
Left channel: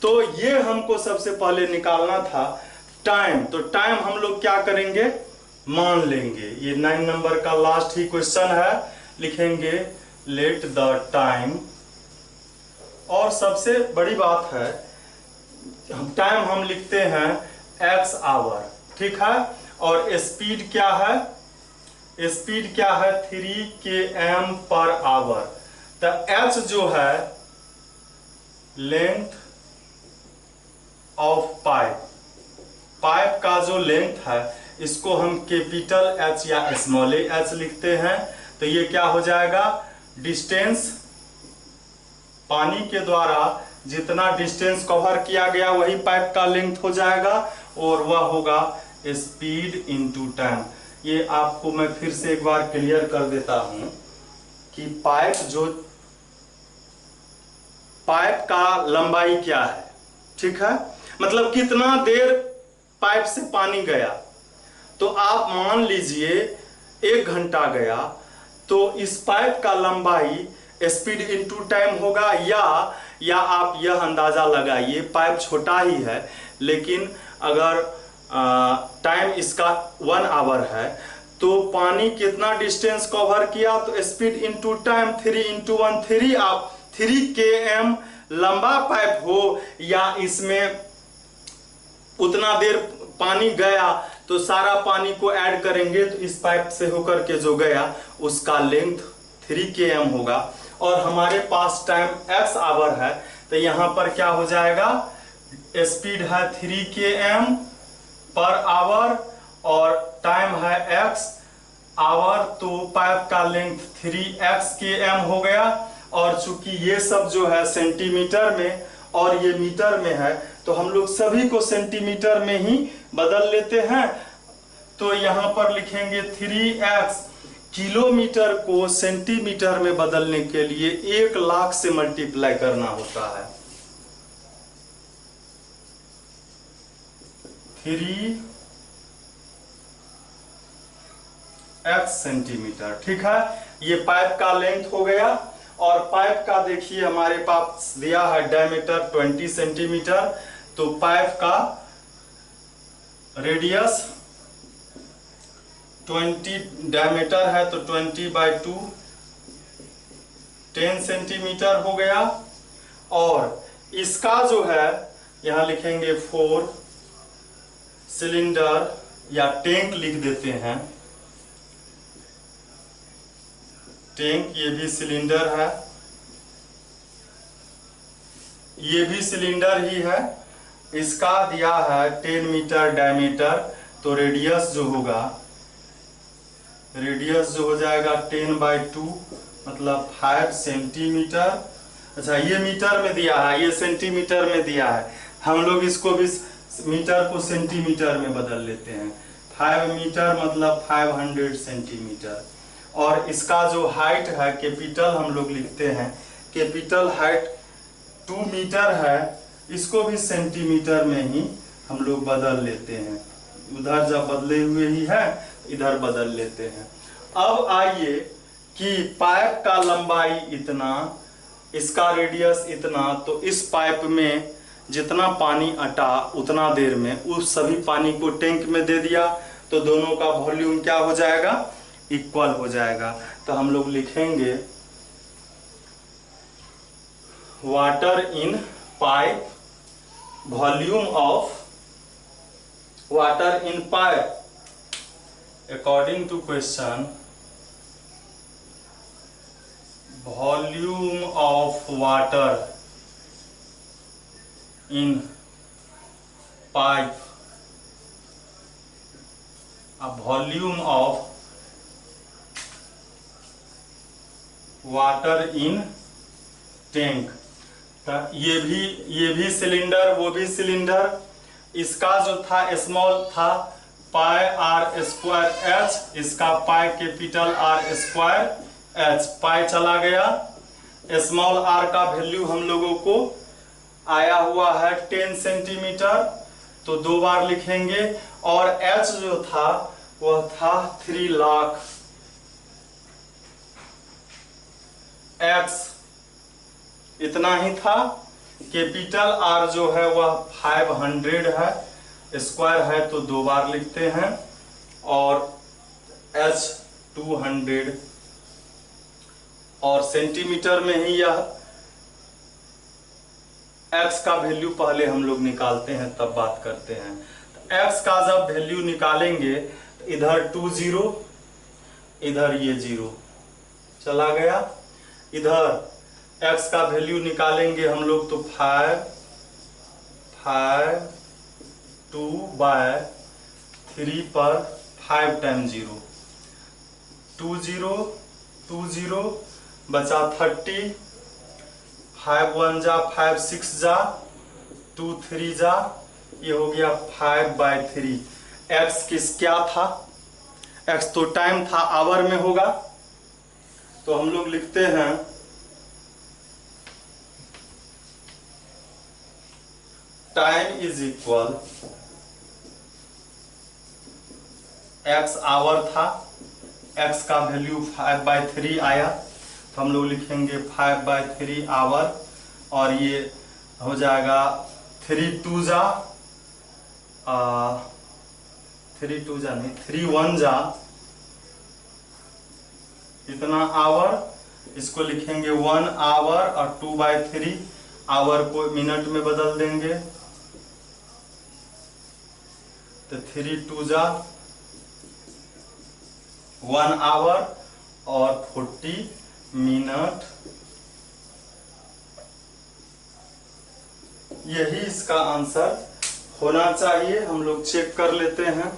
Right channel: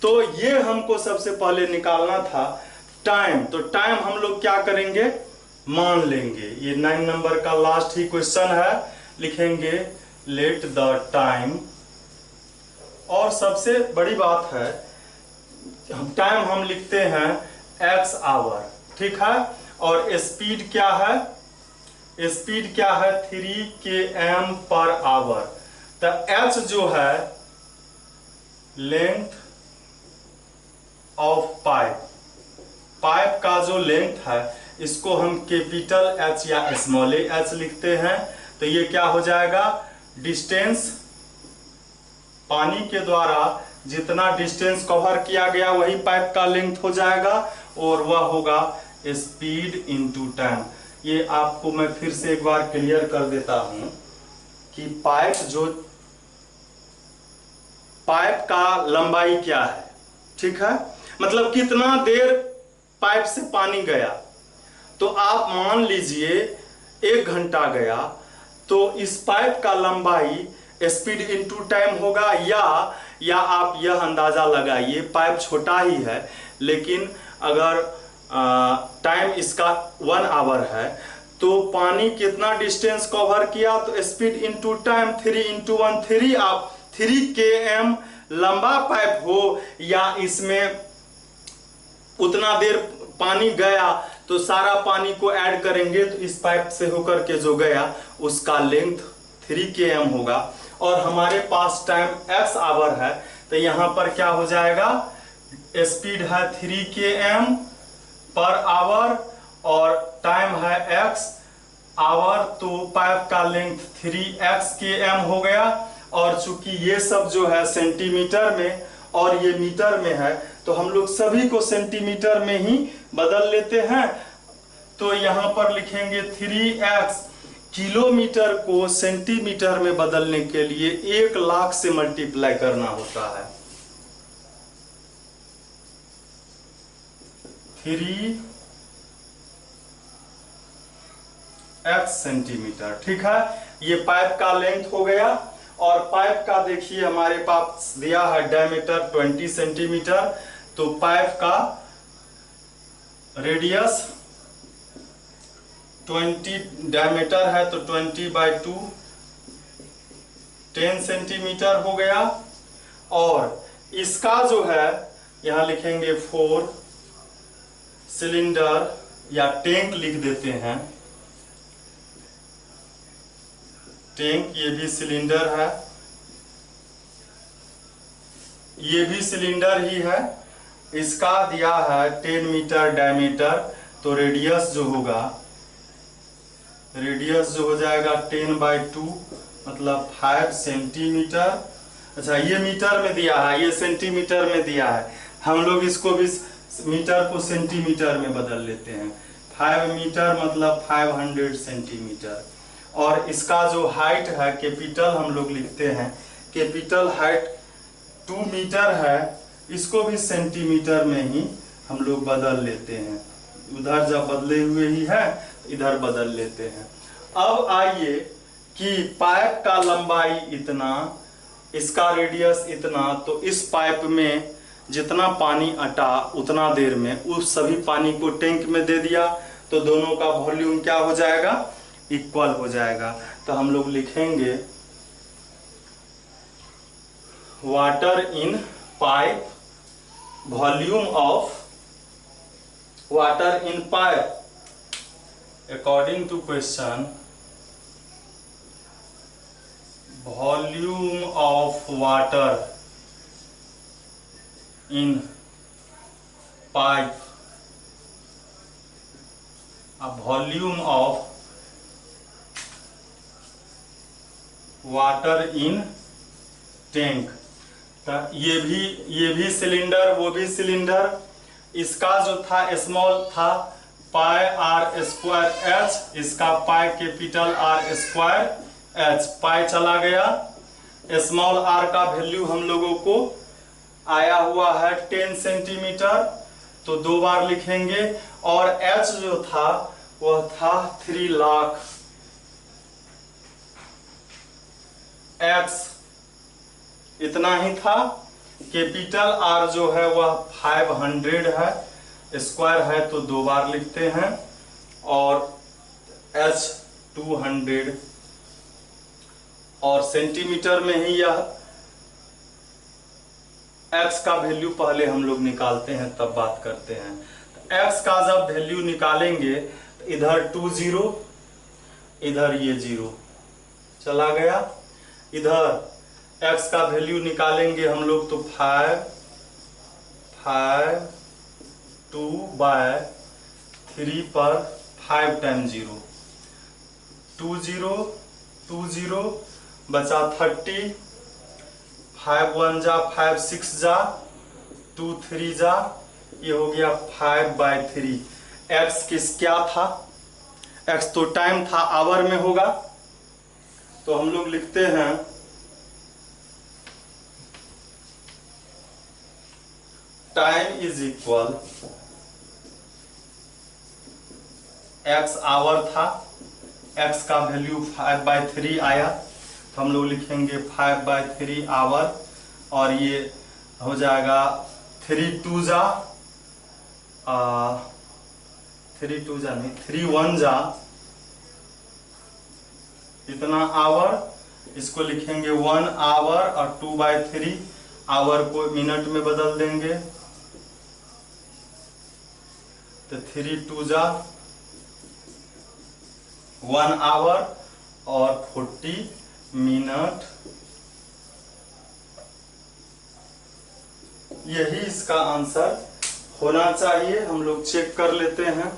तो ये हमको सबसे पहले निकालना था टाइम। तो टाइम हम लोग क्या करेंगे, मान लेंगे। ये 9 नंबर का लास्ट ही क्वेश्चन है, लिखेंगे लेट द टाइम। और सबसे बड़ी बात है, टाइम हम लिखते हैं x आवर, ठीक है। और स्पीड क्या है, स्पीड क्या है 3 km पर आवर। तो h जो है लेंथ ऑफ पाइप, पाइप का जो लेंथ है इसको हम कैपिटल H या स्मॉल h लिखते हैं। तो ये क्या हो जाएगा, डिस्टेंस, पानी के द्वारा जितना डिस्टेंस कवर किया गया वही पाइप का लेंथ हो जाएगा, और वह होगा स्पीड इनटू टाइम। ये आपको मैं फिर से एक बार क्लियर कर देता हूं कि पाइप का लंबाई क्या है, ठीक है। मतलब कितना देर पाइप से पानी गया, तो आप मान लीजिए 1 घंटा गया, तो इस पाइप का लंबाई स्पीड इनटू टाइम होगा, या आप यह अंदाजा लगाइए, पाइप छोटा ही है लेकिन अगर टाइम इसका 1 आवर है, तो पानी कितना डिस्टेंस कवर किया, तो स्पीड इनटू टाइम 3 × 1 3। आप 3 km लंबा पाइप हो या इसमें उतना देर पानी गया, तो सारा पानी को ऐड करेंगे तो इस पाइप से होकर के जो गया उसका लेंथ 3 km होगा। और हमारे पास टाइम x आवर है, तो यहाँ पर क्या हो जाएगा, स्पीड है 3 km पर आवर और टाइम है x आवर, तो पाइप का लेंथ 3x km हो गया। और चूंकि ये सब जो है सेंटीमीटर में और ये मीटर में है, तो हम लोग सभी को सेंटीमीटर में ही बदल लेते हैं। तो यहाँ पर लिखेंगे 3x। किलोमीटर को सेंटीमीटर में बदलने के लिए 1 लाख से मल्टीप्लाई करना होता है। 3 x सेंटीमीटर। ठीक है, ये पाइप का लेंथ हो गया। और पाइप का देखिए हमारे पास दिया है डायमीटर 20 सेंटीमीटर, तो पाइप का रेडियस 20 डायमीटर है तो 20/2 10 सेंटीमीटर हो गया। और इसका जो है यहां लिखेंगे 4 सिलेंडर या टैंक लिख देते हैं, टैंक, ये भी सिलेंडर है, ये भी सिलेंडर ही है। इसका दिया है 10 मीटर डायमीटर, तो रेडियस जो होगा, रेडियस जो हो जाएगा 10/2 मतलब 5 सेंटीमीटर। अच्छा, ये मीटर में दिया है, ये सेंटीमीटर में दिया है, हम लोग इसको भी मीटर को सेंटीमीटर में बदल लेते हैं। 5 मीटर मतलब 500 सेंटीमीटर। और इसका जो हाइट है कैपिटल हम लोग लिखते हैं, कैपिटल हाइट 2 मीटर है, इसको भी सेंटीमीटर में ही हम लोग बदल लेते हैं। उधर जब बदले हुए ही है इधर बदल लेते हैं। अब आइए कि पाइप का लंबाई इतना, इसका रेडियस इतना, तो इस पाइप में जितना पानी अटा उतना देर में उस सभी पानी को टैंक में दे दिया, तो दोनों का वॉल्यूम क्या हो जाएगा, इक्वल हो जाएगा। तो हम लोग लिखेंगे water in pipe, volume of water in pipe according to question, volume of water in pipe, volume of water in tank. ये भी सिलेंडर, वो भी सिलेंडर। इसका जो था स्मॉल था पाई r स्क्वायर h, इसका pi capital R square h, पाई चला गया। स्मॉल r का वैल्यू हम लोगों को आया हुआ है 10 सेंटीमीटर, तो 2 बार लिखेंगे। और h जो था वह था 3 लाख, x इतना ही था। कैपिटल R जो है वह 500 है, स्क्वायर है तो 2 बार लिखते हैं, और h 200, और सेंटीमीटर में ही यह x का वैल्यू पहले हम लोग निकालते हैं तब बात करते हैं। तो x का जब वैल्यू निकालेंगे तो इधर 2 0, इधर ये 0 चला गया। इधर x का वैल्यू निकालेंगे हम लोग तो 5 2/3 पर 5 टाइम 0, 2 0 2 0 बचा 30, 5 1 जा 5 6 जा 2 3 जा, ये हो गया 5/3। x किस क्या था, x तो टाइम था, आवर में होगा, तो हम लोग लिखते हैं time is equal, x hour था, x का वैल्यू 5/3 आया, तो हम लोग लिखेंगे 5/3 आवर, और ये हो जाएगा 3 2 जा 3 2 जा नहीं 3 1 जा इतना आवर, इसको लिखेंगे 1 आवर, और 2/3 आवर को मिनट में बदल देंगे, तो 3 2 जा 1 आवर और 40 मिनट। यही इसका आंसर होना चाहिए। हम लोग चेक कर लेते हैं।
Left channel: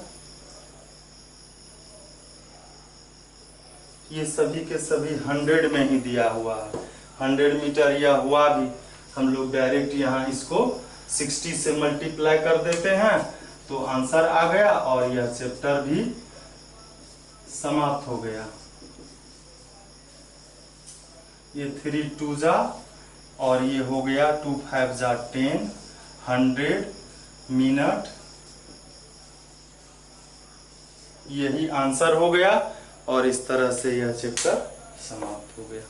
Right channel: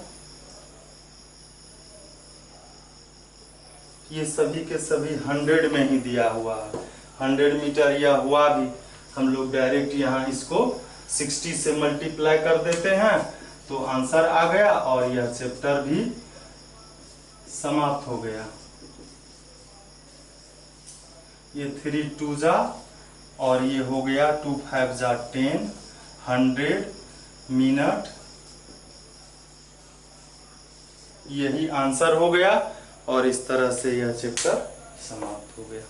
ये सभी के सभी 100 में ही दिया हुआ है, 100 मीटर या हुआ भी, हम लोग डायरेक्ट यहाँ इसको 60 से मल्टीप्लाई कर देते हैं तो आंसर आ गया, और यह चैप्टर भी समाप्त हो गया। ये 3 2 जा और ये हो गया 2 5 जा 10, 100 मिनट, यही आंसर हो गया। और इस तरह से यह चैप्टर समाप्त हो गया।